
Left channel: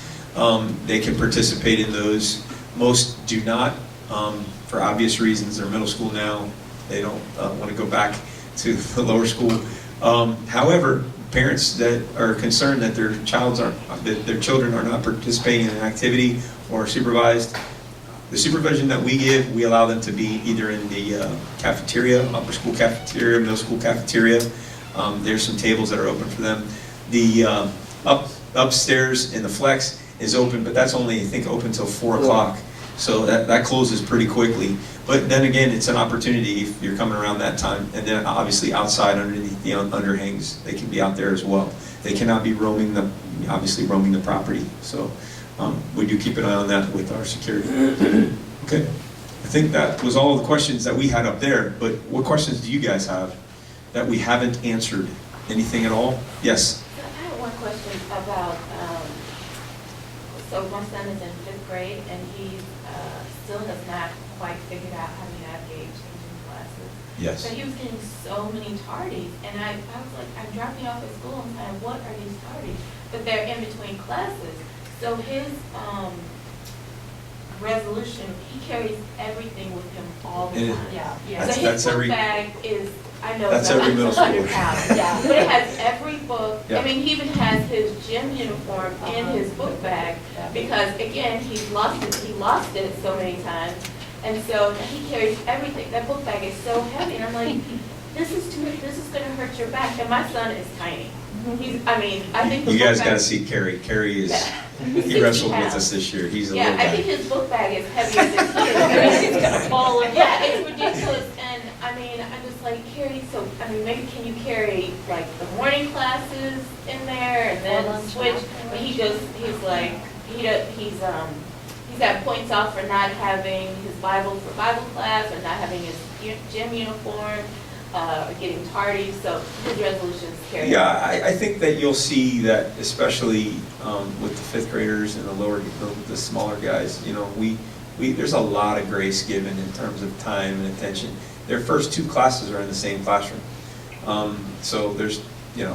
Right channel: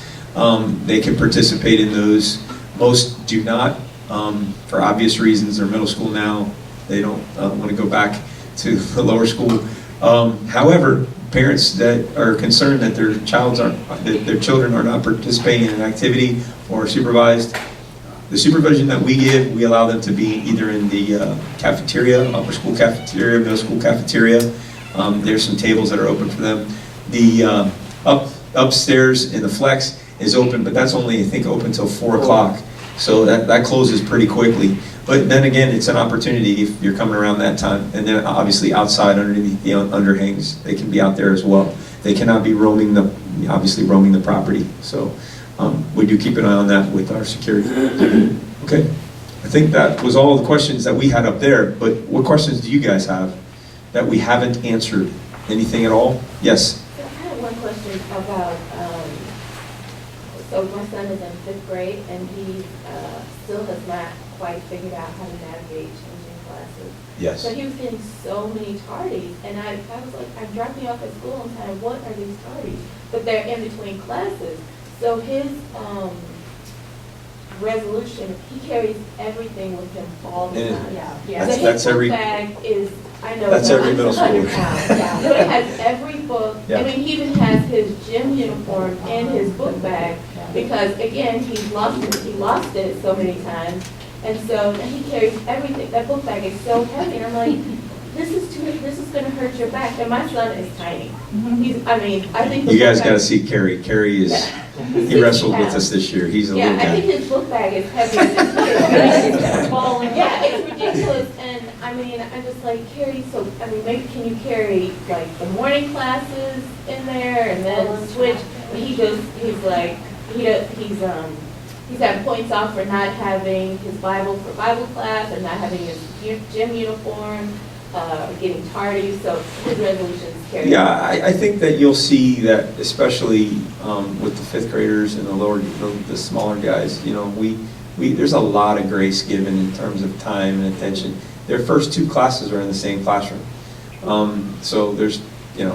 They can participate in those. Most do not, for obvious reasons. They're middle school now. They don't want to go back to the lower school. However, parents that are concerned that their children are not participating in an activity or supervised, the supervision that we give, we allow them to be either in the cafeteria, upper school cafeteria, middle school cafeteria. There's some tables that are open for them. The upstairs in the flex is open, but that's only, I think, open till 4 o'clock. So that closes pretty quickly. But then again, it's an opportunity if you're coming around that time. And then obviously outside underneath the underhangs, they can be out there as well. They cannot be roaming the property. So we do keep an eye on that with our security. Okay. I think that was all the questions that we had up there. But what questions do you guys have that we haven't answered? Anything at all? Yes. So I have one question about, so my son is in 5th grade and he still has not quite figured out how to navigate changing classes. Yes. So he was getting so many tardies, and I was like, I'm dropping off at school and kind of, what are these tardies? But they're in between classes. So his resolution, he carries everything with him all the And time. Yeah. So That's his every- book bag is, I know, That's no, every middle it's 100 schooler. pounds. Yeah. But it has every book. Yeah. I mean, he even has his gym uniform in his book bag because, again, he lost it so many times. And so he carries everything. That book bag is so heavy. And I'm like, this is going to hurt your back. And my son is tiny. I think the You guys book got to bag- see Kerry. Kerry is, He's he wrestled 60 with us this year. He's a Yeah, little I think guy. his book bag is heavy as his Yeah, it's ridiculous. And I'm just like, Carrie, so, maybe can you carry like the morning classes in there and then switch? But he's got points off for not having his Bible for Bible class or not having his gym uniform, or getting tardy, so his resolutions carry. Yeah, I think that you'll see that, especially with the 5th graders and the smaller guys. There's a lot of grace given in terms of time and attention. Their first 2 classes are in the same classroom, so there's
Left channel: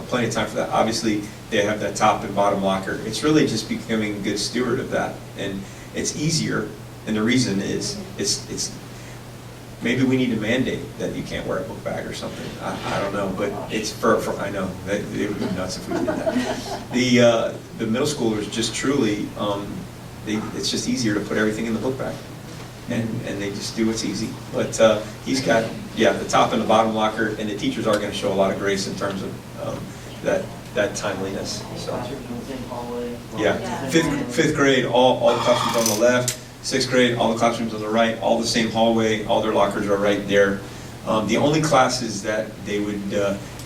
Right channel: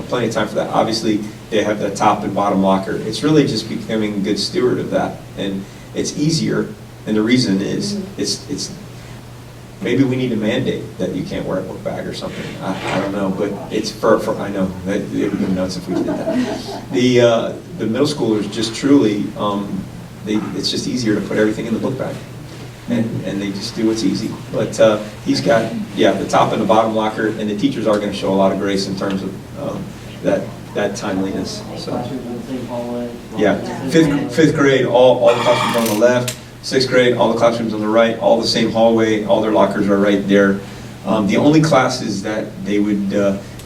plenty of time for that. Obviously, they have the top and bottom locker. It's really just becoming a good steward of that, and it's easier. And the reason is it's maybe we need to mandate that you can't wear a book bag or something. I don't know, but it's for I know that it would be nuts if we did that. The middle schoolers just truly it's just easier to put everything in the book bag, and they just do what's easy. But he's got the top and the bottom locker, and the teachers are going to show a lot of grace in terms of that timeliness. So yeah, 5th grade, all the classrooms on the left. 6th grade, all the classrooms on the right, all the same hallway, all their lockers are right there. The only classes that they would,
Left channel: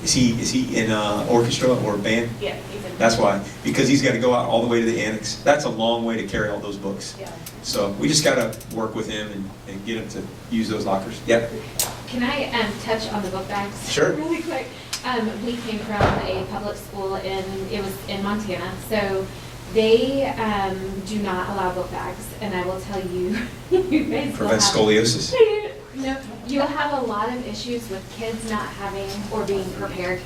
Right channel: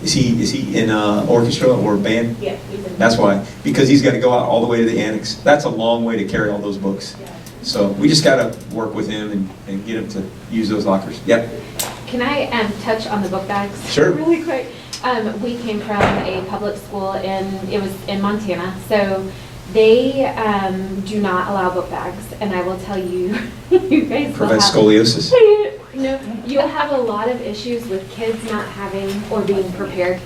is he in orchestra or band? Yeah, he's in. That's why, because he's got to go out all the way to the annex. That's a long way to carry all those books. Yeah. So we just got to work with him and get him to use those lockers. Yep. Can I touch on the book bags? Sure. Really quick. We came from a public school it was in Montana, so they do not allow book bags, and I will tell you, you guys will Prevent have, scoliosis. no, you'll have a lot of issues with kids not having or being prepared,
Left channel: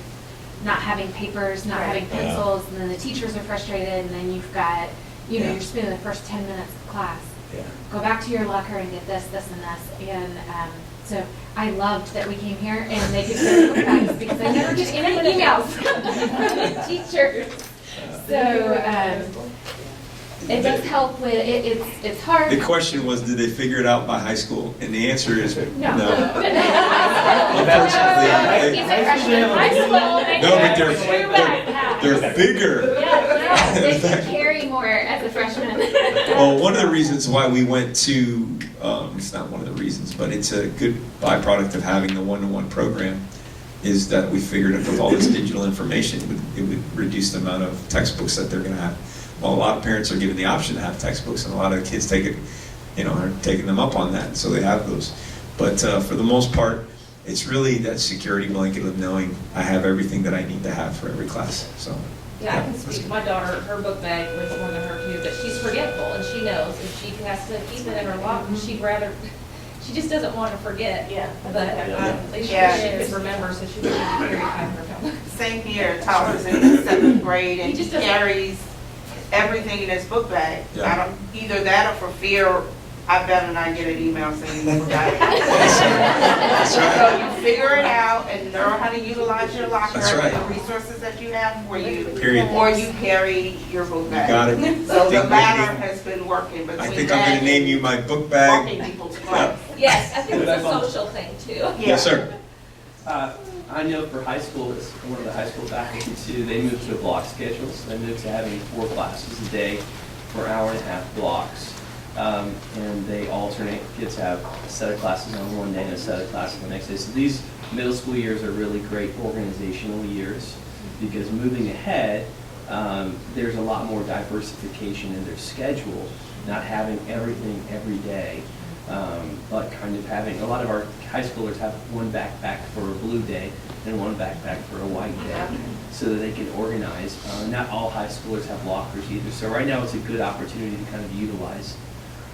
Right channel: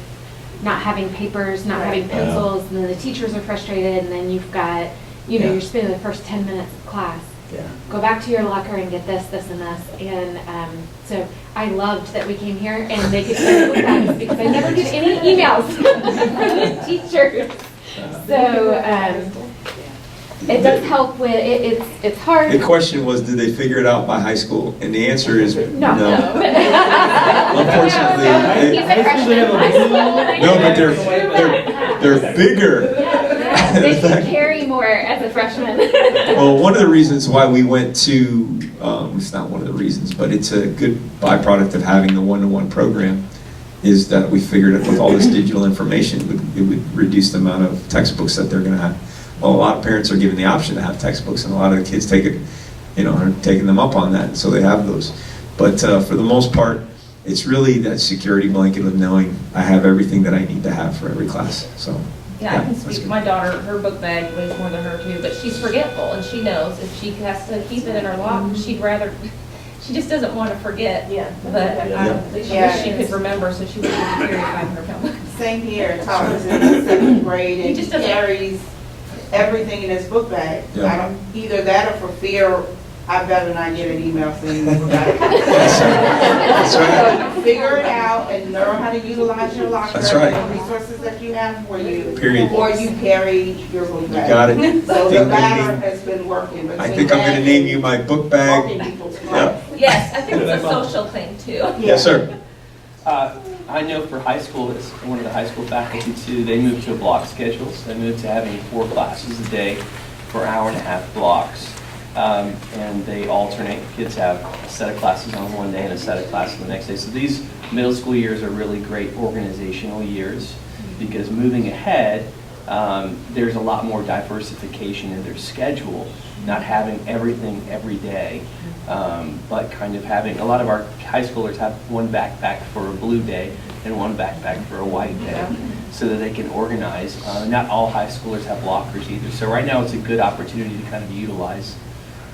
not having papers, not having pencils, and then the teachers are frustrated, and then you've got, Yeah. you're spending the first 10 minutes of class. Yeah. Go back to your locker and get this, this, and this. And so I loved that we came here and they could send book bags because I never get any emails from the teachers. So it does help with it's hard. The question was, did they figure it out by high school? And the answer is No. Unfortunately, He's a freshman in high school. no, but they're bigger. Yeah, they can carry more as a freshman. Well, one of the reasons why we went to, it's not one of the reasons, but it's a good byproduct of having the one-to-one program, is that we figured that with all this digital information, it would reduce the amount of textbooks that they're going to have. Well, a lot of parents are given the option to have textbooks, and a lot of the kids are taking them up on that, so they have those. But for the most part, it's really that security blanket of knowing I have everything that I need to have for every class. So. Yeah, I can that's speak. good. My daughter, her book bag weighs more than her too, but she's forgetful, and she knows if she has to keep it in her locker, she'd rather, she just doesn't want to forget. Yeah. But I wish she could remember, so she wouldn't have to carry a 500-pound book. Same here, Thomas in the seventh grade, He and just he doesn't- carries everything in his book bag. Yeah. I don't, either that or for fear, I better not get an email saying book bag. That's right. So you figure it out and learn how to utilize your locker That's right. and the resources that you have for you. Period. Or you carry your book bag. Got it. So the Think latter maybe- has been working between I think I'm going to name you my book bag. walking people's Yeah. club. Yes, I think it's a social thing too. Yes, sir. I know for high school, as one of the high school faculty too, they moved to a block schedule. So they moved to having 4 classes a day for hour-and-a-half blocks. And they alternate. Kids have a set of classes on one day and a set of classes the next day. So these middle school years are really great organizational years because moving ahead, there's a lot more diversification in their schedule, not having everything every day, but kind of having, a lot of our high schoolers have one backpack for a blue day and one backpack for a white day so that they can organize. Not all high schoolers have lockers either. So right now it's a good opportunity to kind of utilize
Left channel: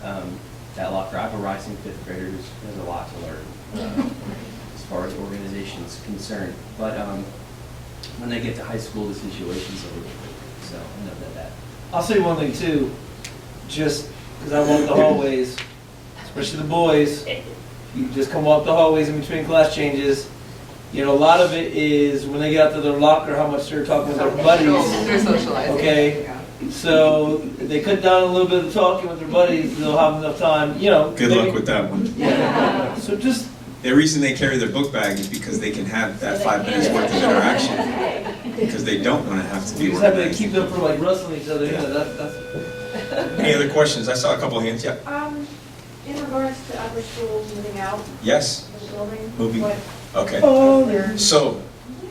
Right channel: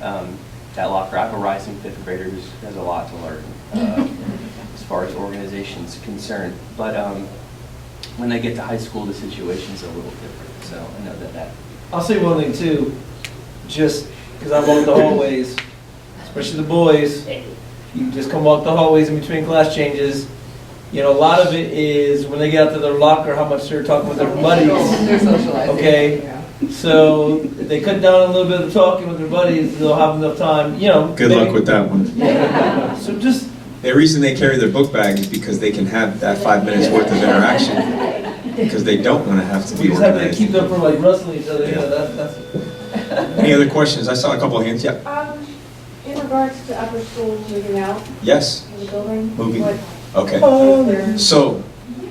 that locker. I have a rising 5th grader who has a lot to learn as far as organization's concerned. But when they get to high school, the situation's a little different. So I know that. I'll say one thing too, just because I walk the hallways, especially the boys, you just come walk the hallways in between class changes. You know, a lot of it is when they get out to their locker, how much they're talking with their buddies. They're socializing. Okay. So if they cut down a little bit of the talking with their buddies, they'll have enough time, you know. Good luck with that one. Yeah. So just, The reason they carry their book bag is because they can have that 5 minutes worth of interaction. Because they don't want to have to we be just have to organized. keep them from like wrestling each other, you know, that's. Any other questions? I saw a couple of hands. Yeah. In regards to upper schools moving out Yes. of the building, Moving. what Okay. is there So,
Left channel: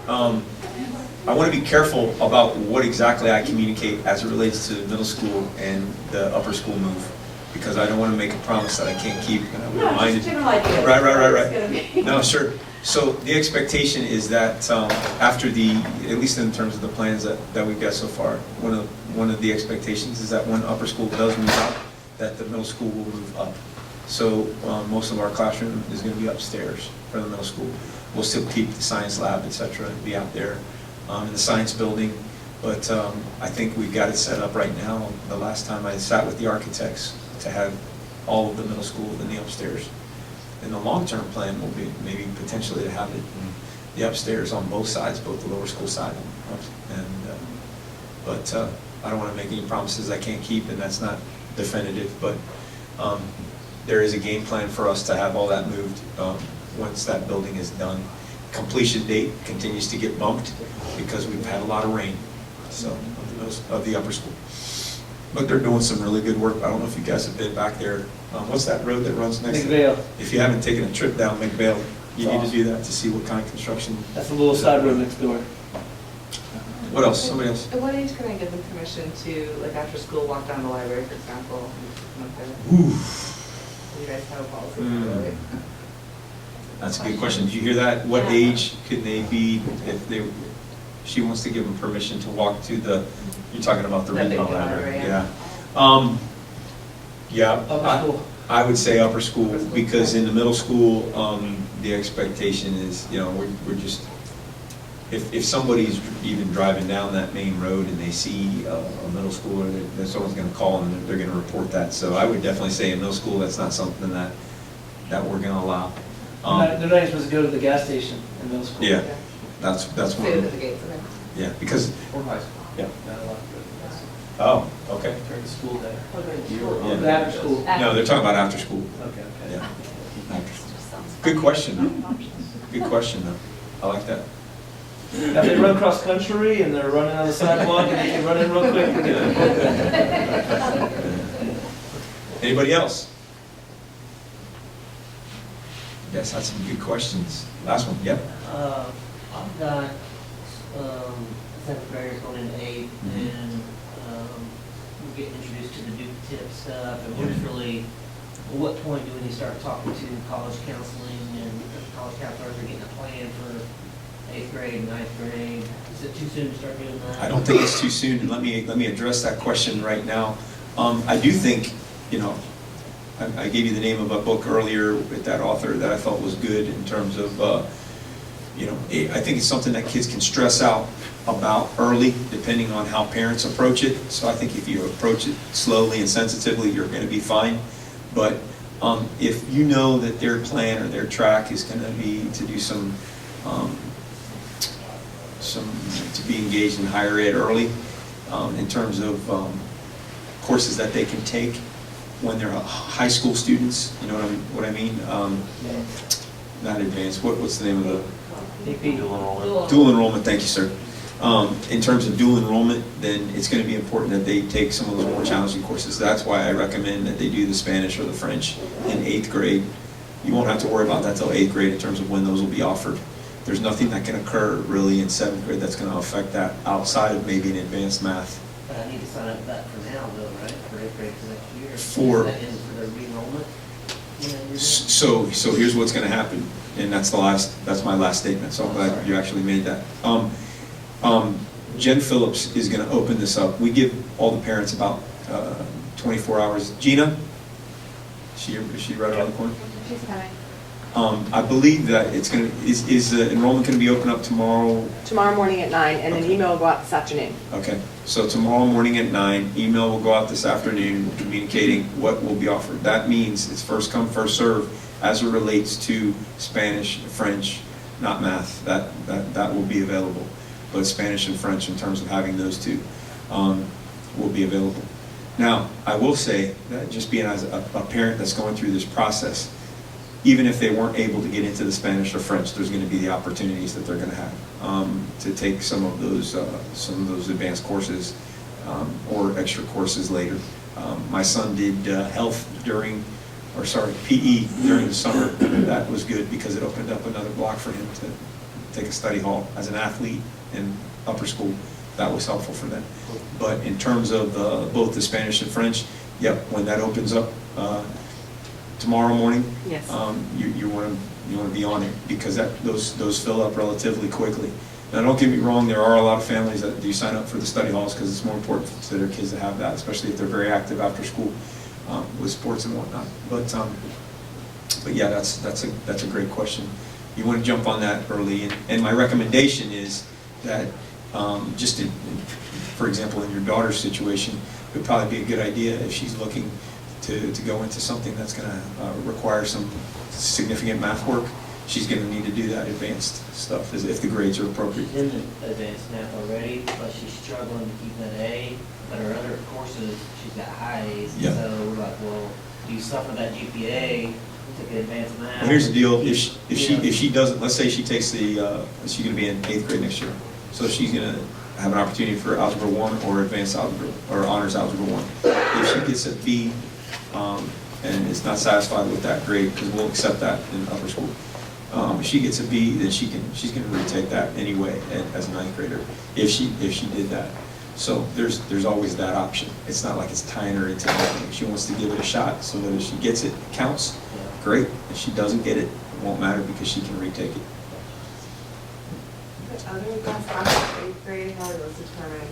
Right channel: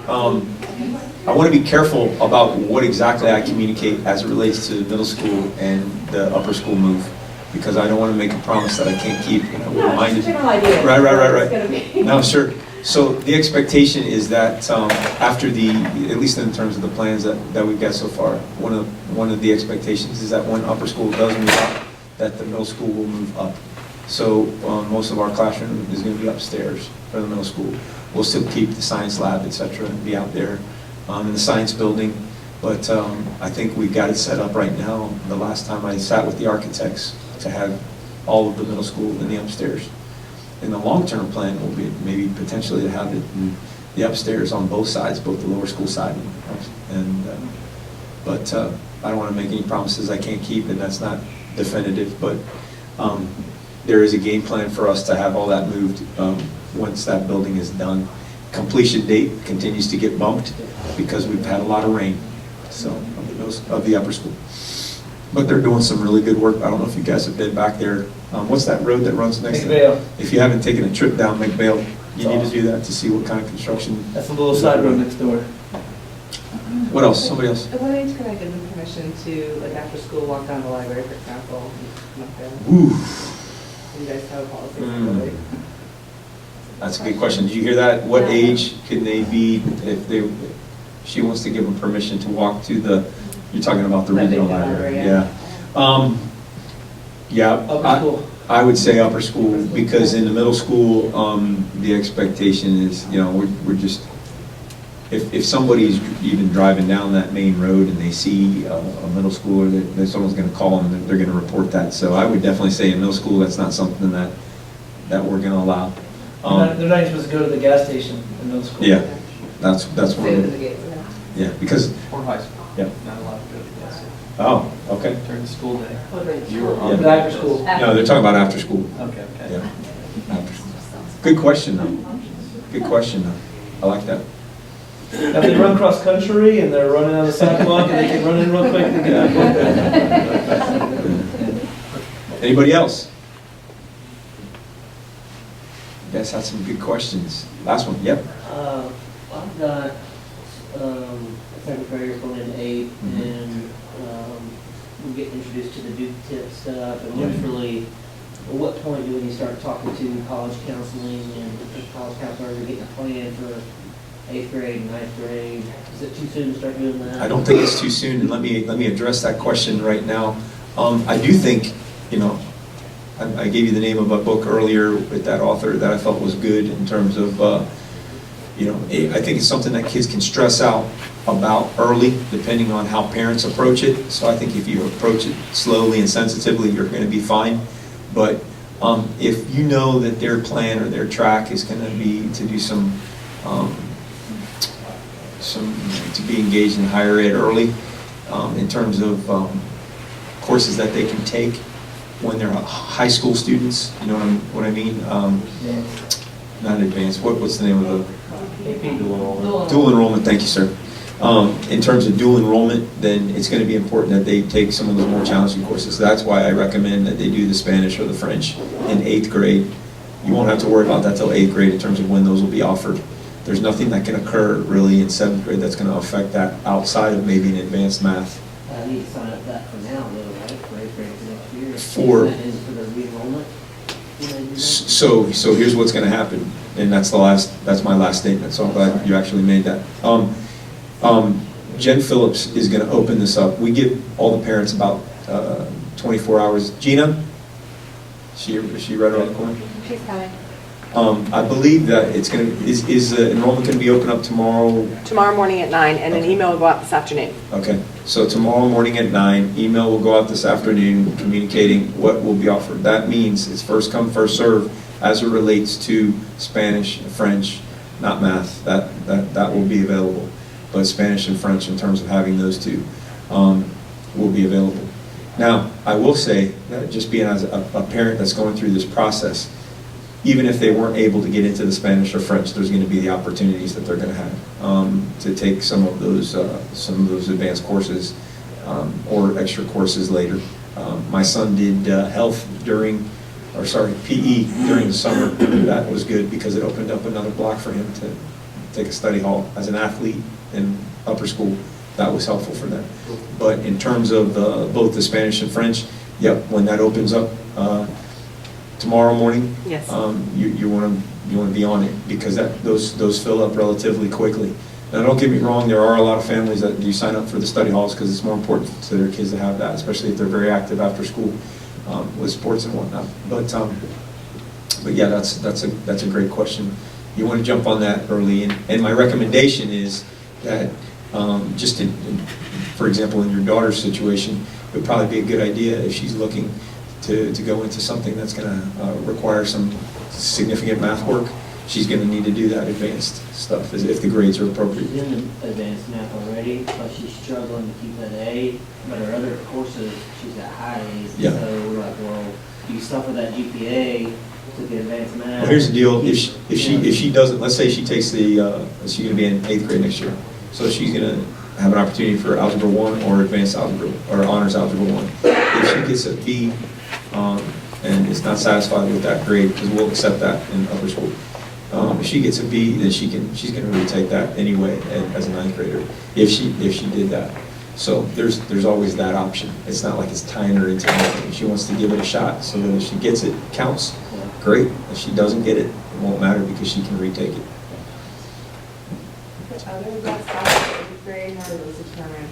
I want to be careful about what exactly I communicate as it relates to middle school and the upper school move, because I don't want to make a promise that I can't keep. And I would No, remind just you. general idea. Right. It's gonna be. No, sure. So the expectation is that after at least in terms of the plans that we've got so far, one of the expectations is that when upper school does move out, that the middle school will move up. So most of our classroom is going to be upstairs for the middle school. We'll still keep the science lab, et cetera, and be out there in the science building. But I think we've got it set up right now. The last time I sat with the architects to have all of the middle school in the upstairs. And the long-term plan will be maybe potentially to have it in the upstairs on both sides, both the lower school side but I don't want to make any promises I can't keep, and that's not definitive. But there is a game plan for us to have all that moved once that building is done. Completion date continues to get bumped because we've had a lot of rain, so of the upper school. But they're doing some really good work. I don't know if you guys have been back there. What's that road that runs next to it? McVale. If you haven't taken a trip down McVale, You need to do that to see what kind of construction. That's a little side road next door. What else? Somebody else? At what age can I give them permission to, like, after school, walk down the library, for example? and come up there? Ooh, Do you guys have a policy? Mm. That's a good question. Did you hear that? What age can they be if they, if she wants to give them permission to walk to the, you're talking about the That big regional library, library? yeah. Yeah. Upper school. I would say upper school, because in the middle school, the expectation is, we're just, if somebody's even driving down that main road and they see a middle schooler, then someone's gonna call them and they're gonna report that. So I would definitely say in middle school, that's not something that we're gonna allow. They're not even supposed to go to the gas station in middle school. Yeah, that's one Stay of within the the, gates, okay. yeah, because, Or high school. Yeah. Not allowed to go to the gas station oh, okay. during the school day. Oh, during You were Yeah. on. But after school. No, they're talking about after school. Okay, okay. Yeah. After school. Good question, though. Good question, though. I like that. Now, if they run cross country and they're running on the sidewalk and they can run in real quick and get out. Anybody else? You guys had some good questions. Last one, yep. I've got seventh graders going into eighth, Mhm. and we're getting introduced to the Duke tip stuff, and Yeah. what's really, at what point do we need to start talking to college counseling and college counselors are getting a plan for eighth grade, ninth grade? Is it too soon to start doing that? I don't think it's too soon, and let me address that question right now. I do think, I gave you the name of a book earlier with that author that I felt was good in terms of, I think it's something that kids can stress out about early, depending on how parents approach it. So I think if you approach it slowly and sensitively, you're going to be fine. But if you know that their plan or their track is going to be to do to be engaged in higher ed early, in terms of courses that they can take when they're high school students, you know what I mean? Not advanced. What's the name of the AP dual enrollment. dual enrollment? Thank you, sir. In terms of dual enrollment, then it's going to be important that they take some of the more challenging courses. That's why I recommend that they do the Spanish or the French in eighth grade. You won't have to worry about that till eighth grade in terms of when those will be offered. There's nothing that can occur really in seventh grade that's going to affect that outside of maybe an advanced math. I need to sign up for that for now, though, right? For eighth grade for next year. For- Is that in for the re-enrollment? So here's what's going to happen, and that's my last statement. So I'm glad you actually made that. Jen Phillips is going to open this up. We give all the parents about 24 hours. Gina, is she right around the corner? She's coming. I believe that it's going to, is the enrollment going to be open up tomorrow? Tomorrow morning at 9, and an Okay. email will go out this afternoon. Okay, so tomorrow morning at 9, email will go out this afternoon communicating what will be offered. That means it's first come, first serve as it relates to Spanish, French, not math. That will be available. But Spanish and French, in terms of having those two, will be available. Now, I will say that just being as a parent that's going through this process, even if they weren't able to get into the Spanish or French, there's going to be the opportunities that they're going to have to take some of those advanced courses or extra courses later. My son did PE during the summer. That was good because it opened up another block for him to take a study hall as an athlete in upper school. That was helpful for them. But in terms of both the Spanish and French, yep, when that opens up tomorrow morning, Yes. You want to be on it because those fill up relatively quickly. Now, don't get me wrong, there are a lot of families that do sign up for the study halls because it's more important to their kids to have that, especially if they're very active after school with sports and whatnot. But yeah, that's a great question. You want to jump on that early, and my recommendation is that just for example, in your daughter's situation, it would probably be a good idea if she's looking to go into something that's going to require some significant math work. She's going to need to do that advanced stuff if the grades are appropriate. She's in advanced math already, but she's struggling to keep an A. But her other courses, she's got high A's. Yeah. So we're like, well, you suffer that GPA to get advanced math. Well, here's the deal: if she doesn't, let's say she takes she's going to be in eighth grade next year, so she's going to have an opportunity for Algebra 1 or Advanced Algebra or Honors Algebra 1. If she gets a B and is not satisfied with that grade, because we'll accept that in upper school, If she gets a B, then she's going to retake that anyway as a ninth grader, if she did that. So there's always that option. It's not like it's tying her into anything. If she wants to give it a shot so that if she gets it, counts, great. If she doesn't get it, it won't matter because she can retake it. Other advanced classes for 8th grade, how are those determined?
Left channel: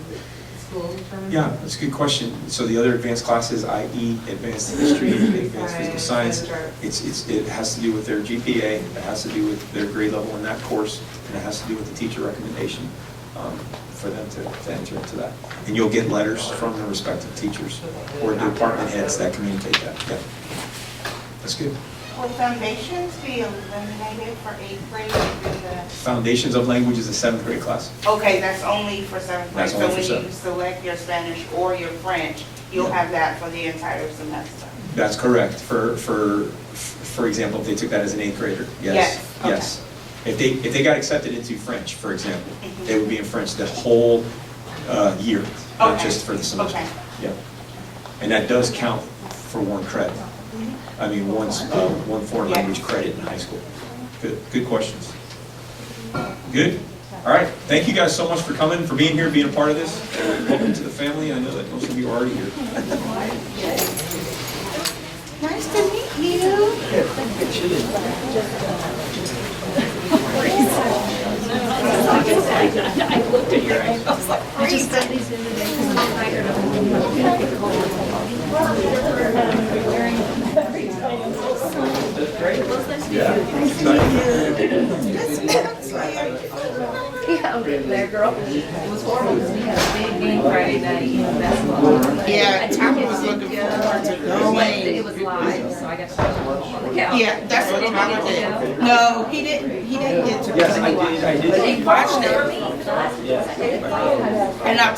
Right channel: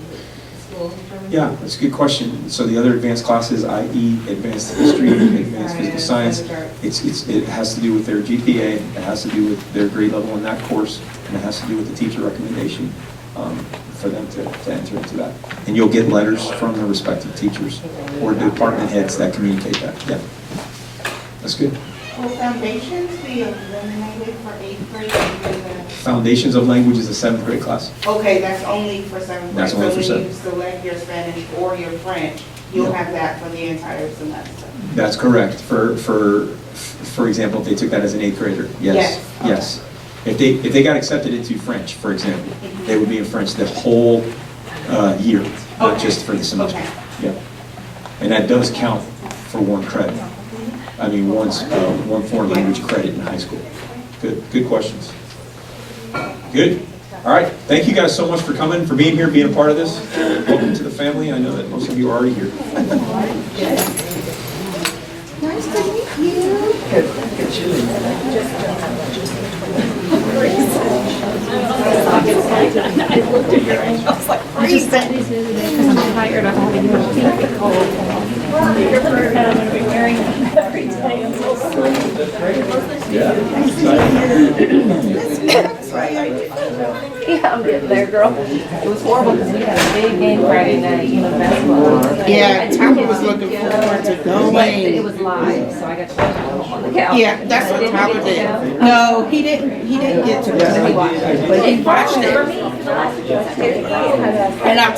School determined? Yeah, that's a good question. So the other advanced classes, i.e. advanced history, advanced physical science, it has to do with their GPA, it has to do with their grade level in that course, and it has to do with the teacher recommendation for them to enter into that. And you'll get letters from the respective teachers or department heads that communicate that. Yeah, that's good. Will foundations be eliminated for 8th grade? Foundations of Language is a 7th grade class. Okay, that's only for 7th grade. That's only for So when you 7th. select your Spanish or your French, you'll have that for the entire semester. That's correct. For example, if they took that as an 8th grader, yes, yes. If they got accepted into French, for example, they would be in French the whole year, not just for the semester. Okay. Yeah, and that does count for one credit. I mean, one foreign language credit in high school. Good questions. Good. All right. Thank you guys so much for coming, for being here, being a part of this. Welcome to the family. I know that most of you are already here. Nice to meet you. I looked at your ankle. I was like, I just got these the other day because I'm tired of having to Yeah, I'm getting there, girl. It was horrible because we had a big game Friday night, basketball. Yeah, Tyler was looking forward to It going. was live, so I got to watch it at home on the couch. Yeah, that's what Tyler did. No, he didn't get to go. But he watched it. But he watched For it. me, for the last 15 seconds. And I'll